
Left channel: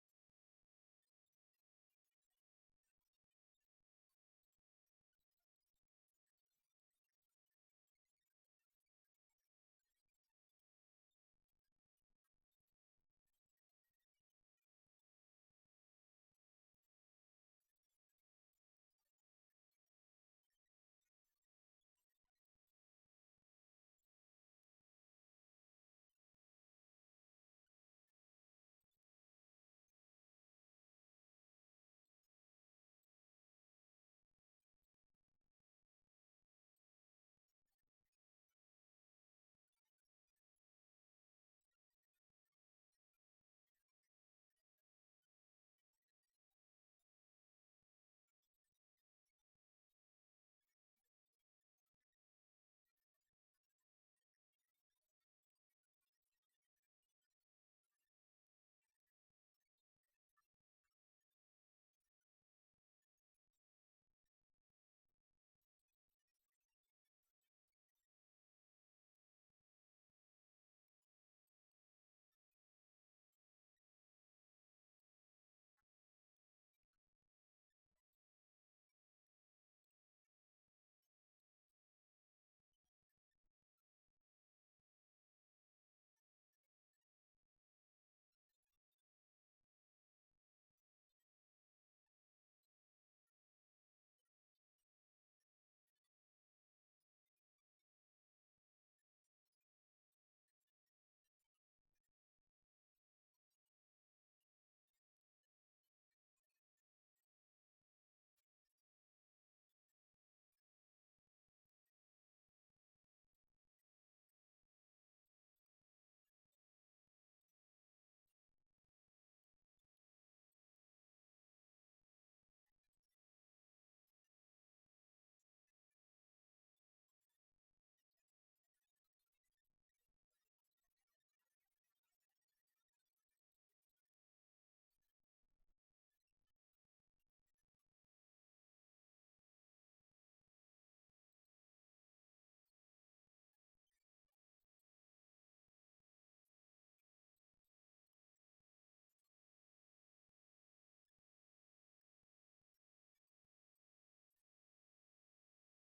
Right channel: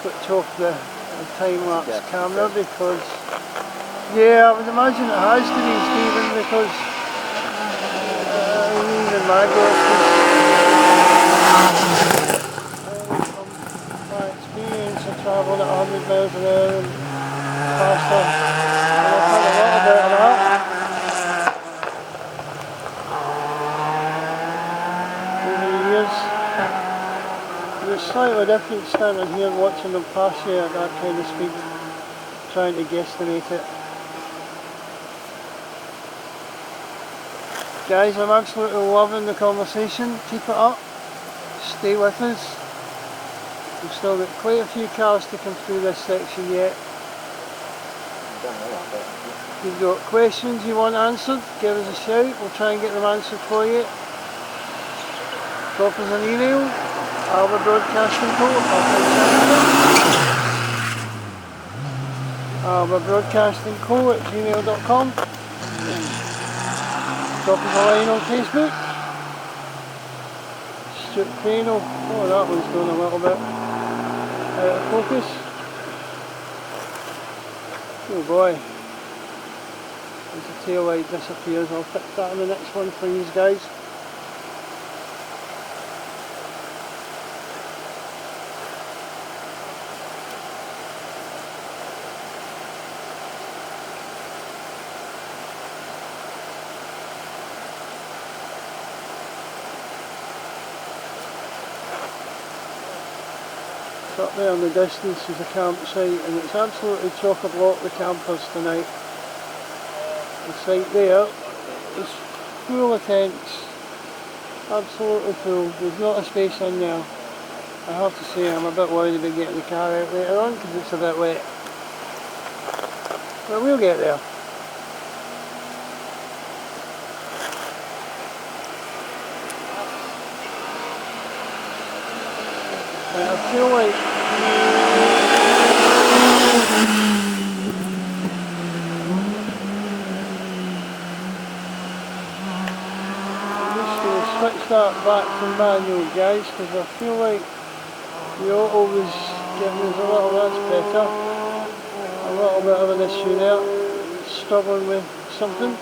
switch off the time-lapse camera because, yeah, I would imagine it has to be, Stephen, because even my from my experience of travelling at 100 miles an hour and faster, and I've had a little bit of that over the years. It's slightly different standing here and watching them pass you at that kind of speed, trying to guesstimate it. Guys, I'm absolutely loving the conversation. Keep it up. Stay with us. We've still got quite a few cars to come through this section yet. If you've got questions you want answered, give us a shout. We'll try and get them answered for you. Drop us an email. Alba Broadcasting Co. albabroadcastingco@gmail.com. Drop us a line on Facebook. Stuart Crano. Oh, that one's going a little bit out of focus. Oh boy. As the tail light disappears, I'll fix that in the next one for you guys. Up there in the distance is a campsite, and it's absolutely chock-a-block with campers tonight. The site there is full of tents, absolutely full. There's not a space in there. I have to say I'm a bit worried about getting the car out later on because it's a bit wet. But we'll get there. I feel like I'm just going to switch that back to manual, guys, because I feel like the auto was giving us a little, that's better, a little bit of an issue there, struggling with something.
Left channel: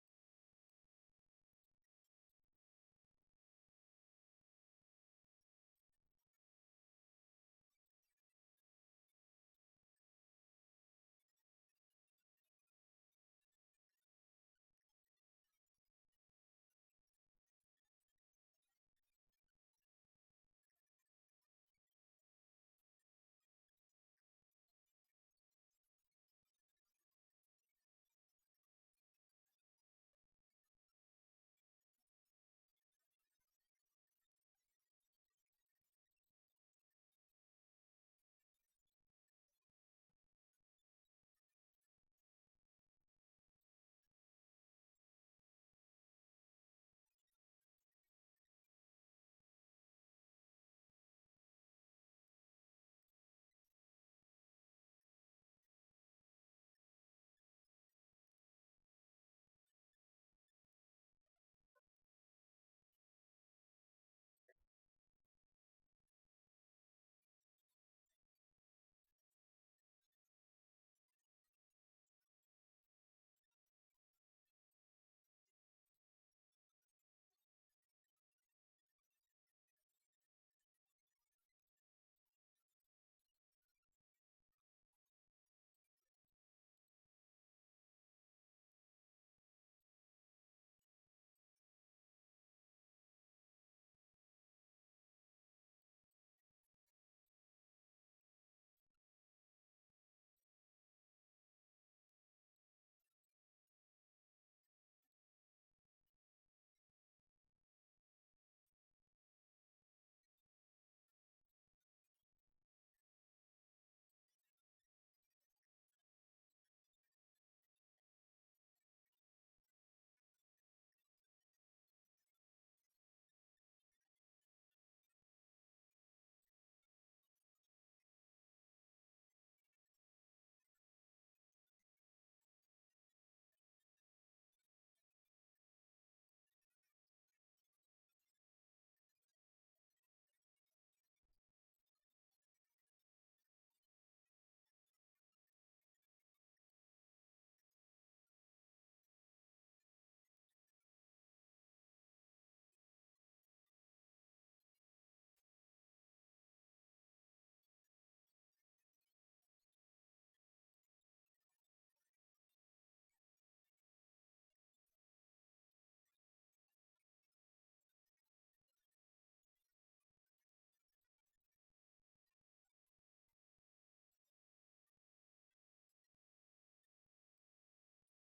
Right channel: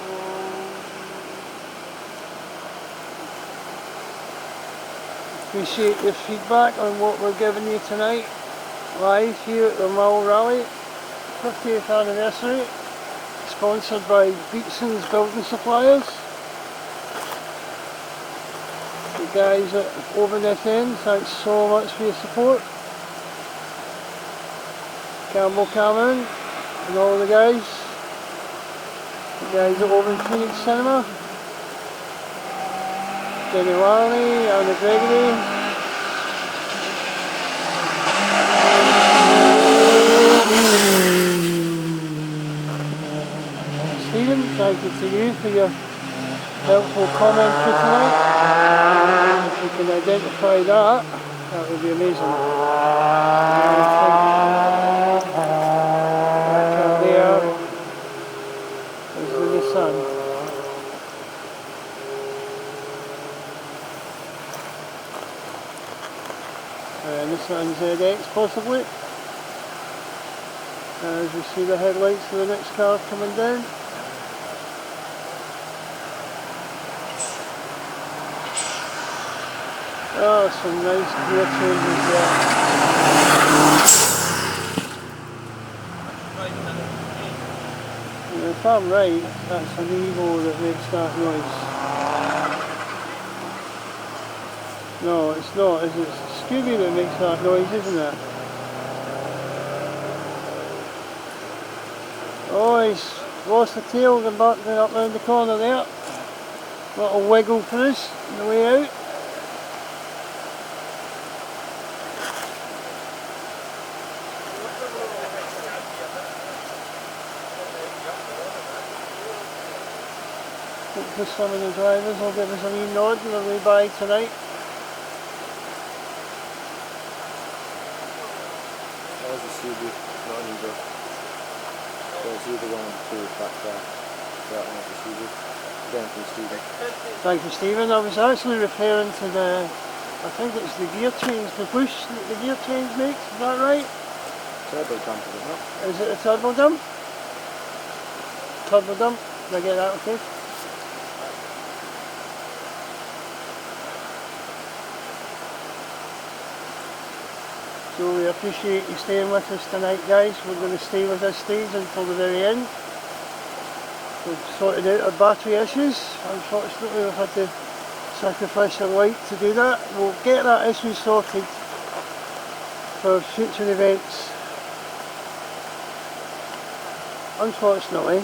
Appreciate your feedback on what we're giving you tonight, live here at the Mull Rally 50th anniversary, sponsored by Beatson's Building Suppliers. The guys at Over Net End, thanks so much for your support. Campbell Cameron and all the guys at Over Phoenix Cinema. Jenny Larney, Anna Gregory. Stephen, thank you to you for your helpful commentary tonight. If you can identify that, that would be amazing. That car there is the Nissan. Nissan ZX possibly, as we see the headlights of the next car coming down. Oh, some nice gear changes there. And if I'm right, that's an Evo that makes that noise. No, it's not, is it? It's Scooby that makes that noise, isn't it? Oh, he's lost the tail and back up round the corner there. Little wiggle for us on the way out. Hopefully some of the drivers will give us a wee nod on their way by tonight. That was a CB, not an Uber. So it's either one of the two back there. That one was a CB. Again from Stephen. Thank you, Stephen. I was actually referring to the, I think it's the gear change, the push that the gear change makes, is that right? Turbo dump, is it not? Is it a turbo dump? Turbo dump? Did I get that okay? So we appreciate you staying with us tonight, guys. We're going to stay with this stage until the very end. We've sorted out our battery issues. Unfortunately we've had to sacrifice our light to do that. We'll get that issue sorted for future events. Unfortunately,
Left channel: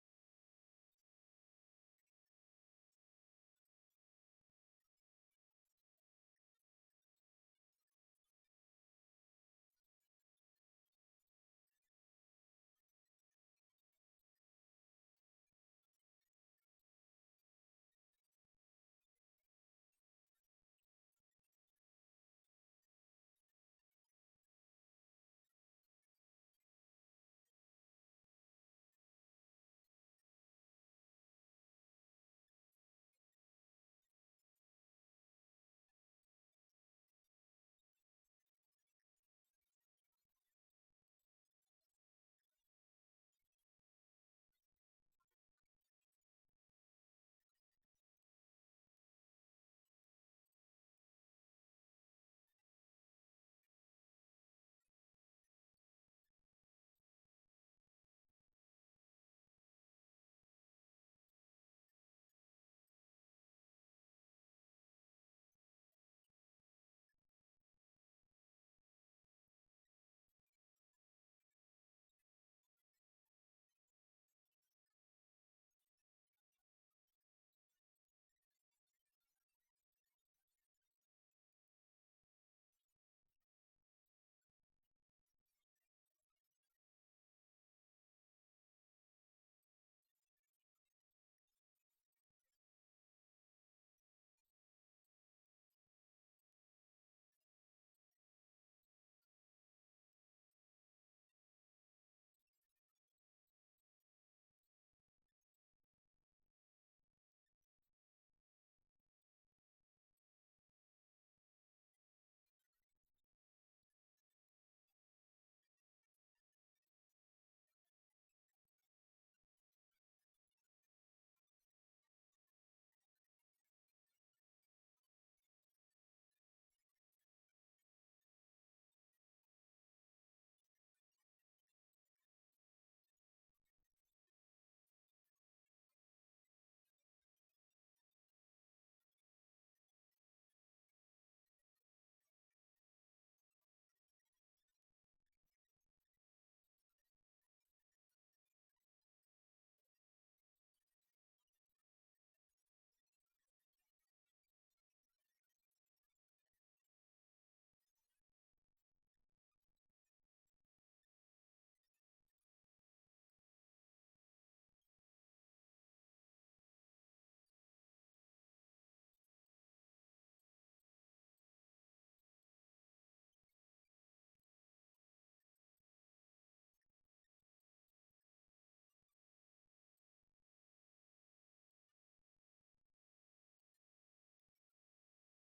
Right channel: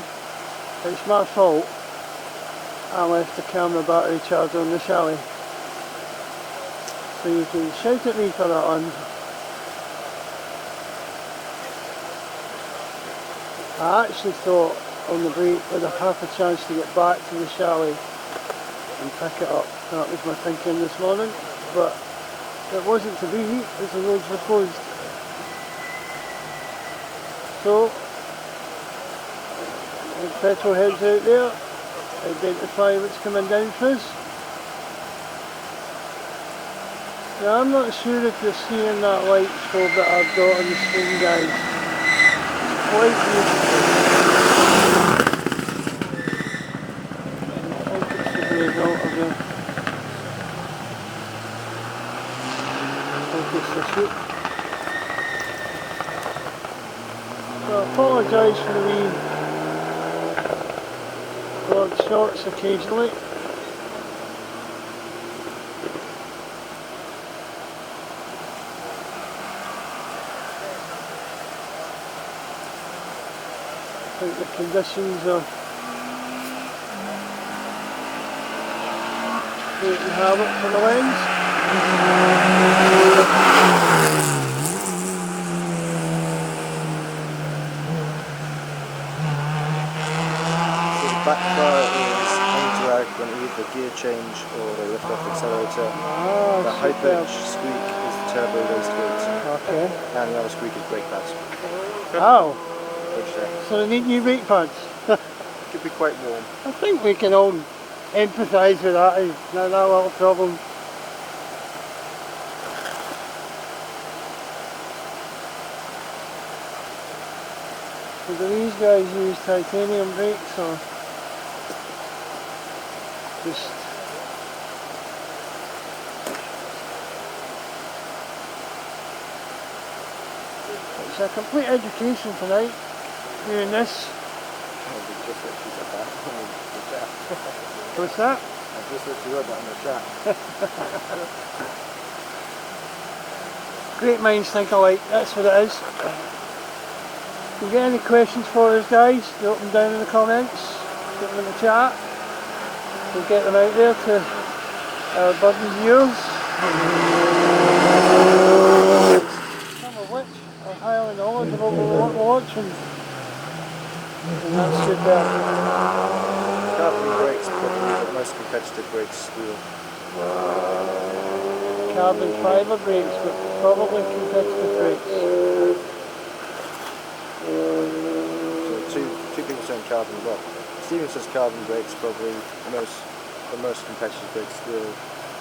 it's my fault. I left the camera battery charger on the chalet. So you can shout at me for that one. I actually thought on the break I'd have half a chance to get back to the chalet and pick it up. That was my thinking this morning, but it wasn't to be as the roads were closed. So, the petrol heads out there, identify what's coming down for us. Now I'm not sure if you're seeing that light bulb that I've got on the screen, guys. Quite beautiful. I think it's the result of the... I think it's the shoot. So I apologise for the wee broad shots occasionally. I think the conditions are creating havoc for the lens. So the back bar is undragged when either gear change or the lift off accelerator. The high pitch squeak is the turbo raised weight. Okay. And the other squeak is brake pads. Oh, Which so they need new brake pads. could be quite warm. I think we can all empathise with that, not that little problem. So do these guys use titanium brakes or just... It's a complete education tonight, doing this. Just literally said that in the chat. What's that? I just literally wrote that in the chat. Great minds think alike, that's what it is. If you get any questions for us, guys, drop them down in the comments, put them in the chat. We'll get them out there to our budding viewers. Some of which are highly knowledgeable about what we're watching. And that's good there. Carbon brakes probably the most competitive brakes wheel. Carbon fibre brakes, but probably competitive brakes. So two people saying carbon, well, Stephen says carbon brakes probably the most competitive brakes wheel,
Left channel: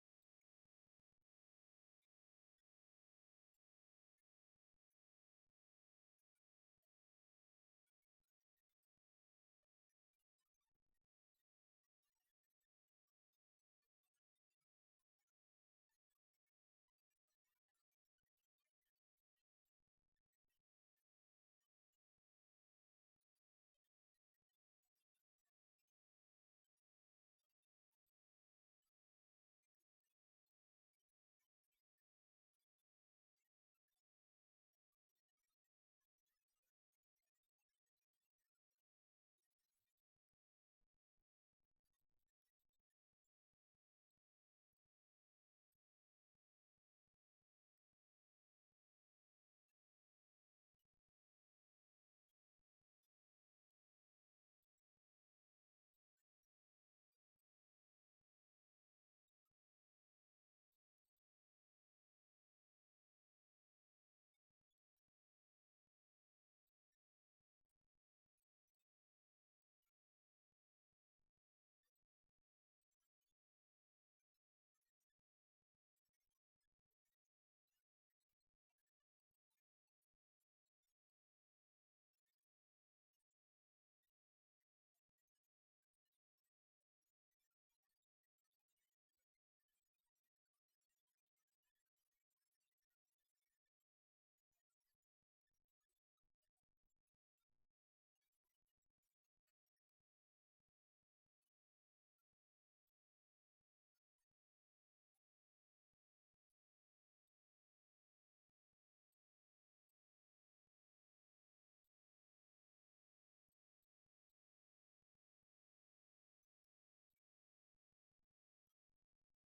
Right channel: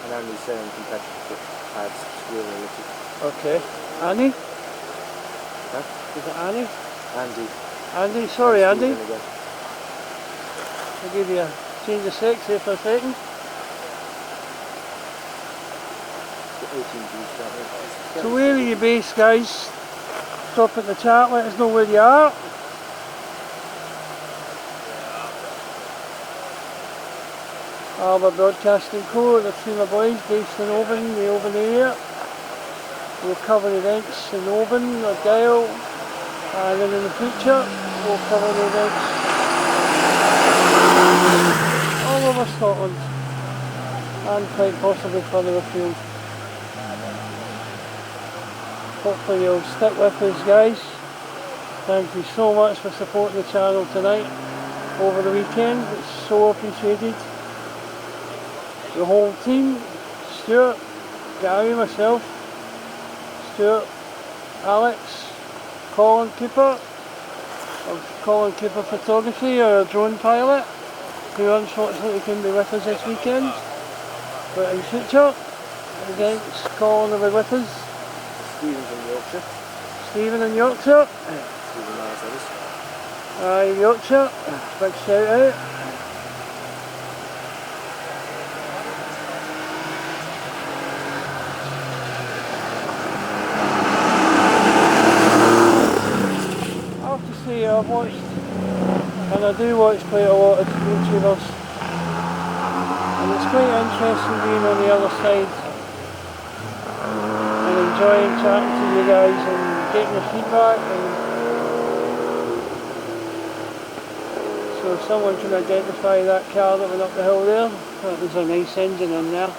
and Andy's saying competitive pads wheel related. Okay. Annie? Huh? Is it Annie? Andy. Andy, sorry And Andy. Stephen again. I'll give you a change of sex here for a second. 18 G's, So where are you based, guys? Drop in the chat, let us know where you are. Alba Broadcasting Co, the team of boys based in Oban, the Oban area. We'll cover events in Oban, Argyll, and then in the future we'll cover the events all over Scotland and quite possibly further afield. Hopefully you'll stick with us, guys. Thank you so much for supporting the channel tonight. over the weekend. It's so appreciated. The whole team, Stuart, Gary, myself, Stuart, Alex, Colin Cooper of Colin Cooper Photography, our drone pilot, who unfortunately couldn't be with us this weekend, but in future events Colin will be with us. Stephen's in Yorkshire. Stephen in Yorkshire. Stephen Myers. Aye, Yorkshire, big shout out. I have to say I've watched, and I do watch quite a lot of YouTubers, and it's quite interesting being on the other side and enjoying chatting to you guys and getting your feedback. And so if someone can identify that car that went up the hill there, that was a nice engine in there.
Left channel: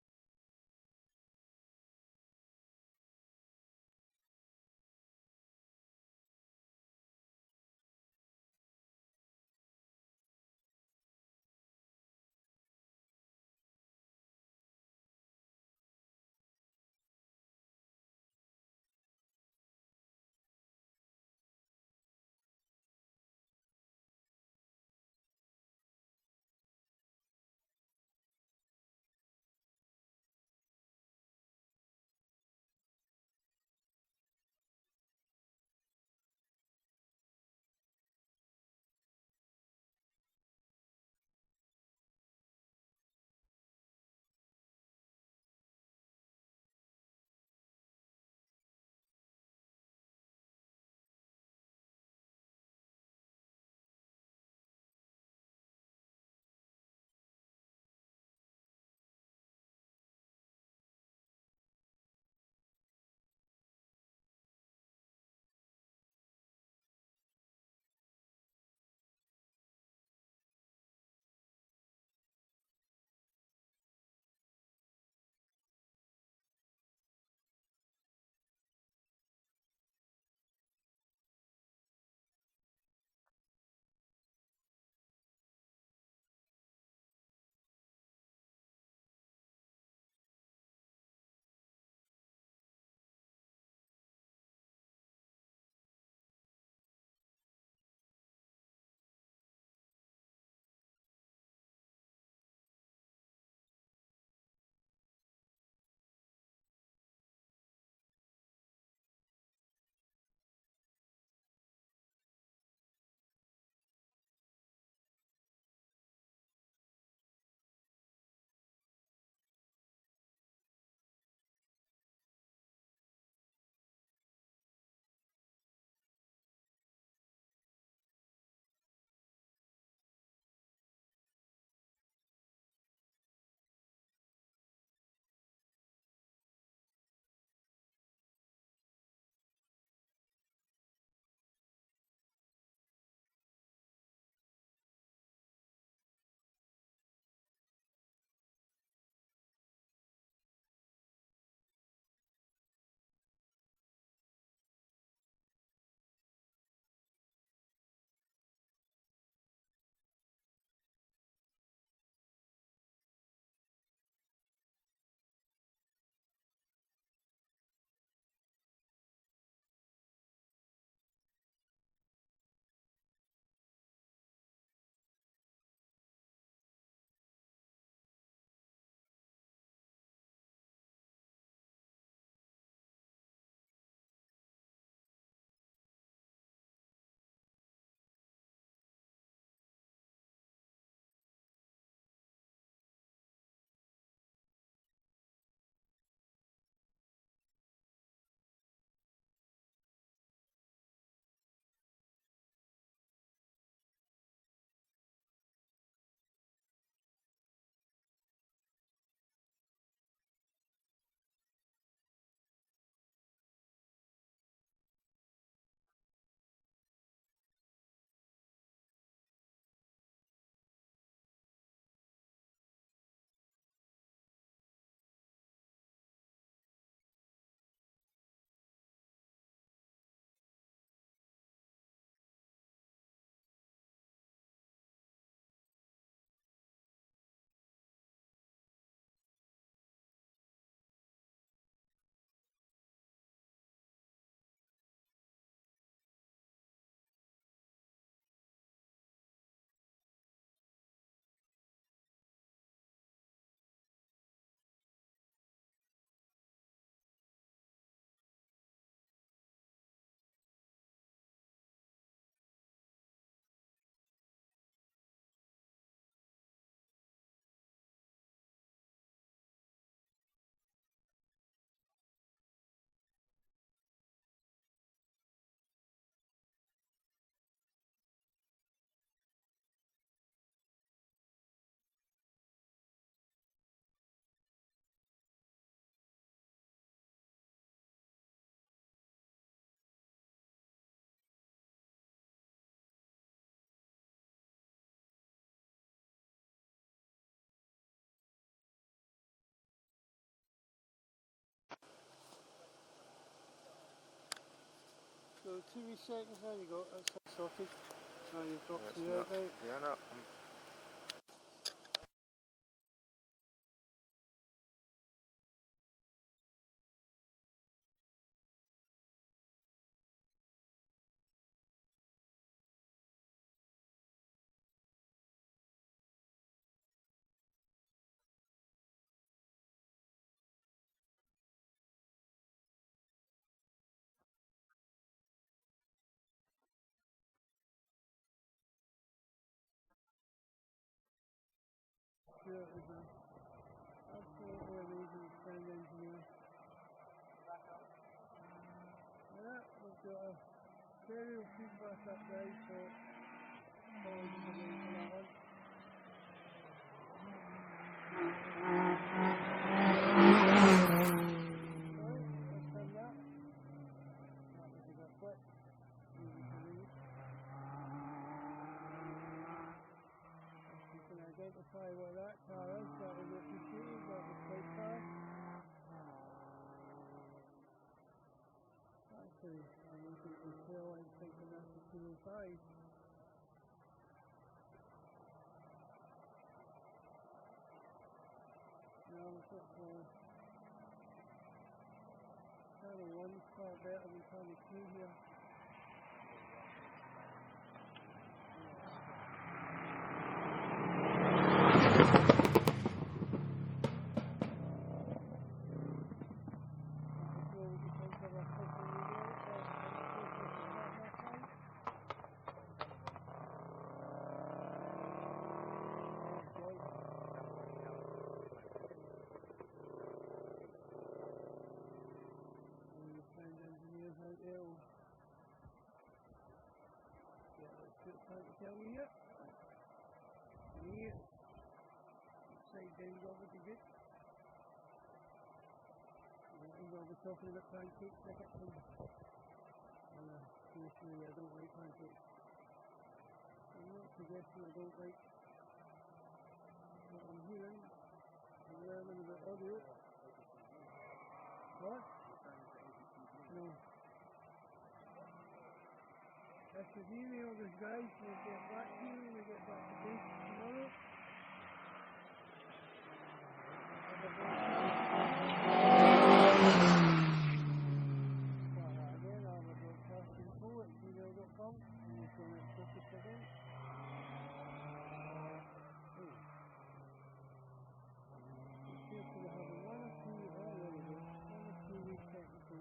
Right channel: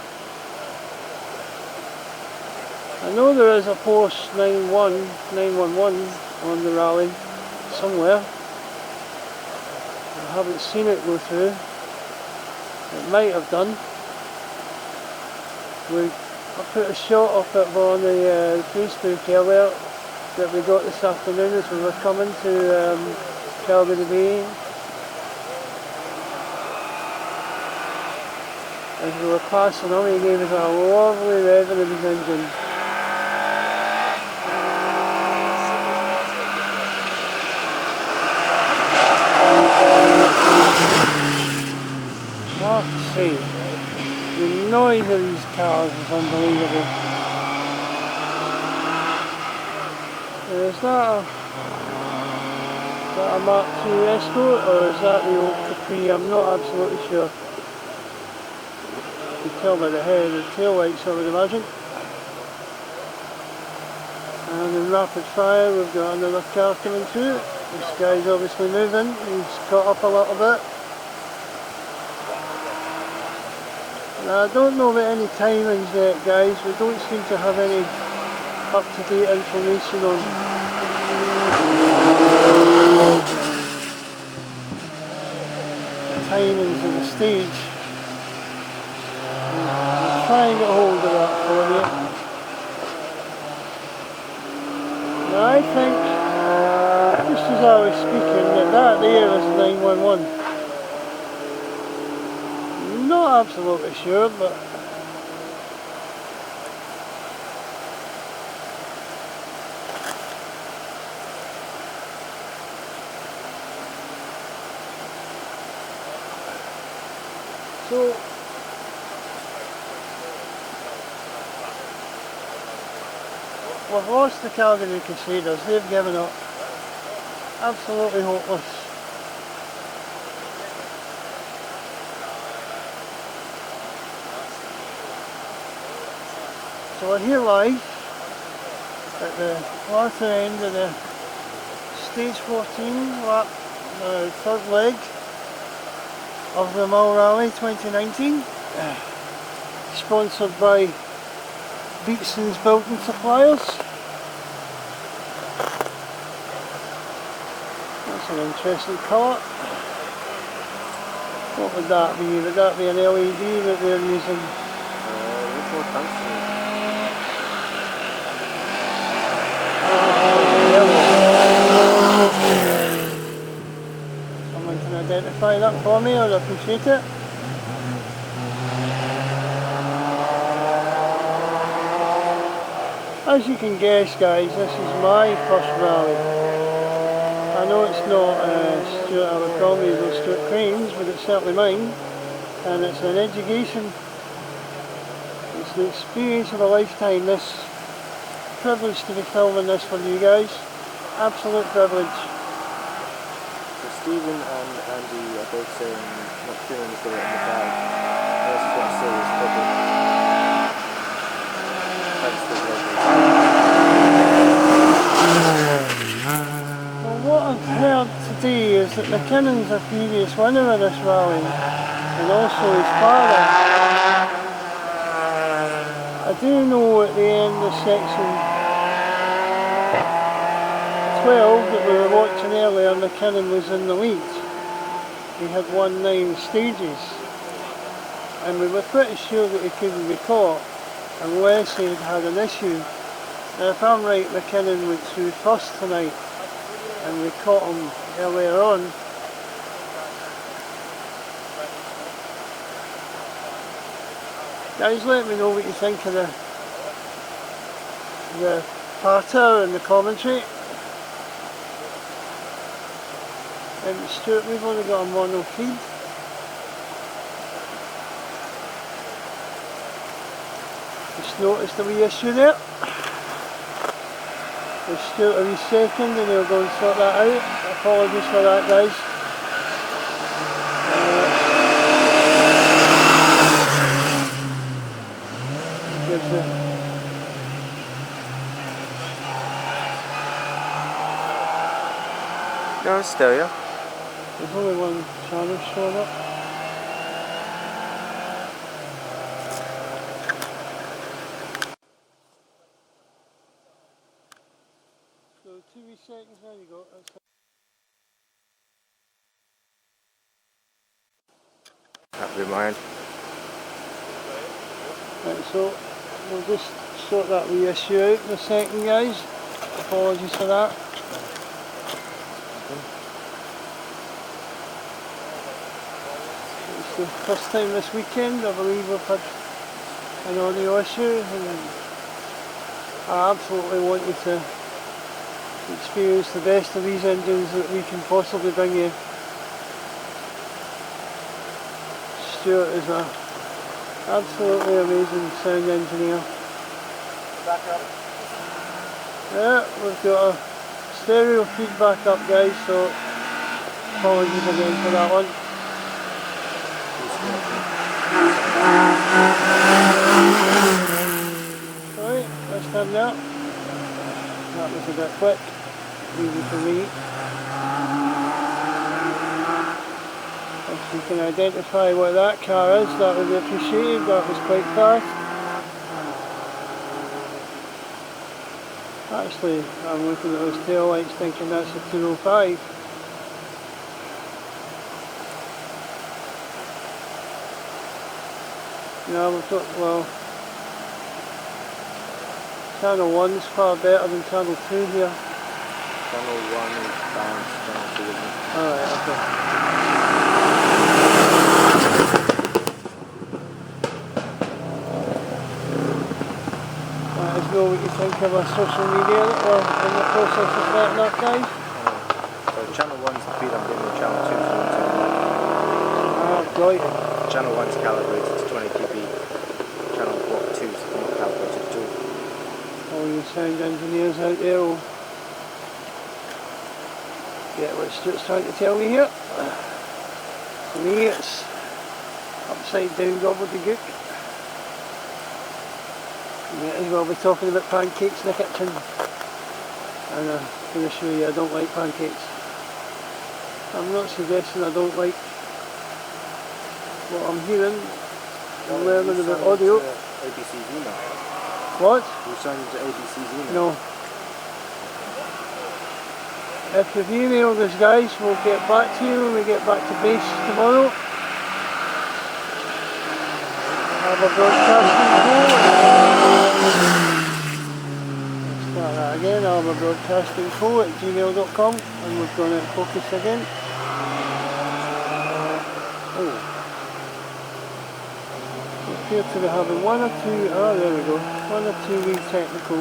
I know there is a Porsche 911 on the rally somewhere. I haven't seen it go through. It might have done. I put a shot of it on the Facebook earlier that we got this afternoon as we were coming to Calgary Bay. As we were passing on, he gave us a lovely revving of his engine. I have to say, the noise of these cars is unbelievable. Is that a Mark II Escort, or is that the old Capri? I'm not absolutely sure. You can tell by the head and tail lights, I would imagine. And in rapid fire we've got another car coming through. This guy's obviously moving, he's caught up a little bit. Now, I don't know about any timings yet, guys. We don't seem to have any up-to-date information on the timings of the stage. We'll try and get hold of that for you. Now, I think, just as I was speaking, that there is 911. Not absolutely sure, but so we've lost the Calgary Crusaders. They've given up. Absolutely hopeless. So we're here live at the latter end of the stage 14 lap, third leg of the Mull Rally 2019, sponsored by Beatson's Building Suppliers. That's an interesting colour. What would that be? Would that be an LED that they're using? Someone can identify that for me, I'd appreciate it. As you can guess, guys, this is my first rally. I know it's not Stuart Abercrombie's or Stuart Crane's, but it's certainly mine. And it's an education, it's the experience of a lifetime. This privilege to be filming this for you guys. Absolute privilege. So Stephen and Andy are both saying not feeling as though it in the bag. That's what I say is probably thanks to the Well, what I've heard today is that McKinnon's a previous winner of this rally, and also his father. I do know at the end of section 12 that we were watching earlier, McKinnon was in the lead. he had won 9 stages, and we were pretty sure that he couldn't be caught unless he had had an issue. Now if I'm right, McKinnon went through first tonight and we caught him earlier on. Guys, let me know what you think of the patter and the commentary. Stuart, we've only got a mono feed. Just noticed a wee issue there. Give Stuart a wee second and he'll go and sort that out. Apologies for that, guys. Gives the No, it's still, yeah. There's only one channel showing up. So 2 wee seconds, there you go, that's it sorted. Now you've dropped the out right. Yeah, no. Happy with mine. Right, so we'll just sort that wee issue out in a second, guys. Apologies for that. It's the first time this weekend, I believe we've had an audio issue, and I absolutely want you to experience the best of these engines that we can possibly bring you. Stuart is an absolutely amazing sound engineer. Yeah, we've got a stereo feedback up, guys, so apologies again for that one. Right, this time there. That was a bit quick, easy for me. If you can identify what that car is, that would be appreciated. That was quite fast. Actually, I'm looking at those tail lights thinking that's a 205. Yeah, we've got, well, channel 1's far better than channel 2 here. Channel 1 is balanced, channel 2 isn't. Alright, okay. Let us know what you think of our social media that we're in the process of setting up, guys. So channel 1's the feed I'm getting, and channel 2's the Ah, brilliant. Channel 1's calibrated to 20 dB, channel 2's not calibrated to. All you sound engineers out there will get what Stuart's trying to tell me here. For me it's upside down gobbledygook. You might as well be talking about pancakes in the kitchen. And I'm going to show you I don't like pancakes. I'm not suggesting I don't like what I'm hearing and learning about audio. ABC's email. What? You signed to ABC's email? No. If you've emailed us, guys, we'll get back to you when we get back to base tomorrow. Have a broadcasting start that again. I'll have a broadcasting @gmail.com, and we've gone out of focus again. Oh. We appear to be having one or two wee technical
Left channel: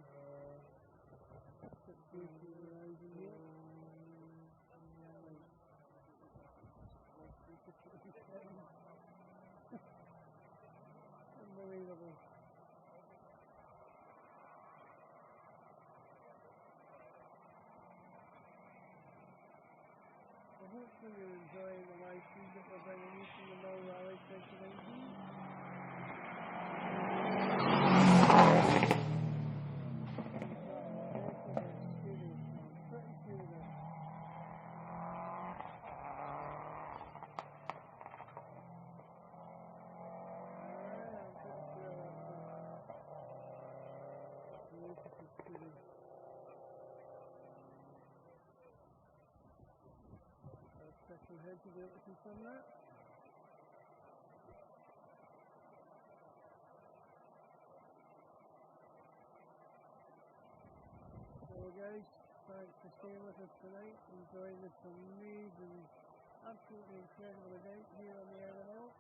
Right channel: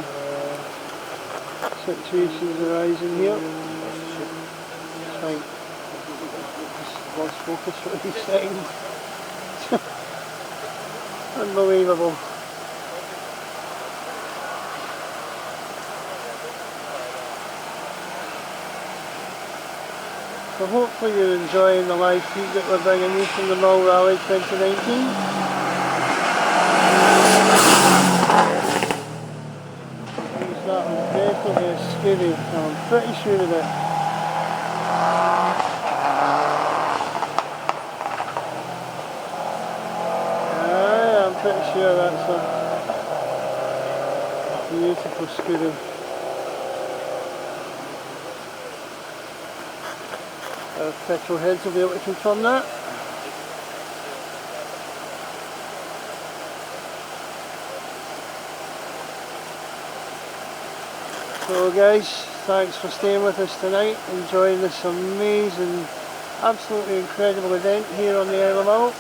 situations arising here. It's fine. Just lost focus for a wee second. Unbelievable. So hopefully you're enjoying the live feed that we're bringing you from the Mull Rally 2019. That was definitely a Scooby, I'm pretty sure of it. I'm pretty sure that's a beautiful Scooby. Our petrol heads will be able to confirm that. So guys, thanks for staying with us tonight, enjoying this amazing, absolutely incredible event here on the Isle of Mull.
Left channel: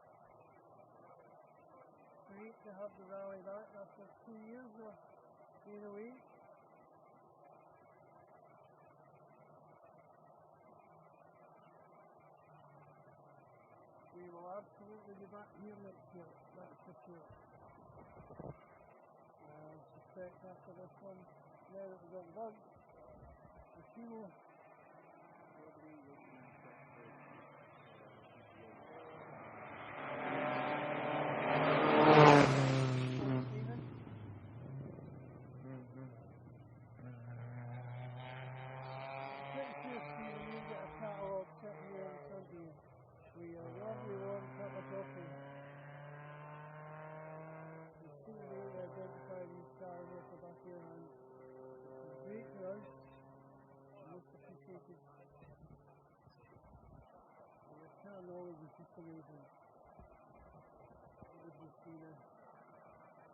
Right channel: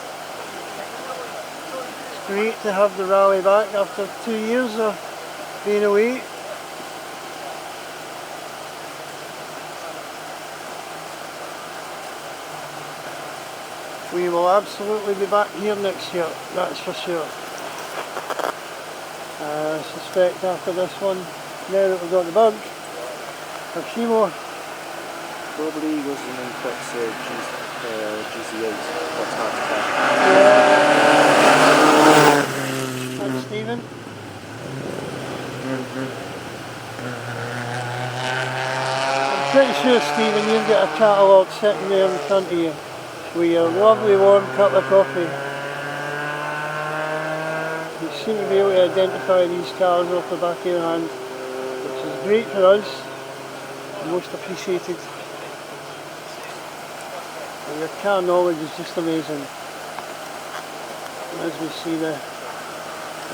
It's great to have the rally back after 2 years of being away. We will absolutely be back here next year, that's for sure. I suspect after this one, now that we've got the bug, a few more. Probably wasn't in Fox GC8. That's hard to find. Yeah. Thanks, Stephen. I'm pretty sure, Stephen, you've got a catalogue sitting there in front of you with your lovely warm cup of coffee. You seem to be able to identify these cars off the back of your hand, which is great for us, and most appreciated. And your car knowledge is just amazing. And as we see the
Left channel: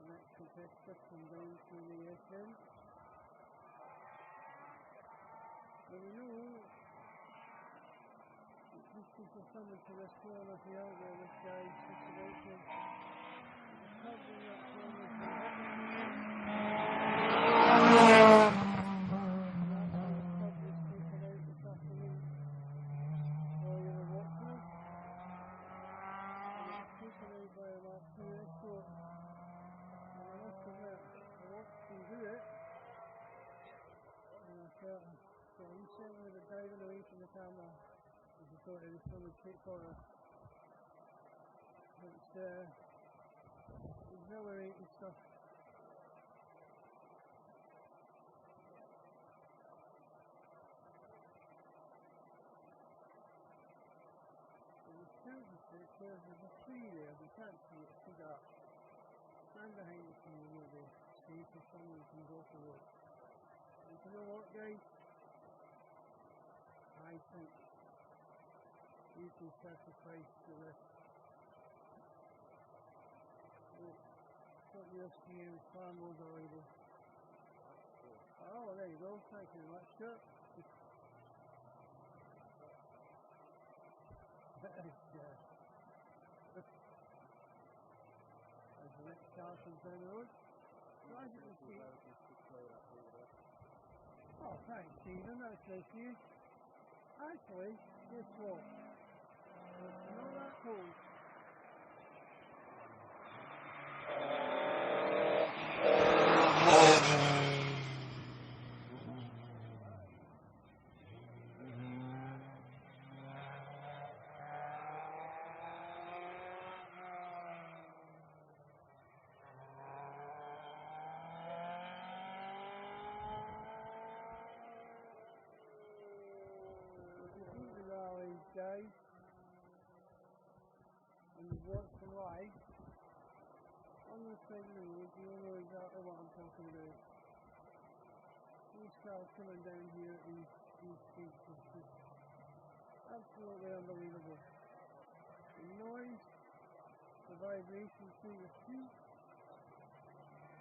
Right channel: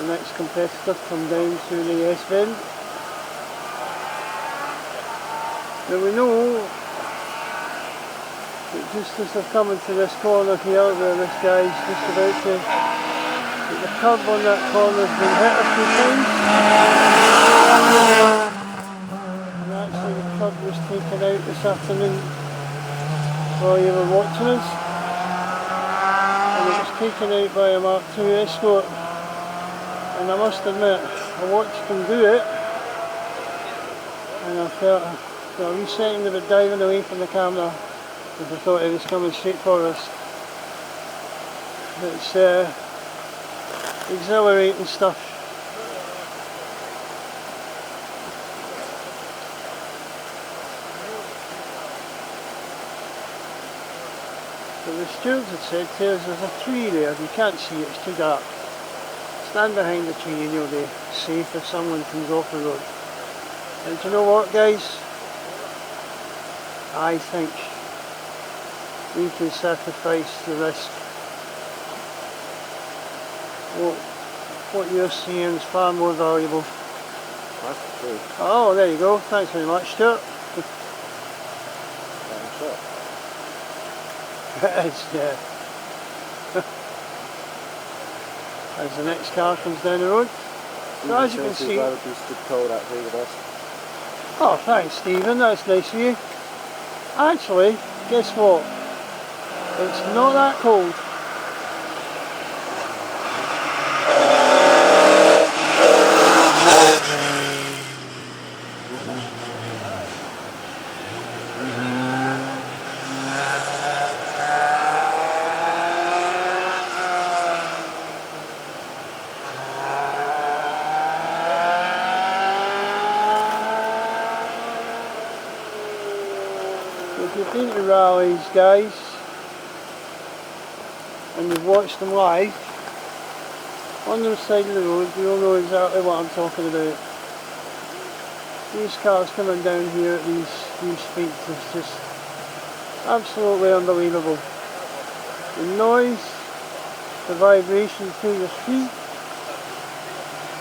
next competitor come down through the S bend. Now we know that just as they're coming to this corner here, where this guy's just about to, that the curb on that corner has been hit a few times. And actually the curb was taken out this afternoon while you were watching us. And it was taken out by a Mark II Escort. And I must admit, I watched them do it, and I felt a wee second of it diving away from the camera because I thought it was coming straight for us. It's exhilarating stuff. So the stewards had said to us, there's a tree there, you can't see it, it's too dark. Stand behind the tree and you'll be safe if someone comes off the road. And do you know what, guys? I think we can sacrifice the risk. What you're seeing is far more valuable. That's the truth. Oh, there you go. Thanks very much, Stuart. It's, yeah. As the next car comes down the road. So as you can see... Oh, thanks, Stephen, that's nice of you. Actually, guess what? It's not that cold. If you've been to rallies, guys, and you've watched them live, on the side of the road, you'll know exactly what I'm talking about. These cars coming down here at these speeds is just absolutely unbelievable. The noise, the vibration through your feet,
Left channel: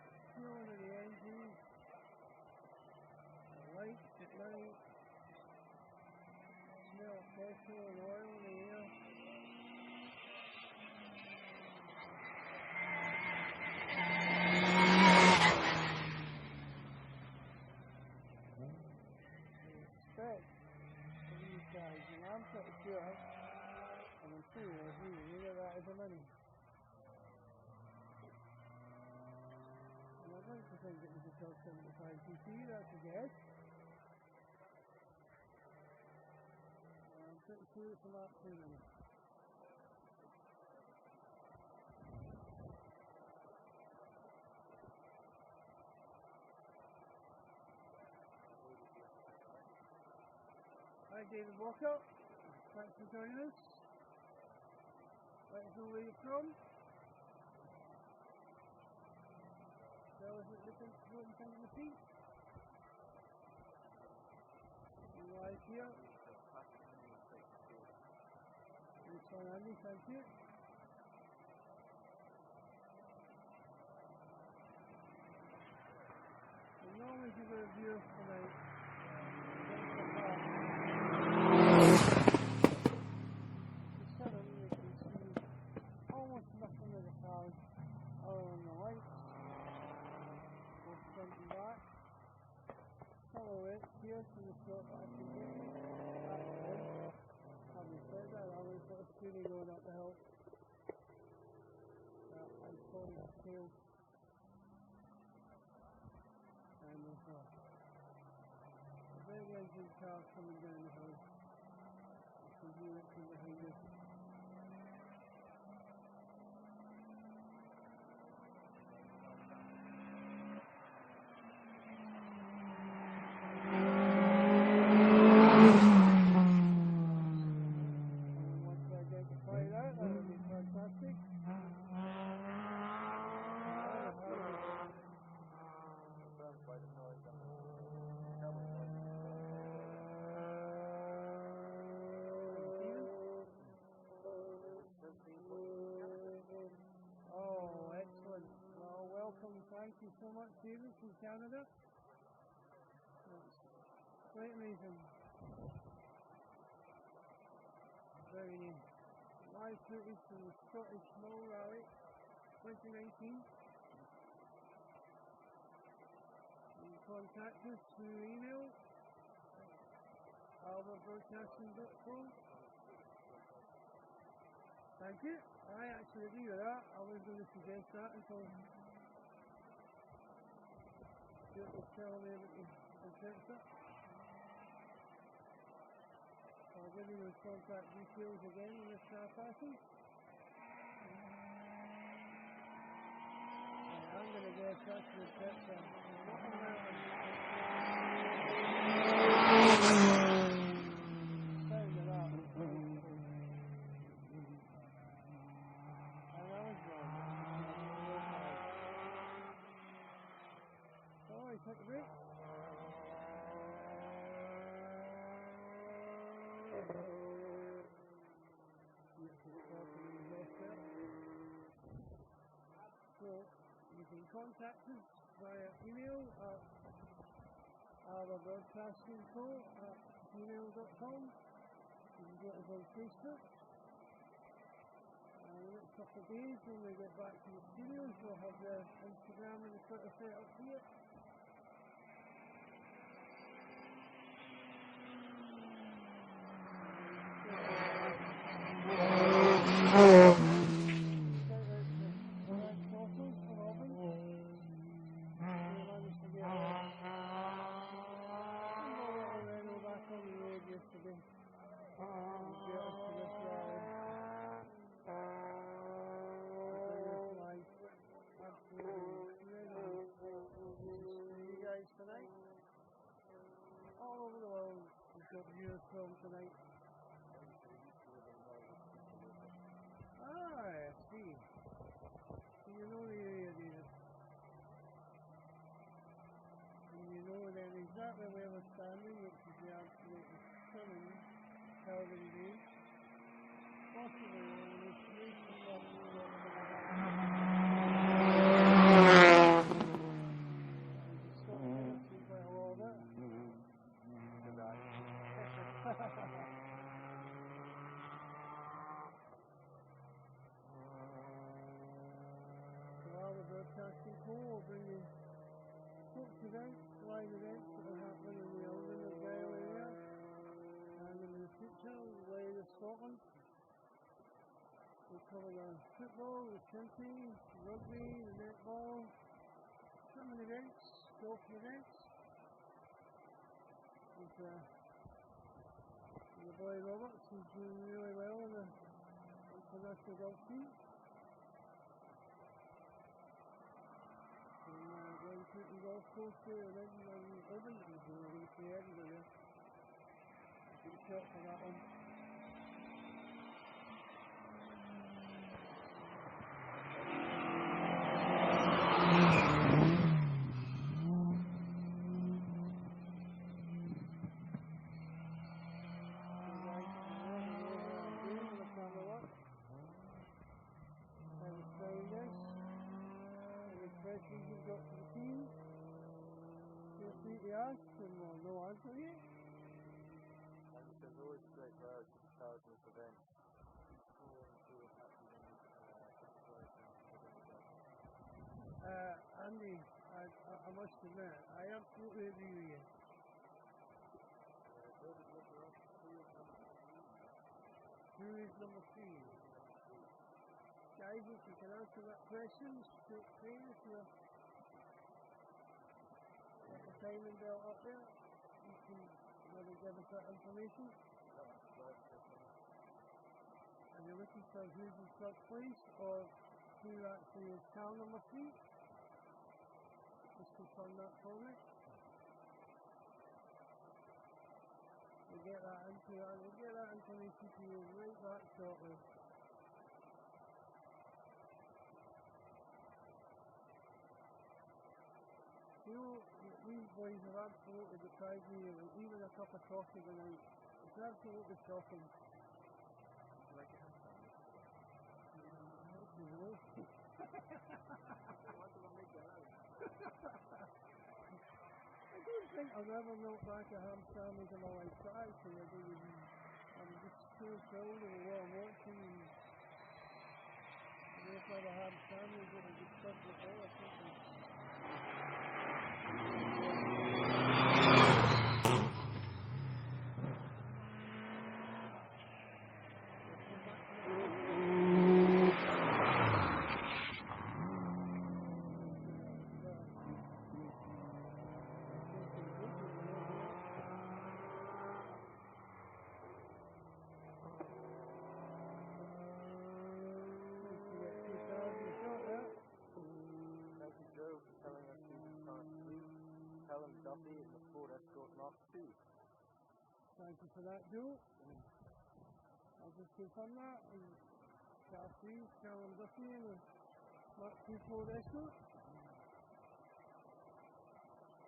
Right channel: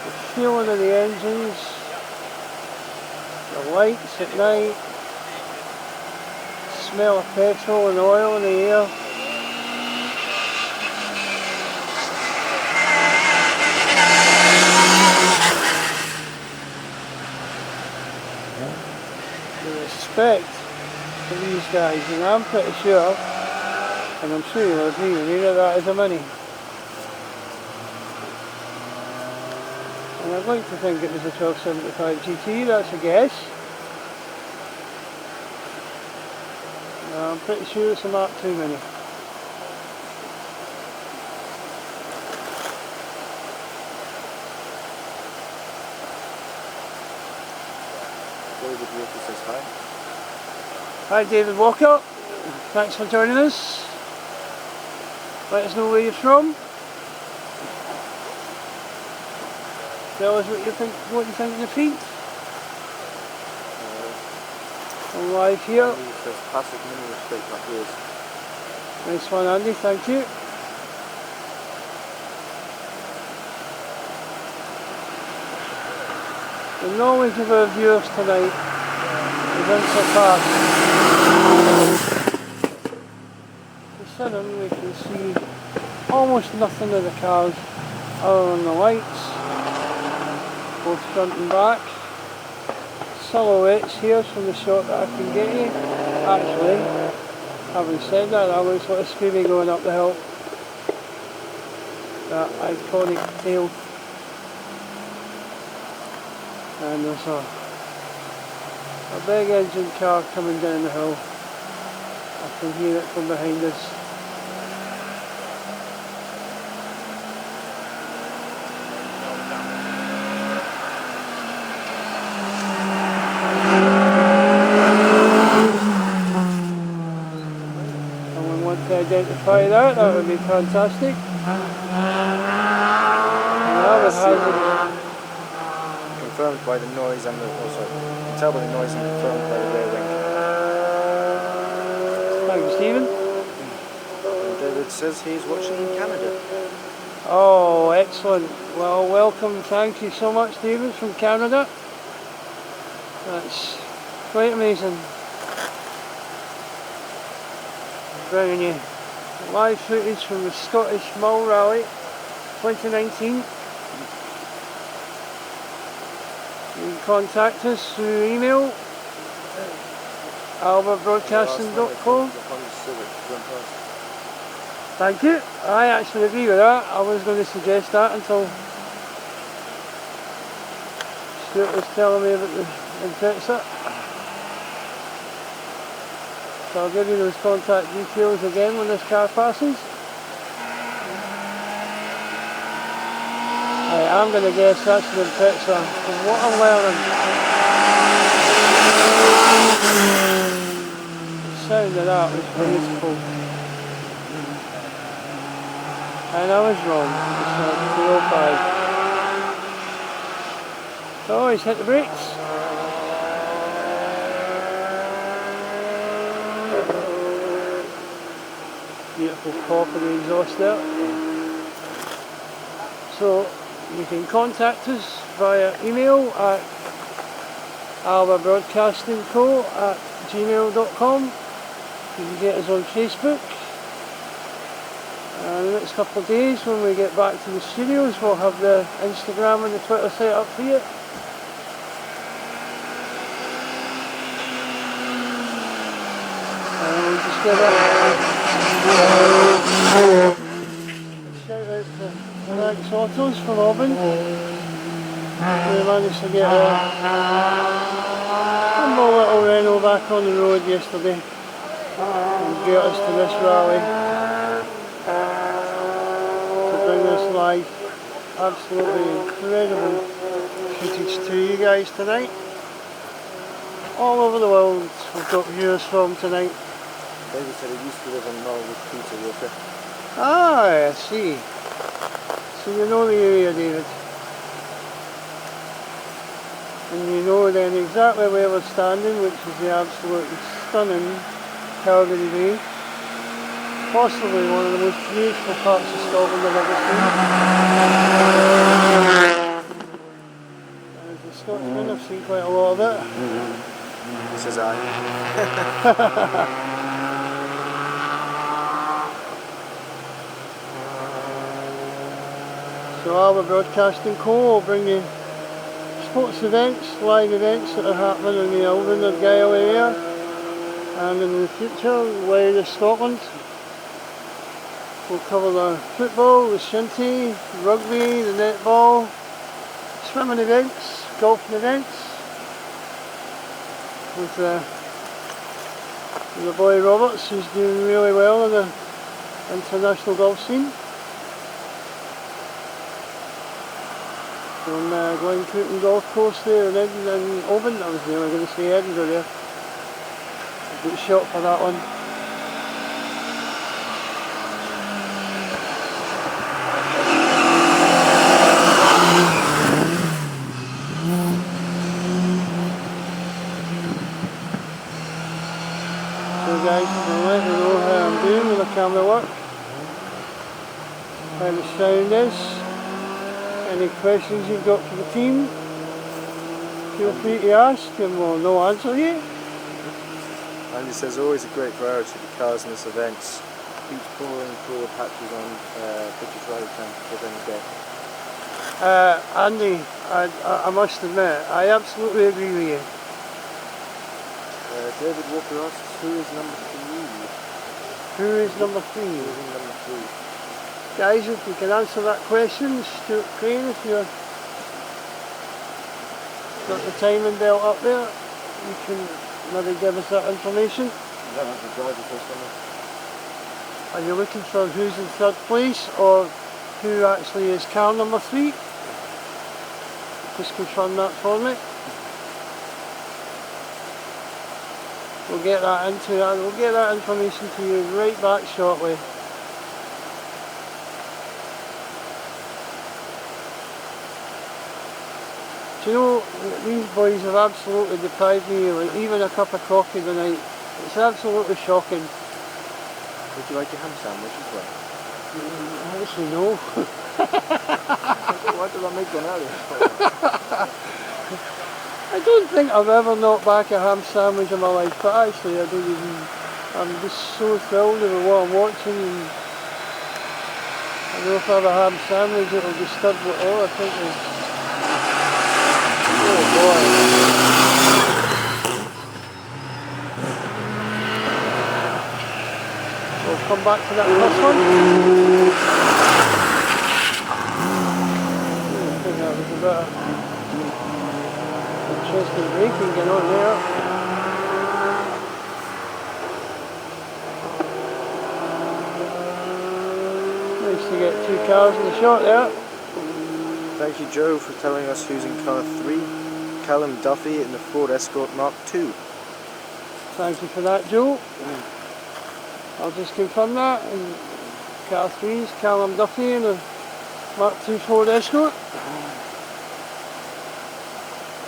the feeling of the engines, the lights at night, smell of petrol and oil in the air. The respect for these guys, and I'm pretty sure, and I'm sure you'll agree with me, that is a Mini. And I'd like to think it was a 1275 GT, that's a guess. I'm pretty sure it's a Mark II Mini. Hi David Walker, thanks for joining us. Let us know where you're from. Tell us what you think of your feet. on live here. Andy says passive mini respect my ears. Nice one, Andy, thank you. The knowledge of our viewers tonight is unsurpassed. Considering we can see almost nothing of the cars other than the lights, both front and back. Silhouettes here from the shot that I can get you. Actually, having said that, that looks like a Scooby going up the hill. That iconic tail. And there's a big engine car coming down the hill. I can hear it from behind us. Someone want to identify that? That would be fantastic. That would have Confirmed by the noise and the also you can tell by the noise and confirmed by the rear wing. Thank you, Stephen. And David says he's watching in Canada. Oh, excellent. Well, welcome. Thank you so much, David, from Canada. That's quite amazing. Bringing you live footage from the Scottish Mull Rally 2019. You can contact us through email, albabroadcasting.com. Thank you. I actually agree with that. I was going to suggest that until Stuart was telling me about the Impreza. So I'll give you those contact details again when this car passes. I'm going to guess that's an Impreza. From what I'm learning, the sound of that was beautiful. And I was wrong. It's a 305. So he's hit the brakes. Beautiful pop of the exhaust there. So you can contact us via email at albabroadcastingco@gmail.com. You can get us on Facebook. And the next couple of days when we get back to the studios, we'll have the Instagram and the Twitter set up for you. And we'll just give a shout out to Alex Autos from Alba. We managed to get a small little Renault back on the road yesterday and get us to this rally. Bring this live, absolutely incredible footage to you guys tonight. All over the world we've got viewers from tonight. David said he used to live in Mull with Peter Walker. Ah, I see. So you know the area, David. And you know then exactly where we're standing, which is the absolutely stunning Calgary Bay. Possibly one of the most beautiful parts of Scotland I've ever seen. As a Scotsman, I've seen quite a lot of it. Says I. So Alba Broadcasting Co. will bring you sports events, live events that are happening in the Alba and Argyll area, and in the future, wider Scotland. We'll cover the football, the shinty, rugby, the netball, swimming events, golfing events, with the boy Roberts, who's doing really well in the international golf scene. On Glen Cooten Golf Course there in Oban, I was nearly going to say Edinburgh there. I got shot for that one. how the sound is. Any questions you've got for the team, feel free to ask and we'll no answer you. Andy says always a great variety of cars in this event. Beach pouring, broad patches on British rally time for any day. Andy, I must admit, I absolutely agree with you. David Walker asks, who is number 3? Who is number 3? Who is in number 3? Guys, if you can answer that question, Stuart Crane, if you've got the timing belt up there, you can maybe give us that information. Are you looking for who's in third place or who actually is car number 3? Just confirm that for me. We'll get that information to you right back shortly. Do you know, these boys have absolutely deprived me of even a cup of coffee tonight. It's absolutely shocking. Would you like a ham sandwich as well? Actually, no. Why did I make one earlier? I don't think I've ever knocked back a ham sandwich in my life, but actually I don't even, I'm just so thrilled with what I'm watching, and I know if I have a ham sandwich it'll disturb it all. I think it's, oh boy. We'll come back to that first one. I think that was a bit of interesting braking going on there. Nice to get 2 cars in the shot there. Thank you, Joe, for telling us who's in car 3. Callum Duffy in the Ford Escort Mark II. Thank you for that, Joe. I'll just confirm that. And car 3 is Callum Duffy in the Mark II Ford Escort.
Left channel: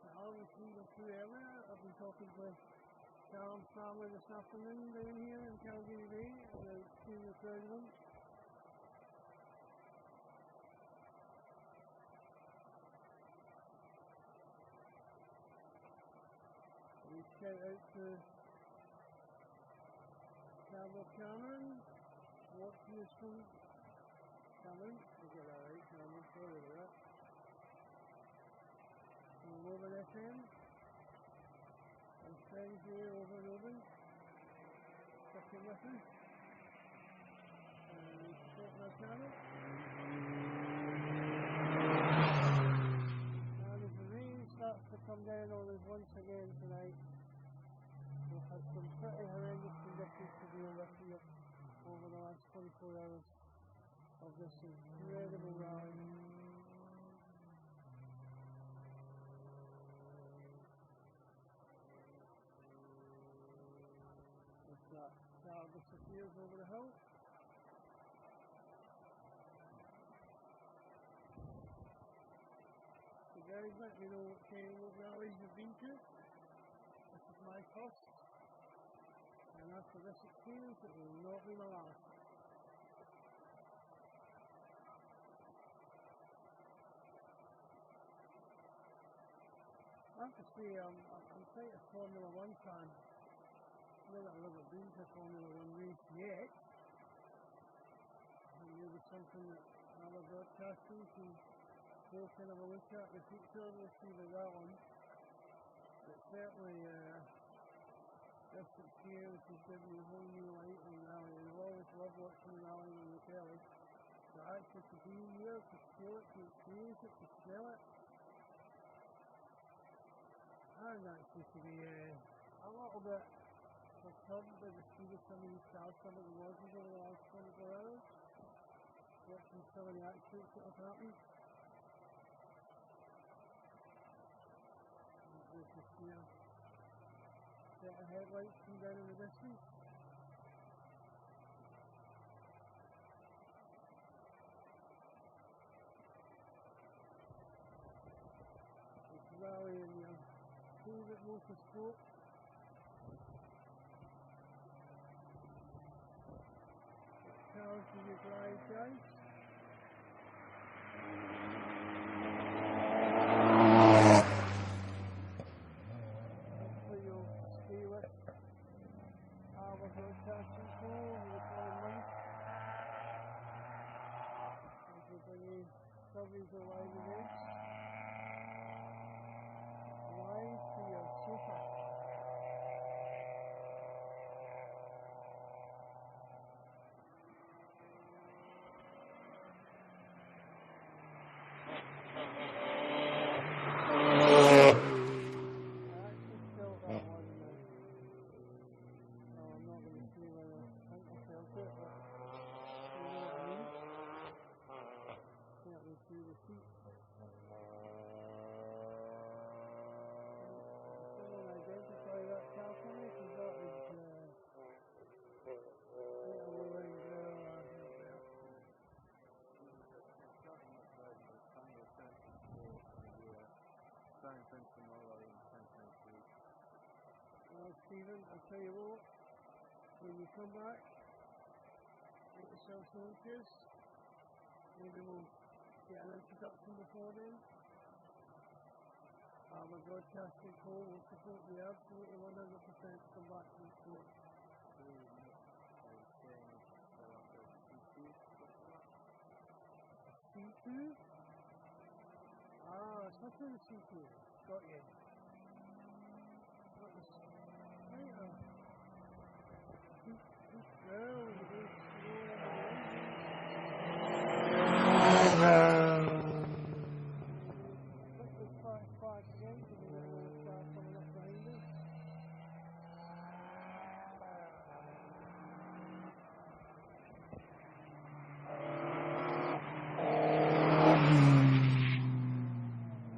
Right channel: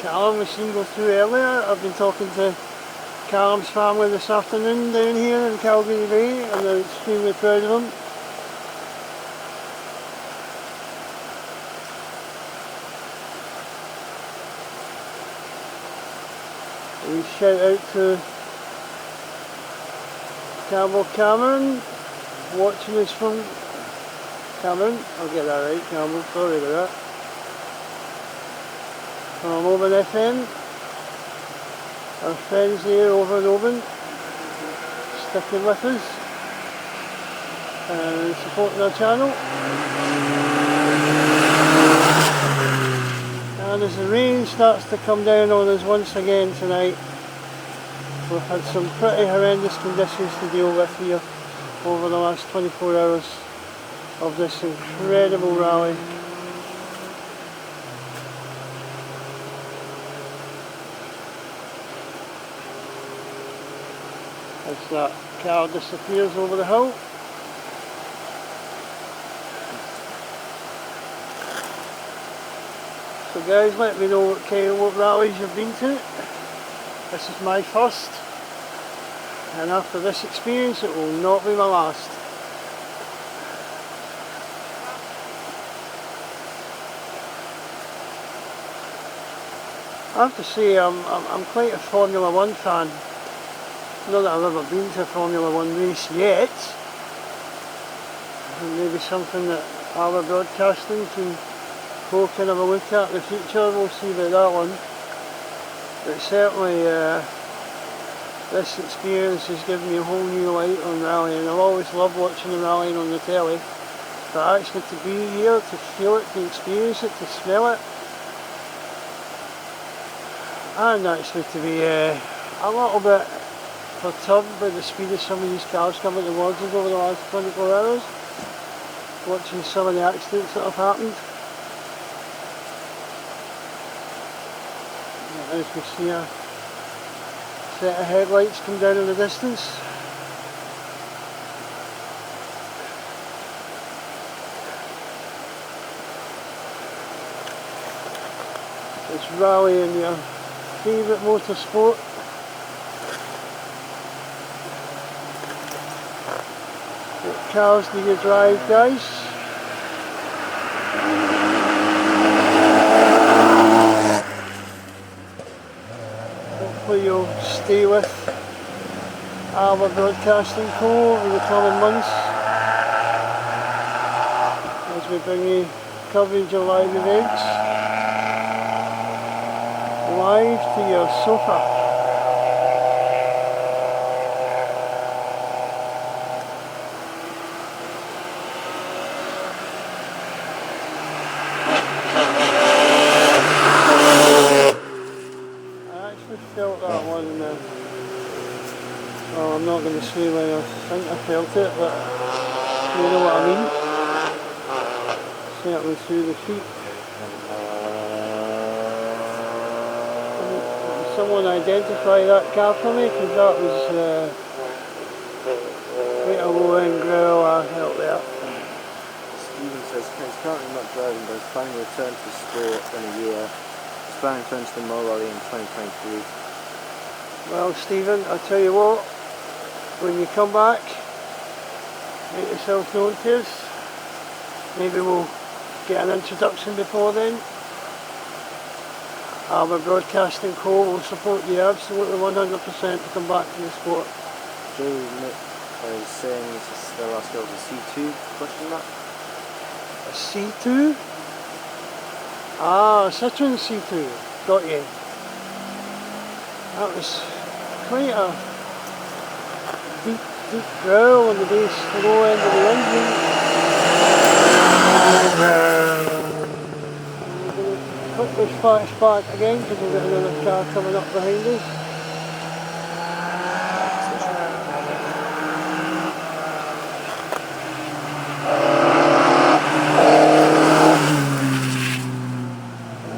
Callum was seen go through earlier. I've been talking to Callum's family this afternoon down here in Calgary Bay, and they're extremely proud of him. A shout out to Campbell Cameron, watching us from Cameron. I'll get that right, Campbell, sorry about that. From Oban FM, our friends there over in Oban, sticking with us and supporting our channel. And as the rain starts to come down on us once again tonight, we've had some pretty horrendous conditions to deal with here over the last 24 hours of this incredible rally. As that car disappears over the hill. So guys, let me know what rallies you've been to. This is my first, and after this experience it will not be my last. I have to say I'm quite a Formula 1 fan. Not that I've ever been to a Formula 1 race yet. And maybe something that Alba Broadcasting can go kind of a look at in the future. We'll see about that one. But certainly this experience has given me a whole new light on rallying. I've always loved watching the rallying on the telly, but actually to be here, to feel it, to experience it, to smell it, and actually to be a little bit perturbed by the speed of some of these cars coming towards us over the last 24 hours, watching some of the accidents that have happened. As we see a set of headlights come down in the distance. It's rallying your favourite motorsport. What cars do you drive, guys? Hopefully you'll stay with Alba Broadcasting Co over the coming months as we bring you coverage of live events live to your sofa. Felt that one well, I'm not going to say when I think I felt it, but you know what I mean. Certainly through the feet. Can someone identify that car for me? Because that was quite a low end growl I felt there. Stephen says he's currently not driving, but he's planning to return to the sport in a year. He's planning to enter the Mull Rally in 2023. Well, Stephen, I tell you what, when you come back, make yourself known to us. Maybe we'll get an introduction before then. Alba Broadcasting Co will support you absolutely 100% to come back to the sport. Joe Nick is saying this is their last girl to C2, question mark? A C2? Ah, Citroen C2, got you. That was quite a deep growl on the bass, the low end of the engine. We're going to put this flash back again because we've got another car coming up behind us.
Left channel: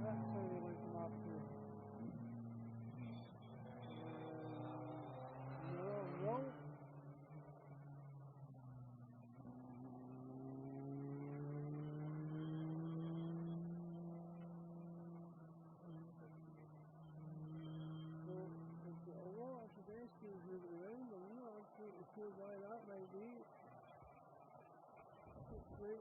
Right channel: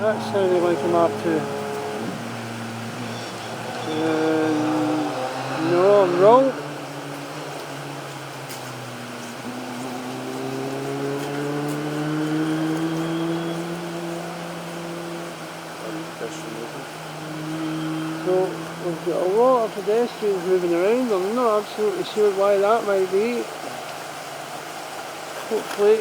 That's sounding like a Mark II. No, I'm wrong. So we've got a lot of pedestrians moving around. I'm not absolutely sure why that might be. Hopefully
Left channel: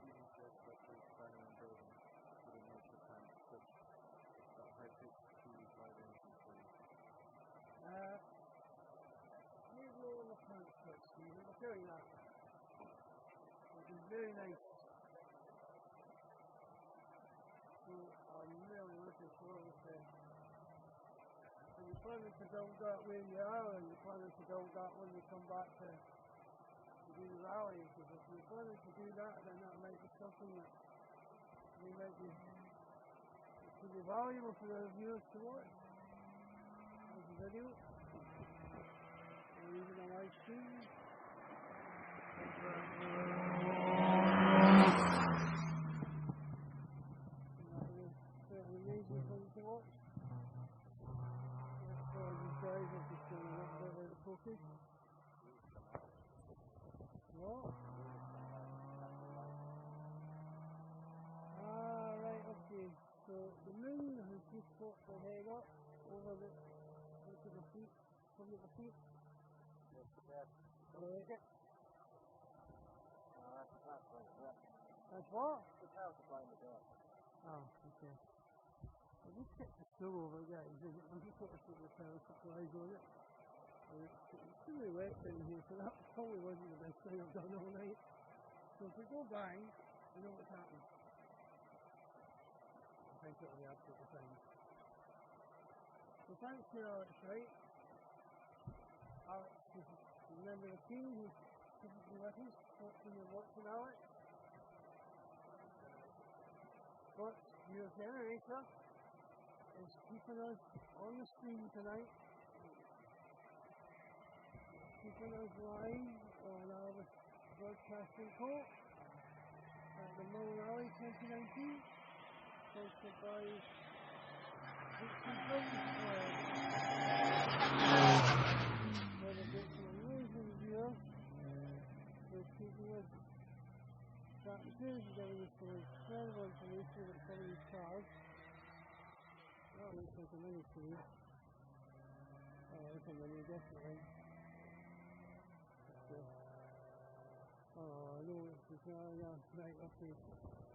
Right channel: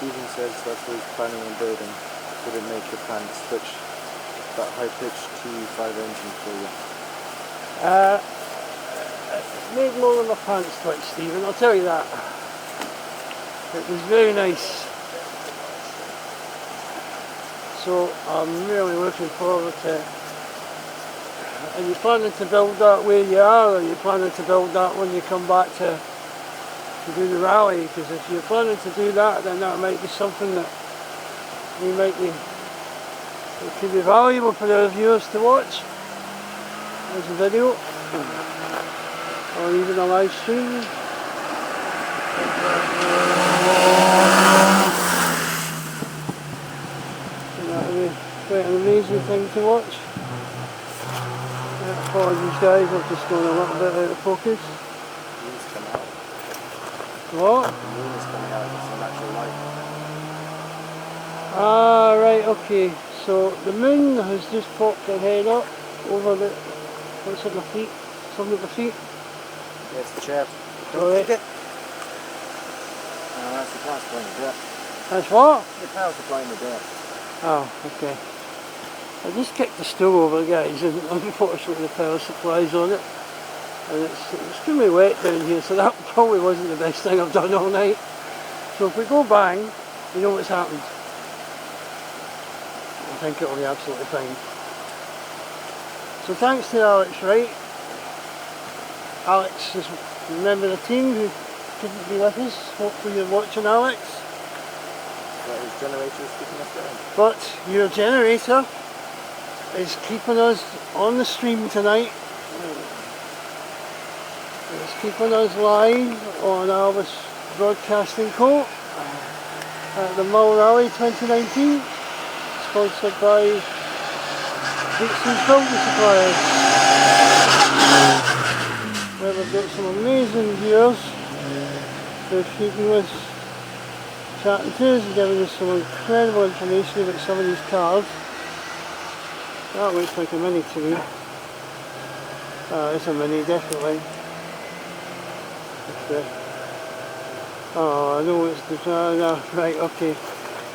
Stephen says that's what he's planning on building. Would it make your plan to switch that high-pitched T5 engine for you? it made more of a pants twitch, Stephen, I'll tell you that. It was very nice. So I'm really looking forward to it. Are you planning to build that where you are, or are you planning to build that when you come back to do the rally? Because if you're planning to do that, then that might be something that we might be, it could be valuable for our viewers to watch as a video or even a live stream. And that would be quite an amazing thing to watch. Apologies guys, I've just gone a little bit out of focus. What? The moon is coming out, it's a natural light. Ah, right, okay. So the moon has just popped her head up over the, what's at my feet? Something at the feet? Yeah, it's the chair. Alright. That's the power supply in the dirt. That's what? The power supply in the dirt. Oh, okay. I just kicked the stool over, guys, and unfortunately the power supply's on it. And it's extremely wet down here, so that probably wasn't the best thing I've done all night. So if we go bang, you know what's happened. I think it'll be absolutely fine. So thanks to Alex Wright. Alex is a member of the team who couldn't be with us. Hopefully you're watching, Alex. But his generator is keeping us going. But your generator is keeping us on the stream tonight. It's keeping us live on Alba Broadcasting Co. at the Mull Rally 2019, sponsored by Dixon's Building Supplies, where we've got some amazing viewers for speaking with, chatting to us and giving us some incredible information about some of these cars. That looks like a Mini to me. It's a Mini, definitely. Oh, I know it's the... no, right, okay.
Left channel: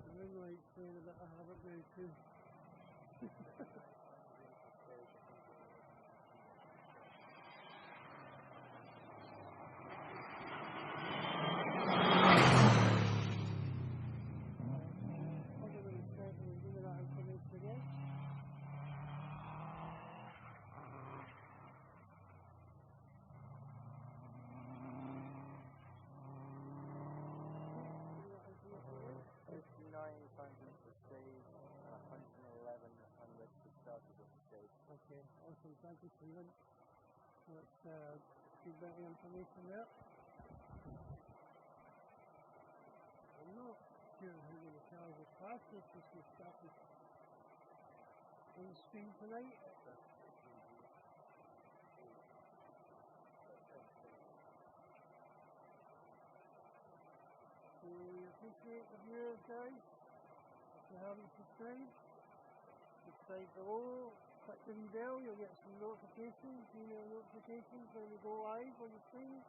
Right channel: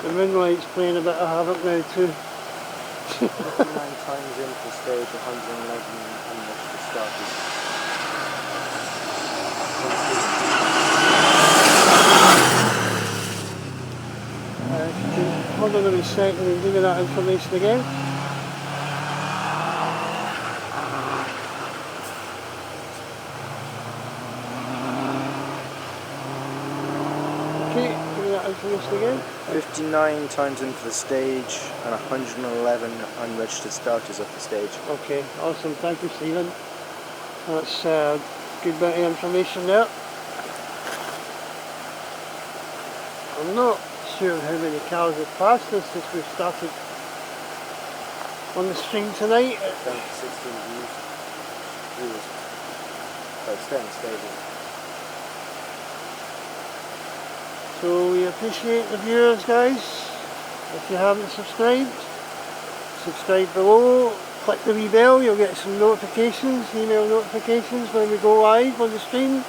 The moonlight's playing a bit of havoc now too. 59 times in for stage, 111 unregistered starters. If you can hold on a second and give me that information again. Okay, give me that information again. 59 times in for the stage and 111 unregistered starters off the stage. Okay, awesome. Thank you, Stephen. That's a good bit of information there. I'm not sure how many cars have passed us since we've started on the stream tonight. Down to 16 viewers. But staying stable. So we appreciate the viewers, guys. If you haven't subscribed, subscribe below, click the wee bell, you'll get some notifications, email notifications when we go live on the stream.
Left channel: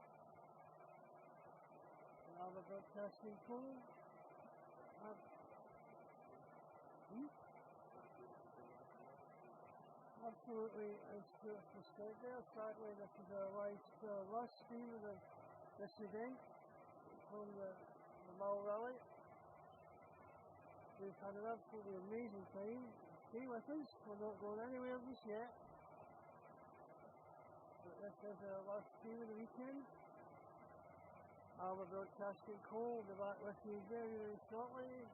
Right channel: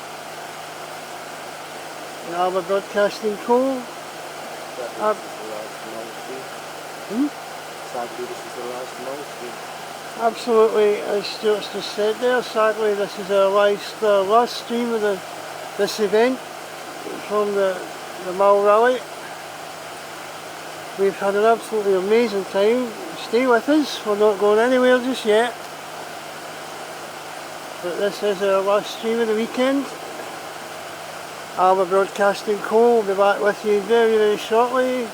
The Alba Broadcasting Co. Sadly, this is the last Mull stream. Absolutely, as Stuart's just said there, sadly this is our last stream of this event from the Mull Rally. We've had an absolutely amazing time. Stay with us, we're not going anywhere just yet. But this is our last stream of the weekend. Alba Broadcasting Co. will be back with you very, very shortly,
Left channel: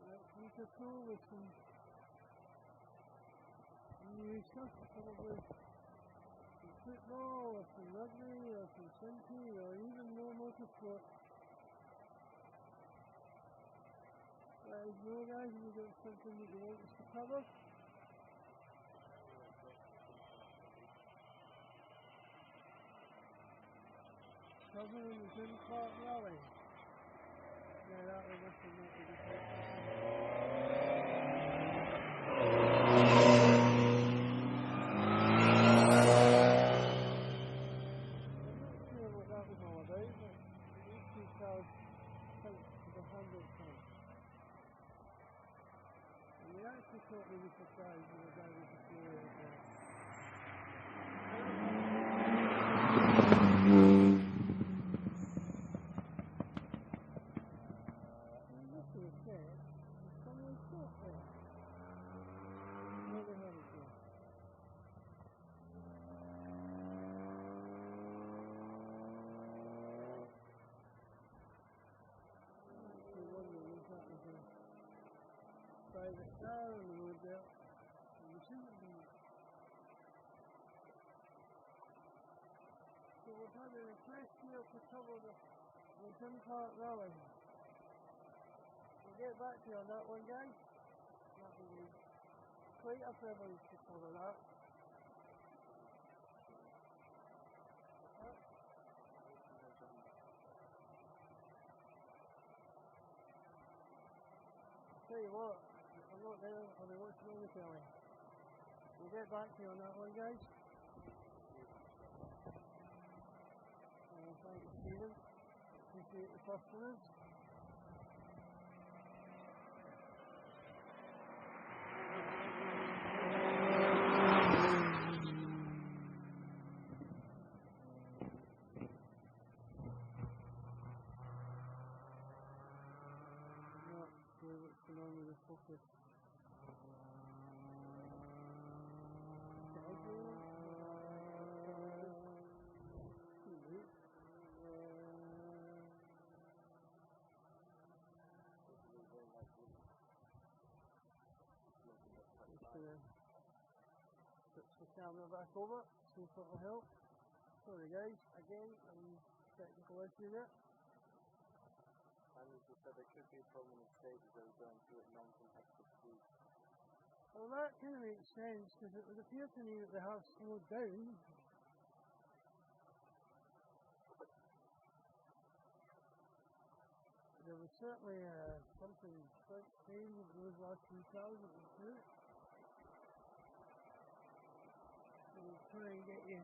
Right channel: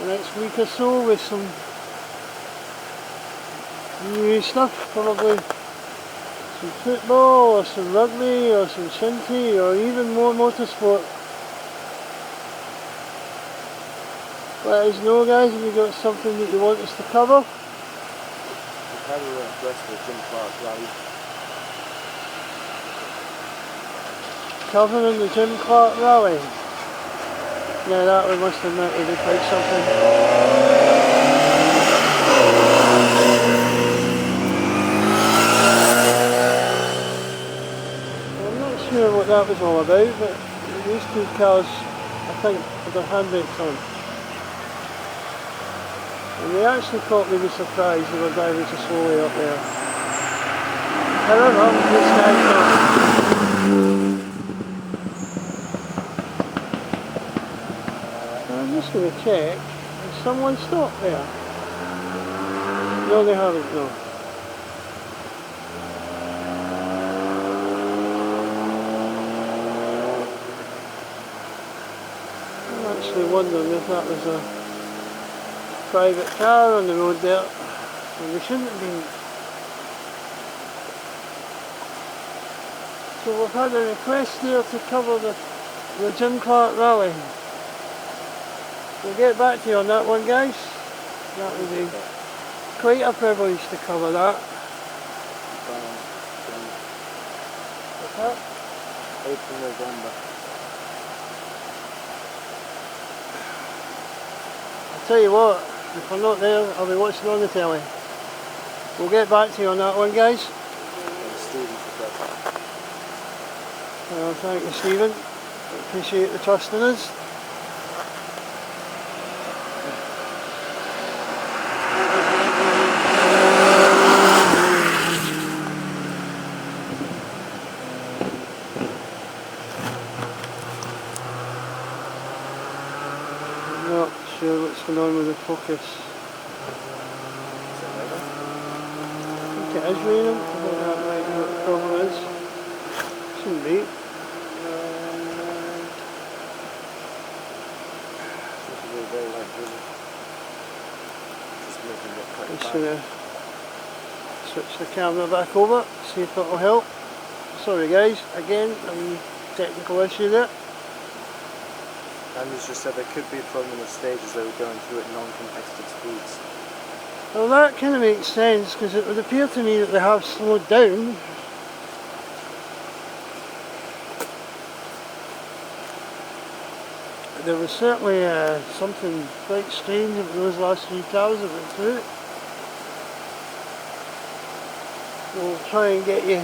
the next week or so, with some new stuff, probably some football or some rugby or some shinty or even more motorsport. Let us know, guys, if you've got something that you want us to cover. We've had a request for Jim Clark Rally. Covering the Jim Clark Rally. Yeah, that we must admit would be quite something. Sure what that was all about, but these two cars, I think, had their handbrakes on. And they actually caught me with surprise. They were driving so slowly up there. However, this guy's not. I'm just going to check. Has someone stopped there? No, they haven't, no. Wondering if that was a private car on the road there, and they shouldn't have been. So we've had a request there to cover the Jim Clark Rally. We'll get back to you on that one, guys. That would be quite a privilege to cover that. What's that? 8th of November. Tell you what, if we're not there, I'll be watching on the telly. We'll get back to you on that one, guys. Thank you, Stephen. Appreciate the trust in us. Not sure what's going on with the focus. I think it is raining. I think that might be what the problem is. Shouldn't be. I'm just going to switch the camera back over, see if it will help. Sorry guys, again, a wee technical issue there. Anders just said there could be a problem with the stage as they were going through at non-competitive speeds. Well, that kind of makes sense, because it would appear to me that they have slowed down. there was certainly something quite strange about those last 3 cars that went through it. We'll try and get you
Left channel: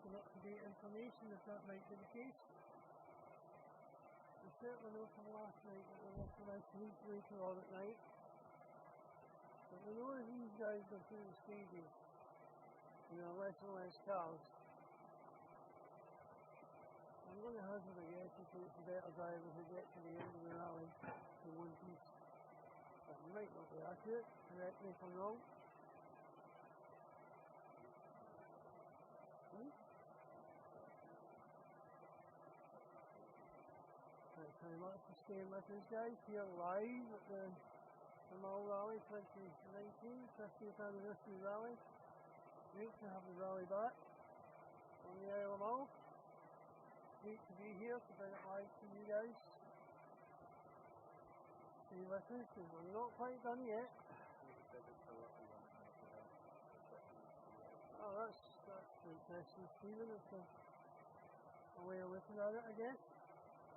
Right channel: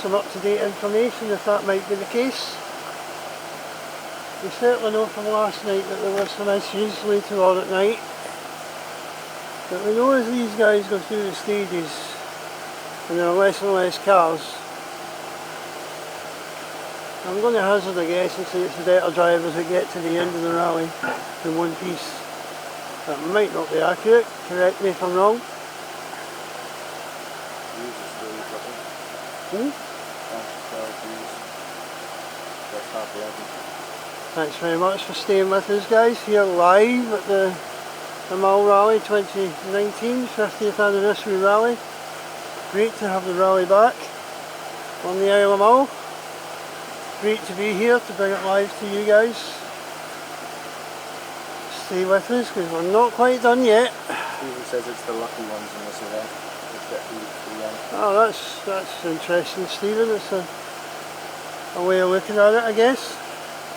some up-to-date information if that might be the case. We certainly know from last night that there were some issues later on at night. But we know as these guys go through the stages and there are less and less cars, I'm going to hazard a guess and say it's the better drivers that get to the end of the rally in one piece. That might not be accurate, correct me if I'm wrong. Thanks very much for staying with us guys here live at the Mull Rally 2019 50th anniversary rally. Great to have the rally back on the Isle of Mull. Great to be here to bring it live to you guys. Stay with us because we're not quite done yet. Stephen says it's the lucky ones in this event. Oh, that's interesting, Stephen. It's a way of looking at it, I guess.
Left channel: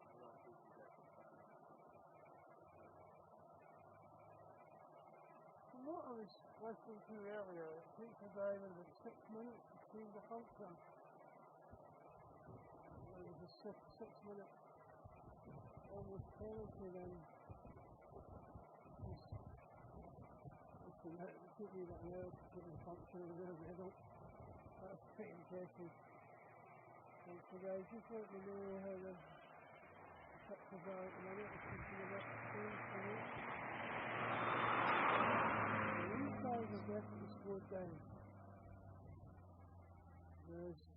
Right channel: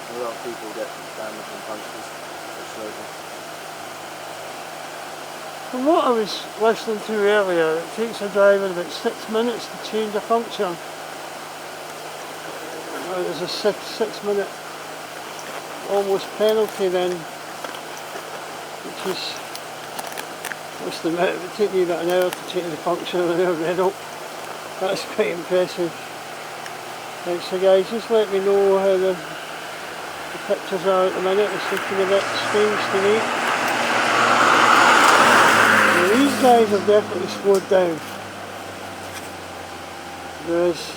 A lot of people get damaged and punctures slowly. From what I was listening to earlier, it takes a driver about 6 minutes to change a puncture. There's a 6 minute almost penalty then, which is, what's the minute? It would take me about an hour to change the puncture in a red up. That's quite impressive. Right, so guys, just let me know how the pictures are at the minute. It's looking a bit strange to me. Now, these guys have definitely slowed down. There is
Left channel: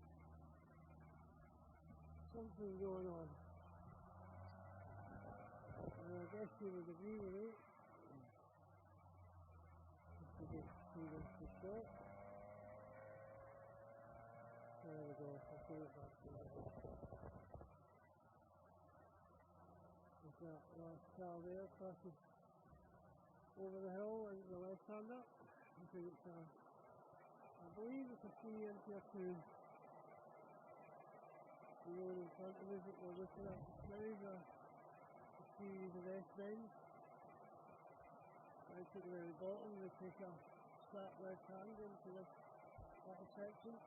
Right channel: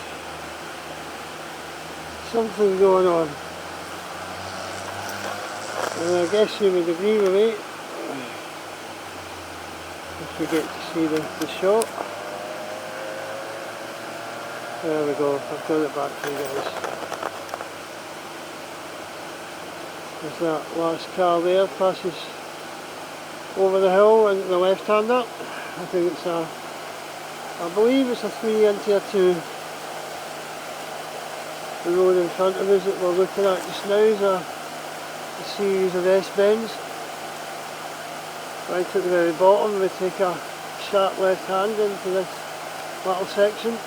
something going on. And I guess you would agree with me if you get to see the shot. There we go, I've got it back for you guys. There's that last car there, passes over the hill into the left-hander. I think it's I believe it's a 3 into a 2. The road in front of us that we're looking at just now is a series of S-bends. Right at the very bottom we take a sharp left hand into this little section.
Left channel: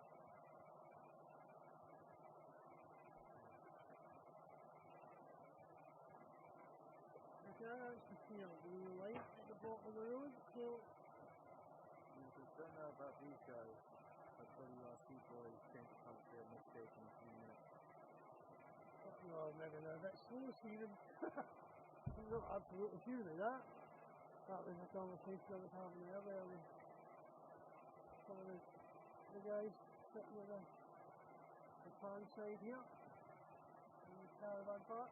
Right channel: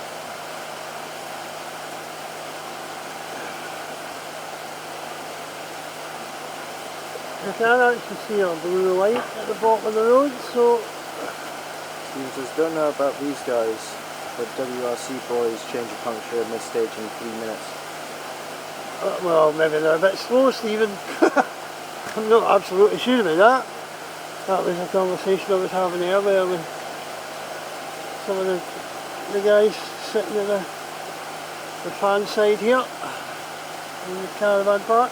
You can actually see a blue light at the bottom of the road, so... Stephen says, don't know about these guys, but WRC boys change a puncture at mid-stage in 3 minutes. Well, maybe they're a bit slow, Stephen. I'm not absolutely sure about that. That was a conversation I was having earlier with some of the guys sitting at the fan side here in the caravan park.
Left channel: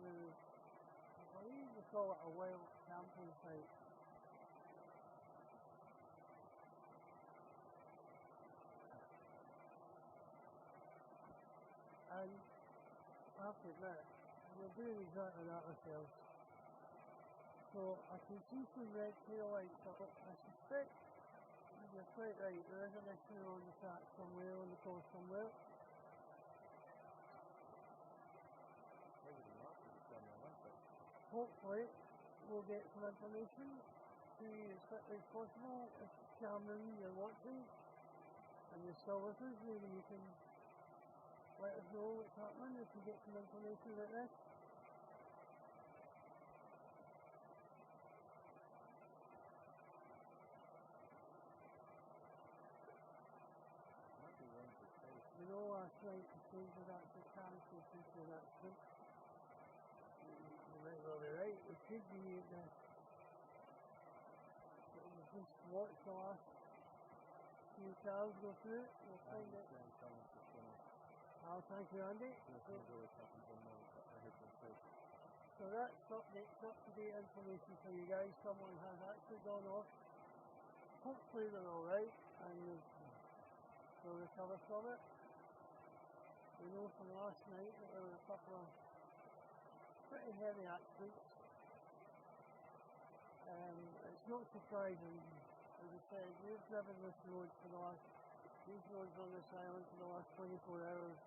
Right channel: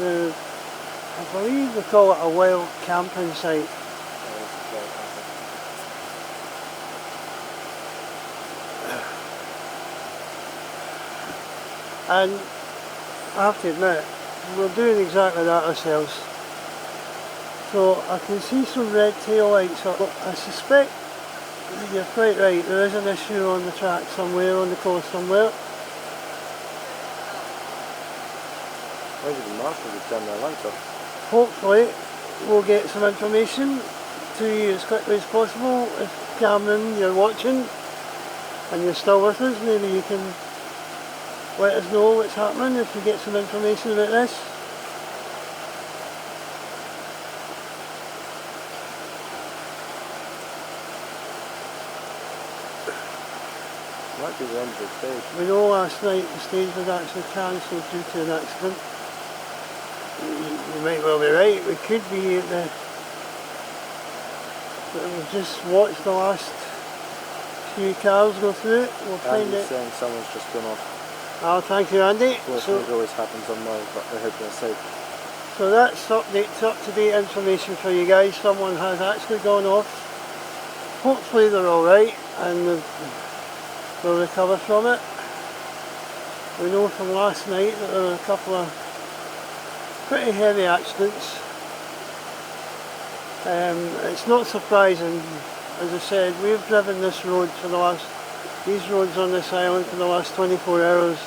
I believe they call it a wild camping site. And I have to admit, we're doing exactly that ourselves. So I can see some red tail lights up. I suspect you're quite right, there is an issue on the track somewhere, on the course somewhere. Maybe the marshals have done their lights off. Hopefully we'll get some information to you as quickly as possible. If Cameron, you're watching and you're still with us, maybe you can let us know what's happening if you get some information about this. Might be the end of the stage. We know last night the stage was actually cancelled due to an accident. You might well be right, we could be at the... We've just watched the last few cars go through it. We'll find Andy's it. saying someone's just gone off. Oh, thank you, Andy. Unfortunately, it always happens on Mull, but I hope they're safe. So that's up-to-date information for you guys. Someone has actually gone off. Hopefully they're alright and they'll recover from it. We know from last night that there were a couple of pretty heavy accidents. It's not surprising, as I said, we've driven this road for the last, these roads on this island for the last 24 hours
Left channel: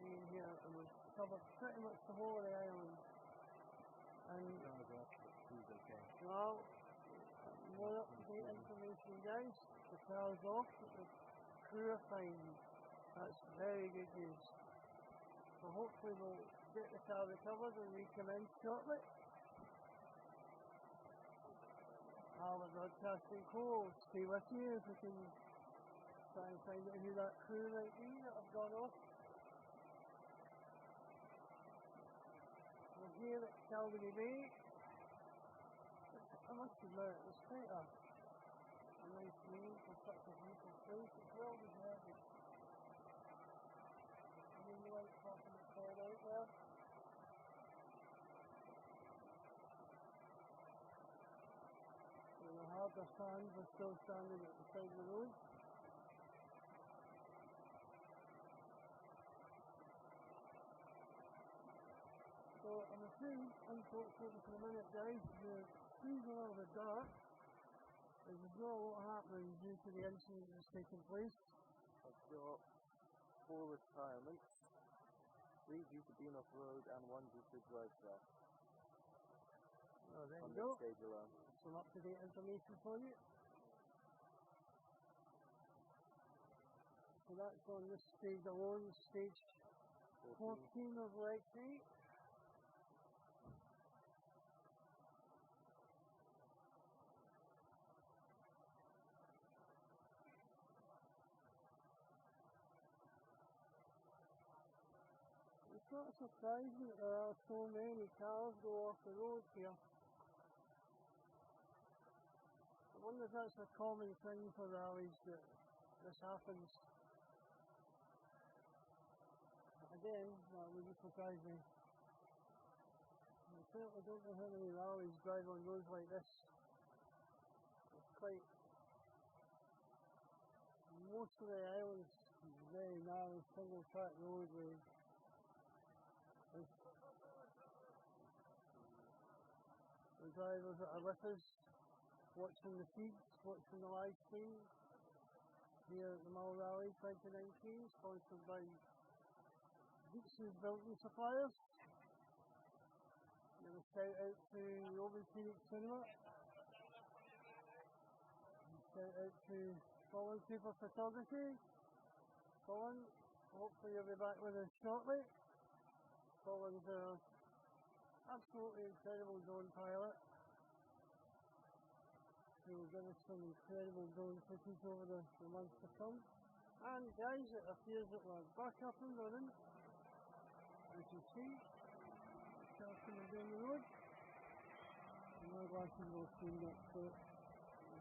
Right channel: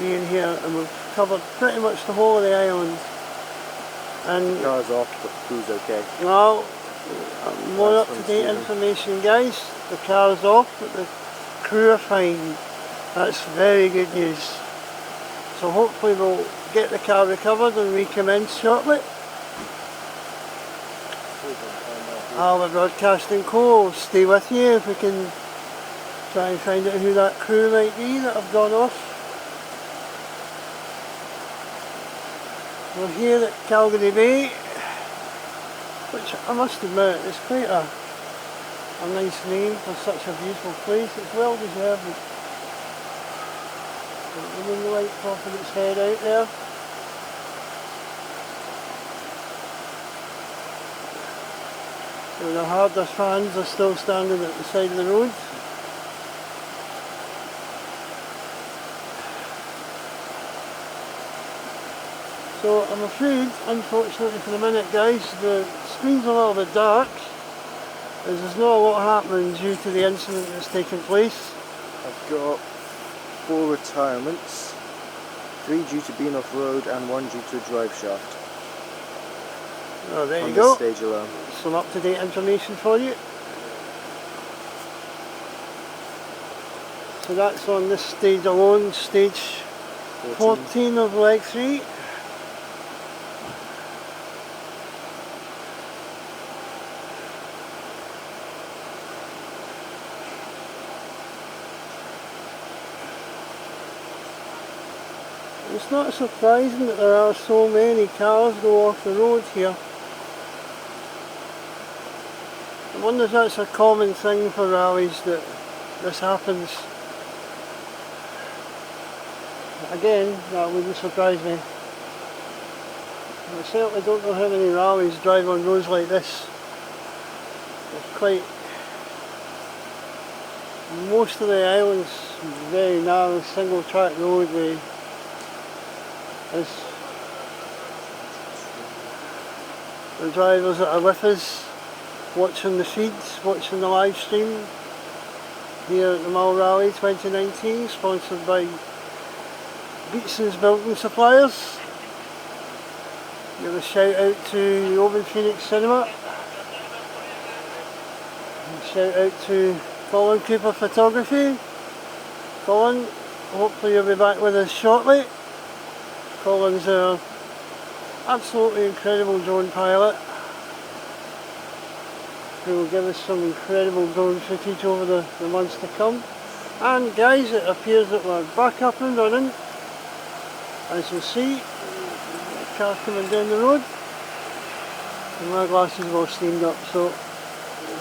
being here, and we've covered pretty much the whole of the island. And Car's off, but the crew's okay. well, more That's up-to-date from information, guys. The car's off, but the crew are fine. That's very good news. So hopefully we'll get the car recovered and recommence shortly. Alba Broadcasting Co. will stay with you if we can try and find out who that crew might be that have gone off. We're here at Calgary Bay, which I must admit is quite a nice name for such a beautiful place. It's well deserved. The moonlight popping its head out there. So the hardest fans are still standing at the side of the road. So I'm afraid, unfortunately for the minute guys, the screen's a little bit dark as there's not a lot happening due to the incident that's taken place. I've got 4 retirements, 3 due to being off road and 1 due to a drive shaft. Oh, there you On go. this stage alone. Some up-to-date information for you. So that's on this stage alone, stage 14 of leg 3. It's not surprising that there are so many cars go off the road here. I wonder if that's a common thing for rallies that this happens. Again, that wouldn't surprise me. I certainly don't know how many rallies drive on roads like this. It's quite... most of the island's very narrow, single track roadway. As the drivers that are with us, watching the feeds, watching the live stream here at the Mull Rally 2019, sponsored by Beatson's Building Suppliers. Give a shout out to the Open Phoenix Cinema. And shout out to Colin Cooper Photography. Colin, hopefully you'll be back with us shortly. Colin's our absolutely incredible drone pilot who will give us some incredible drone footage over the months to come. And guys, it appears that we're back up and running. As you'll see, the car coming down the road and my glasses are all steamed up, so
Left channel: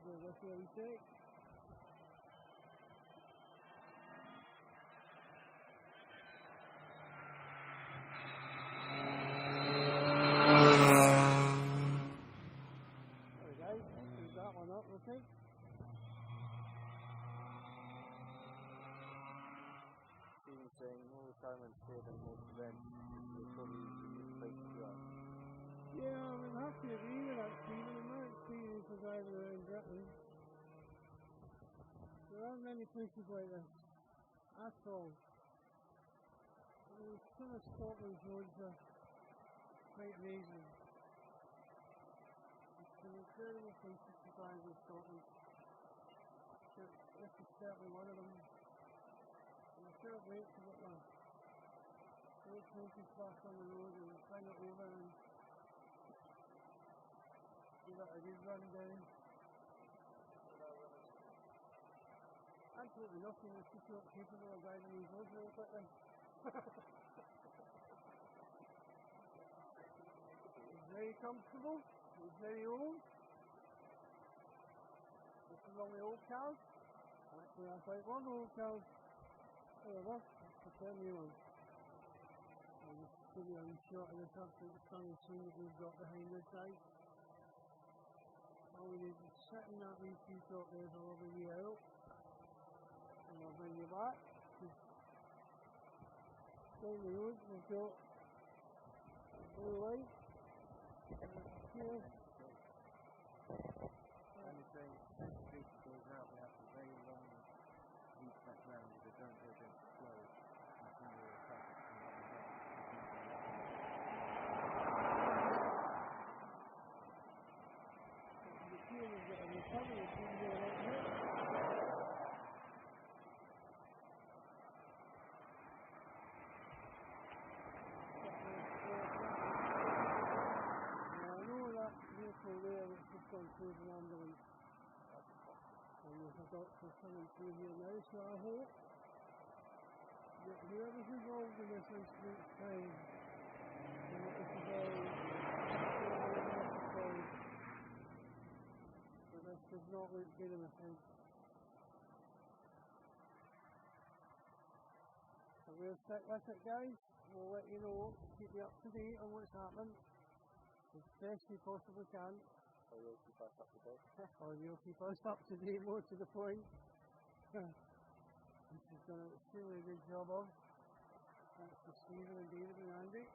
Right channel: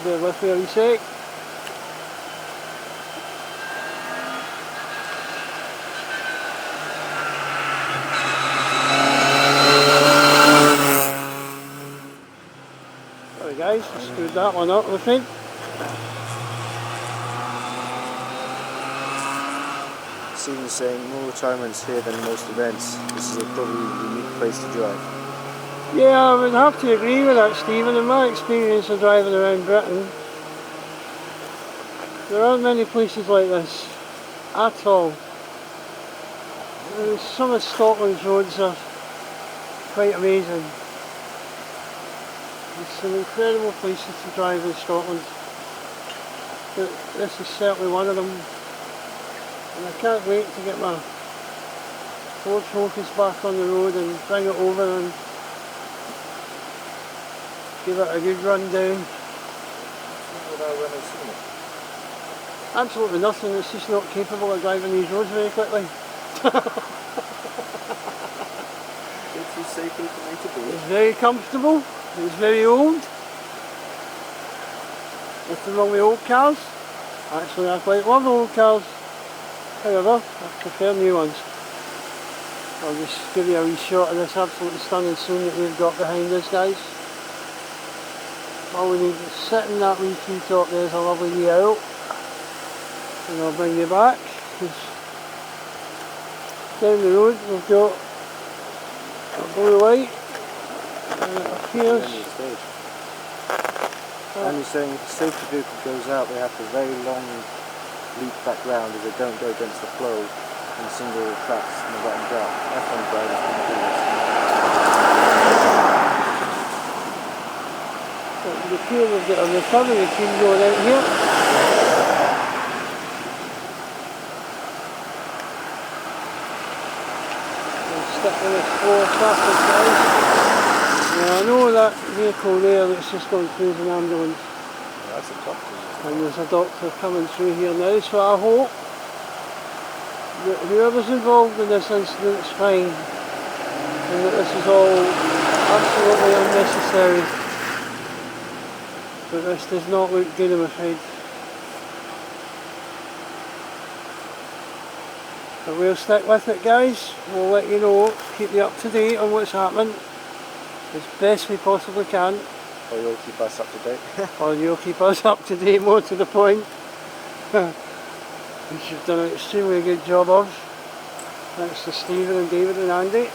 bear with me a sec. Guys, I screwed that one up, I think. Stephen's saying more retirements here than most events. This is a probably unique place to drive. Yeah, I would have to agree with that, Stephen. In my experience of driving around Britain, there aren't many places like this at all. Some of Scotland's roads are quite amazing. There's some incredible places to drive in Scotland, but this is certainly one of them, and I can't wait to get my Ford Focus back on the road and bring it over and give it a good run down. Absolutely nothing, it's just not capable of driving these roads very quickly. It's very comfortable. It's very old. Nothing wrong with old cars. Actually, I quite love old cars. However, I prefer new ones. I'll just give you a wee shot of this absolutely stunning scene that we've got behind us, guys. All we need is sit in that wee tree top. There's a lovely wee owl. And I'll bring you back. Down the road we've got a blue light. And it appears. And you're saying if a safety vehicle goes out, they have to very long leap back round as they don't go against the flow and single tracks in the bottom drop. F1 drivers can do this. The field we've got a recovery team going out here. We'll stick with this 4 traffic, guys. Now I know that vehicle there that's just gone through is an ambulance. Yeah, that's a doctor. And there's a doctor coming through here now, so I hope that whoever's involved in this incident is fine and that this is all absolutely unnecessary. But this does not look good, I'm afraid. But we'll stick with it, guys. We'll let you know, keep you up to date on what's happening as best we possibly can. Or you'll keep us up to date. Or you'll keep us up to date, more to the point. Which you've done an extremely good job of. Thanks to Stephen and David and Andy.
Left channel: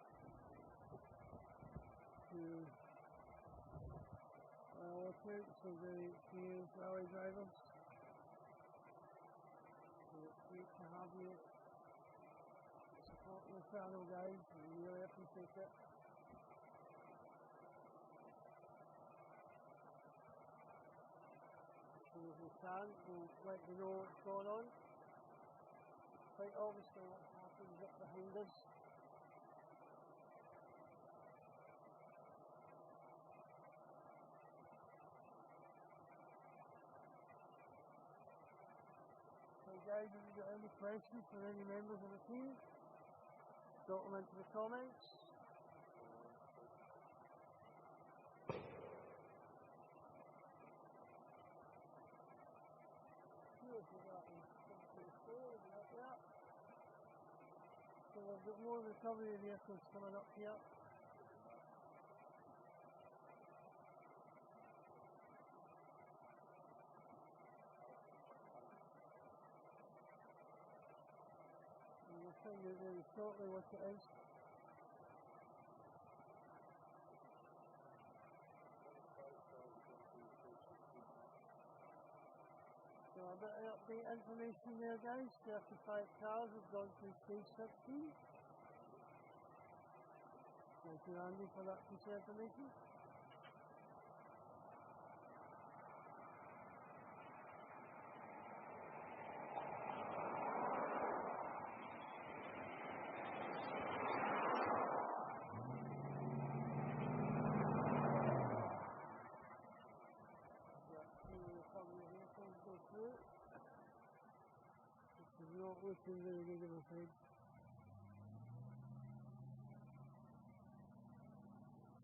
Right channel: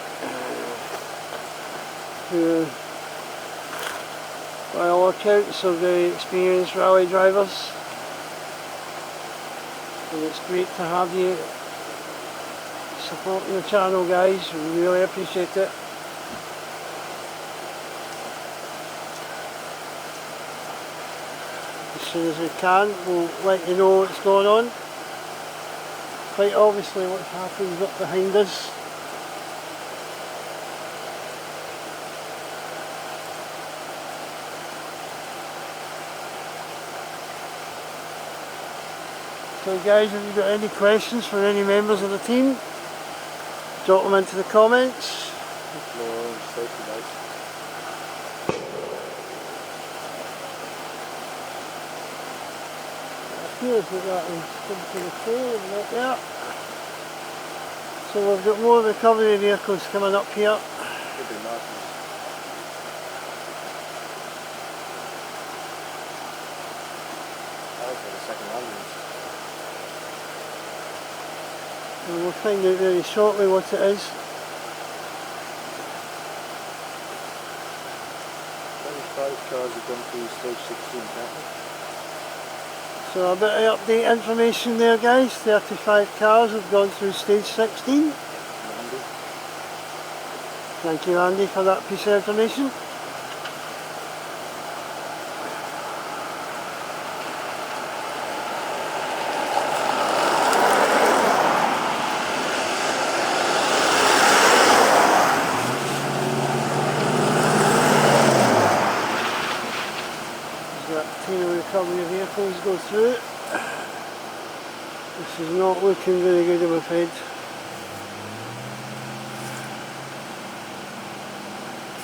Who, by all accounts, are very experienced rally drivers. And it's great to have you supporting the channel, guys. We really appreciate it. As soon as we can, we'll let you know what's going on. Quite obviously what's happened up behind us. So guys, if you've got any questions for any members of the team, drop them into the comments. Appears that that is come to the floor and up there. So we've got more recovery vehicles coming up here. Could be Martin's. That was for the second ambulance. And we'll find out very shortly what it is. 25 cars have gone through stage 16, can't they? So a bit of update information there, guys. 35 cars have gone through stage 16. Andy. Thank you, Andy, for that piece of information. Recovery vehicles go through it. This is not looking very good, I'm afraid.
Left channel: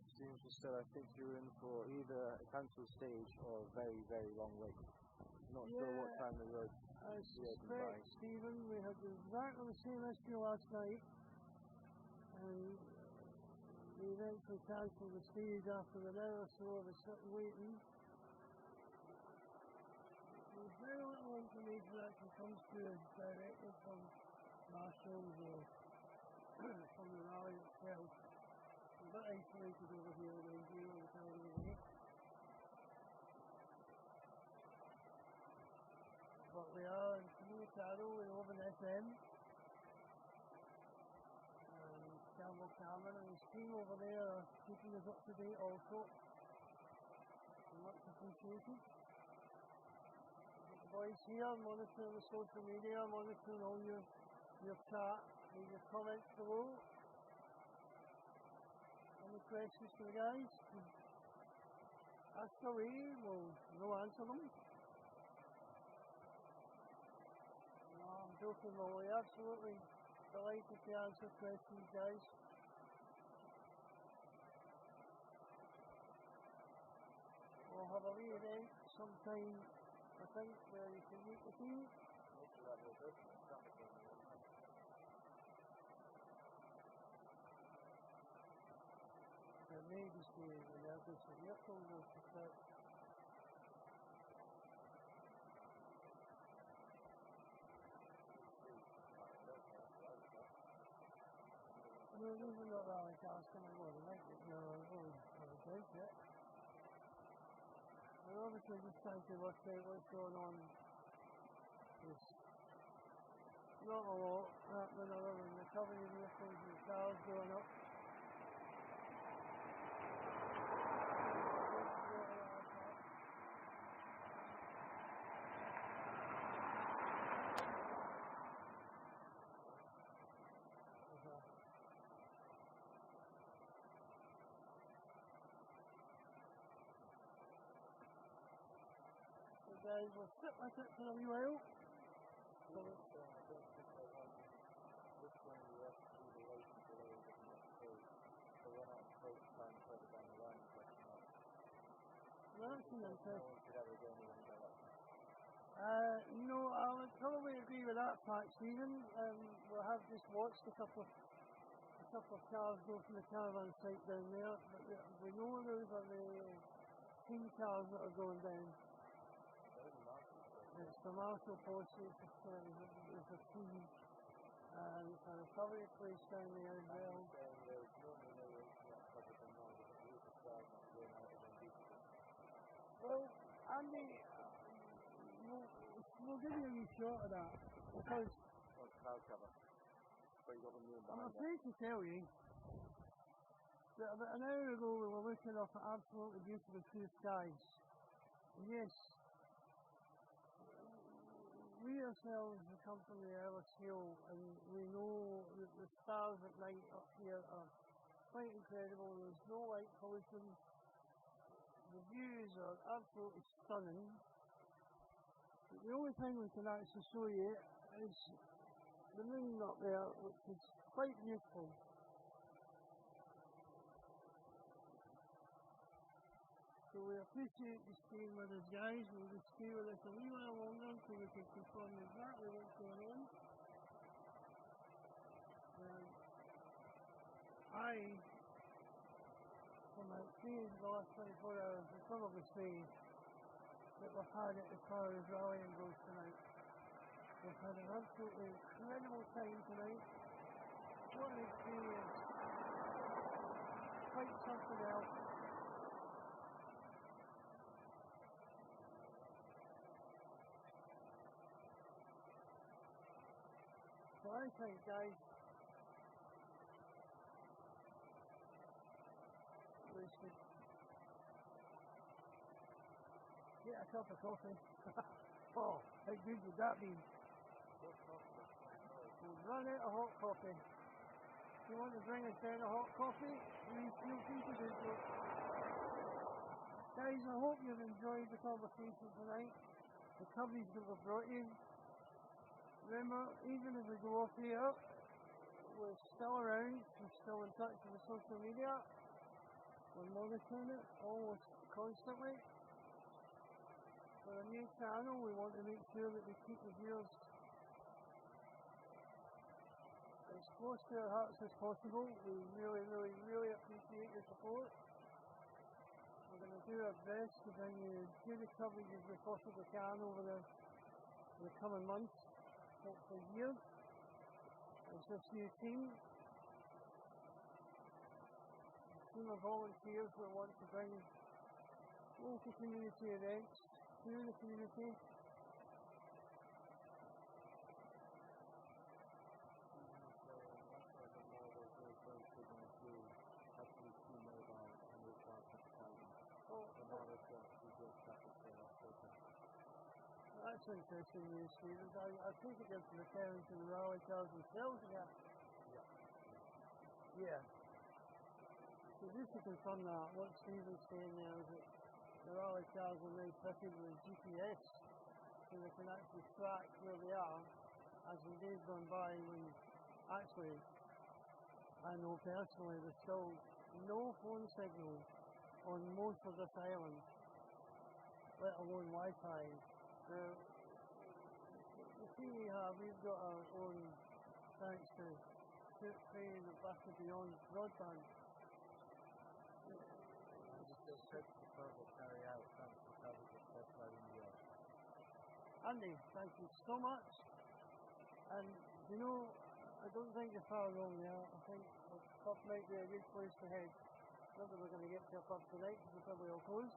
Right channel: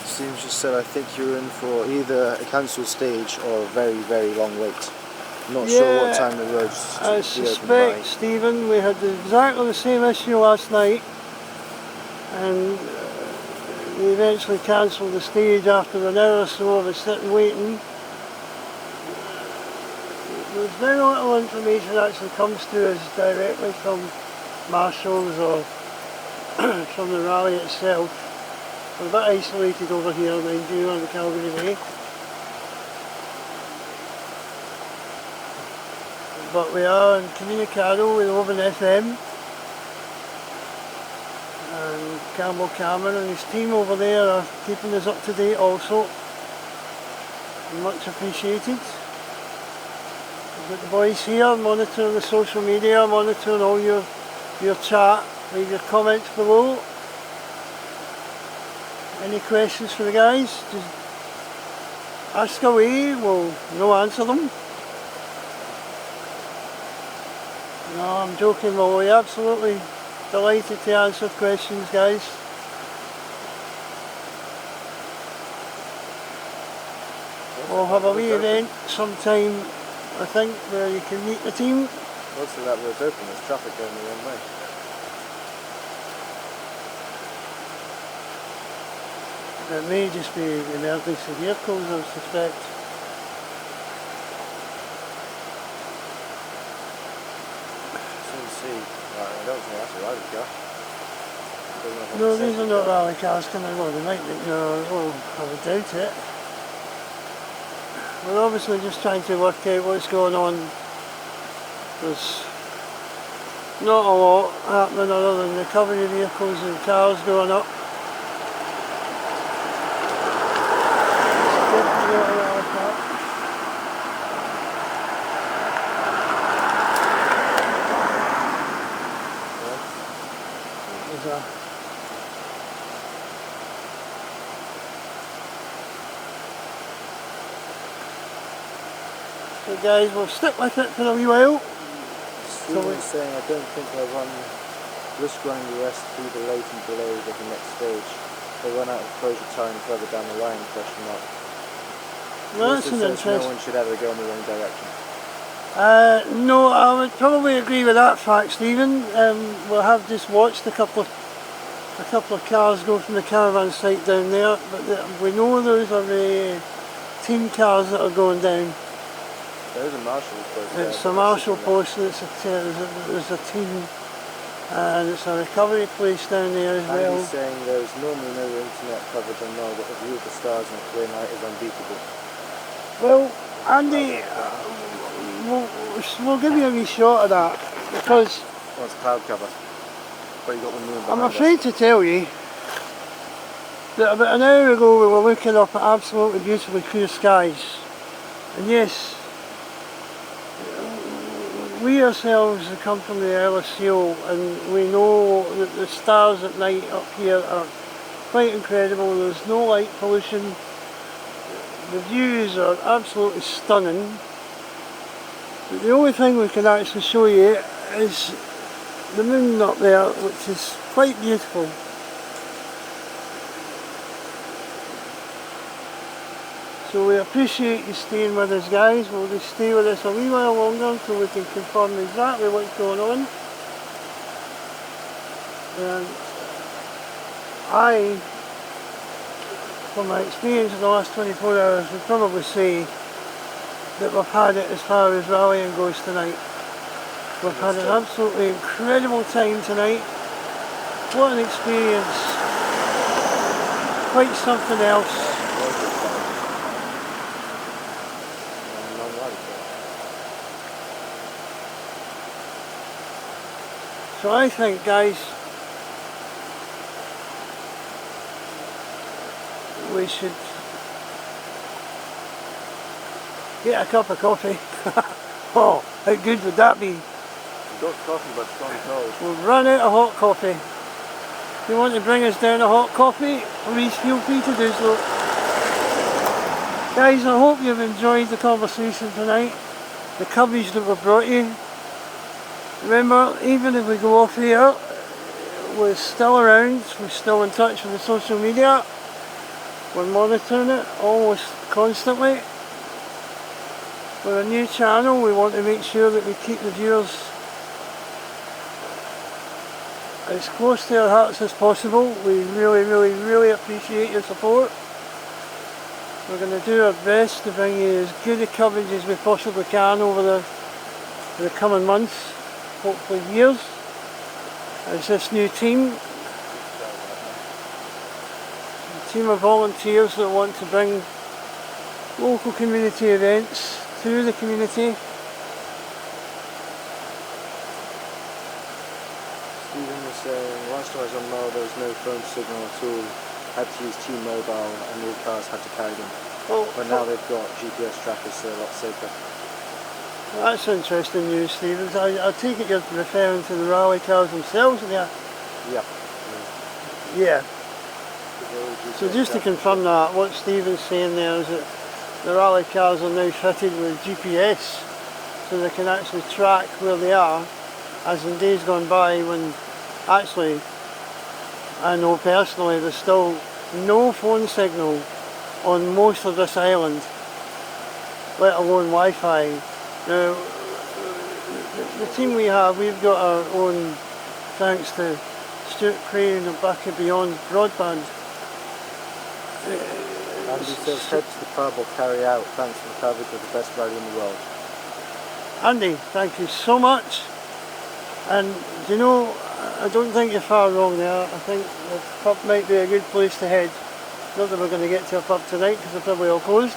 Steve just said I think you're in for either a cancelled stage or a very, very long wait. I'm not sure what time the roads I suspect, Stephen, we had exactly the same issue last night and we eventually cancelled the stage after an hour or so of us sitting waiting. There's very little information actually comes to us directly from marshals or from the rally itself. We're a bit isolated over here, mind you, on the Calgary Bay. But we are in Communicado with Open FM. And Campbell Cameron and his team over there are keeping us up to date also. Much appreciated. We've got the boys here monitoring the social media, monitoring all your chat, leave your comments below. Any questions for the guys? Just ask away, we'll answer them. No, I'm joking, we're absolutely delighted to answer questions, guys. We'll have a wee event sometime, I think, where you can meet the team. Most of that road's open, there's traffic going the wrong way. It may just be emergency vehicles, I suspect. I don't think that's a rally car. No, these are not rally cars coming along. They might be, no, well, I would doubt it. We're obviously just trying to work out what's going on. There's Not a lot happening other than recovery vehicles and cars going up. So guys, we'll stick with it for a wee while. Stephen's saying I don't think they'll risk running the rest through the latent delays of the next stage. They run out of closure time further down the line, question mark. Well, that's an No interesting. one should ever go in the wrong direction. No, I would probably agree with that fact, Stephen. We have just watched a couple of cars go from the caravan site down there, but we know those are the team cars that are going down. There's a marshal post. It's a marshal post and there's a team, and it's a recovery place down there as well. He's saying there's normally no internet coverage on Mull, but the view of the stars on a clear night is unbeatable. Well, Andy, we'll give you a wee shot of that, because Well, it's cloud cover. But you got the moon behind I'm afraid to tell you that about an hour ago we were looking up at absolutely beautifully clear skies, and yes, we ourselves have come from the Isle of Seal, and we know that the stars at night up here are quite incredible. There's no light pollution, the views are absolutely stunning, but the only thing we can actually show you is the moon up there, which is quite beautiful. So we appreciate you staying with us, guys. We'll just stay with us a wee while longer until we can confirm exactly what's going on. And I, from my experience in the last 24 hours, would probably say that we've had it as far as rallying goes tonight. We've had an absolutely incredible time tonight. What an experience. Quite something else. So I think, guys, we should get a cup of coffee. Oh, how good would that be? We've got coffee, but it's gone cold. We've run out of hot coffee. If you want to bring us down a hot coffee, please feel free to do so. Guys, I hope you've enjoyed the conversation tonight, the coverage that we've brought you. Remember, even if we go off here, we're still around, we're still in touch with the social media, we're monitoring it almost constantly. We're a new channel, we want to make sure that we keep the viewers as close to our hearts as possible. We really appreciate your support. We're going to do our best to bring you as good a coverage as we possibly can over the coming months, hopefully years, as this new team, a team of volunteers that want to bring local community events to the community. Stephen was saying, last time I was on Mull there was no phone signal at all. Had to use T-Mobile and all cars had to carry them. But now they've got GPS trackers, so a lot safer. Well, that's interesting news, Stevens. I take it you're referring to the rally cars themselves there? Yeah. Yeah. So just to confirm that, what Stephen's saying there is that the rally cars are now fitted with GPS, so they can actually track where they are, as in days gone by when actually, I know personally, there's still no phone signal on most of this island, let alone Wi-Fi. Now, the team we have, we've got our own, thanks to Stuart Crane and Back and Beyond broadband. Andy says head to the pub or carry out. Thanks for the coverage of the best rally in the world. Andy, thank you so much. And you know, I don't think you're far wrong there. I think the pub might be a good place to head. Not that we're going to get to a pub tonight because they're probably all closed,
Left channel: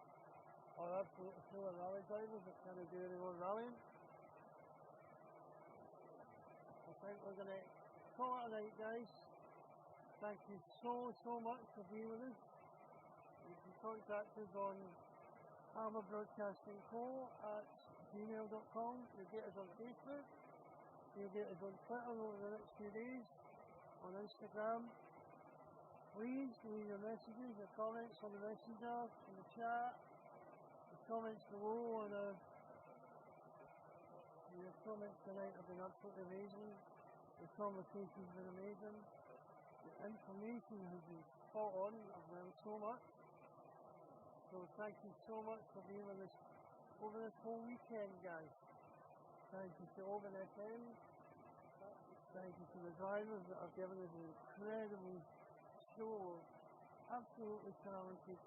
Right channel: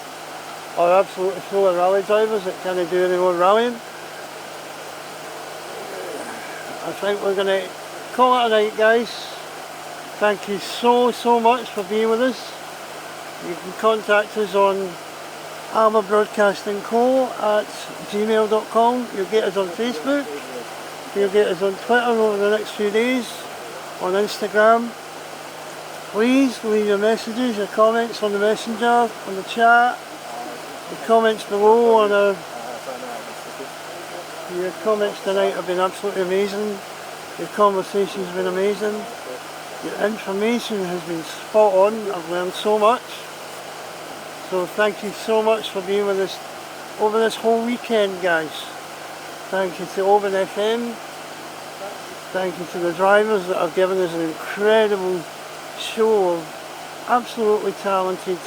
or absolutely full of rally drivers that can't do any more rallying. I think we're going to call it a night, guys. Thank you so much for being with us. You can contact us on Alba Broadcasting Co at gmail.com. You'll get us on Facebook. You'll get us on Twitter over the next few days, on Instagram. Please leave your messages, your comments on the messenger, on the chat, the comments below on our... Your comments tonight have been absolutely amazing. Your conversation's been amazing. Your information has been spot on. I've learned so much. So thank you so much for being with us over this whole weekend, guys. Thank you to Open FM. Thank you to the drivers that have given us an incredible show of absolutely talented,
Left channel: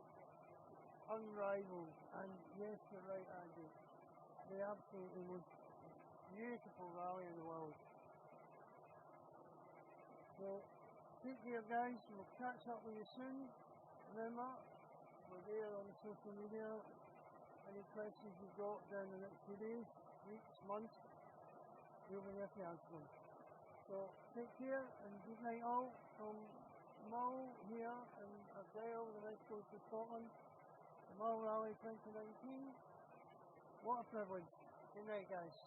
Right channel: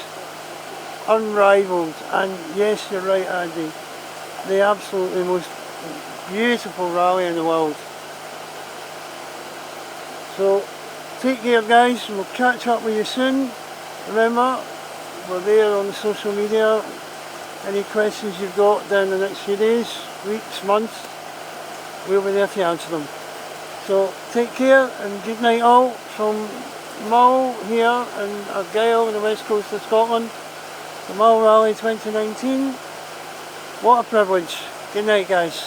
unrivaled, and yes, you're right, Andy, the absolutely most beautiful rally in the world. So take care, guys, and we'll catch up with you soon. Remember, we're there on the social media. Any questions you've got down the next few days, weeks, months, we'll be there to answer them. So take care and good night all from Mull here in Argyll on the west coast of Scotland. The Mull Rally 2019. What a privilege. Good night, guys.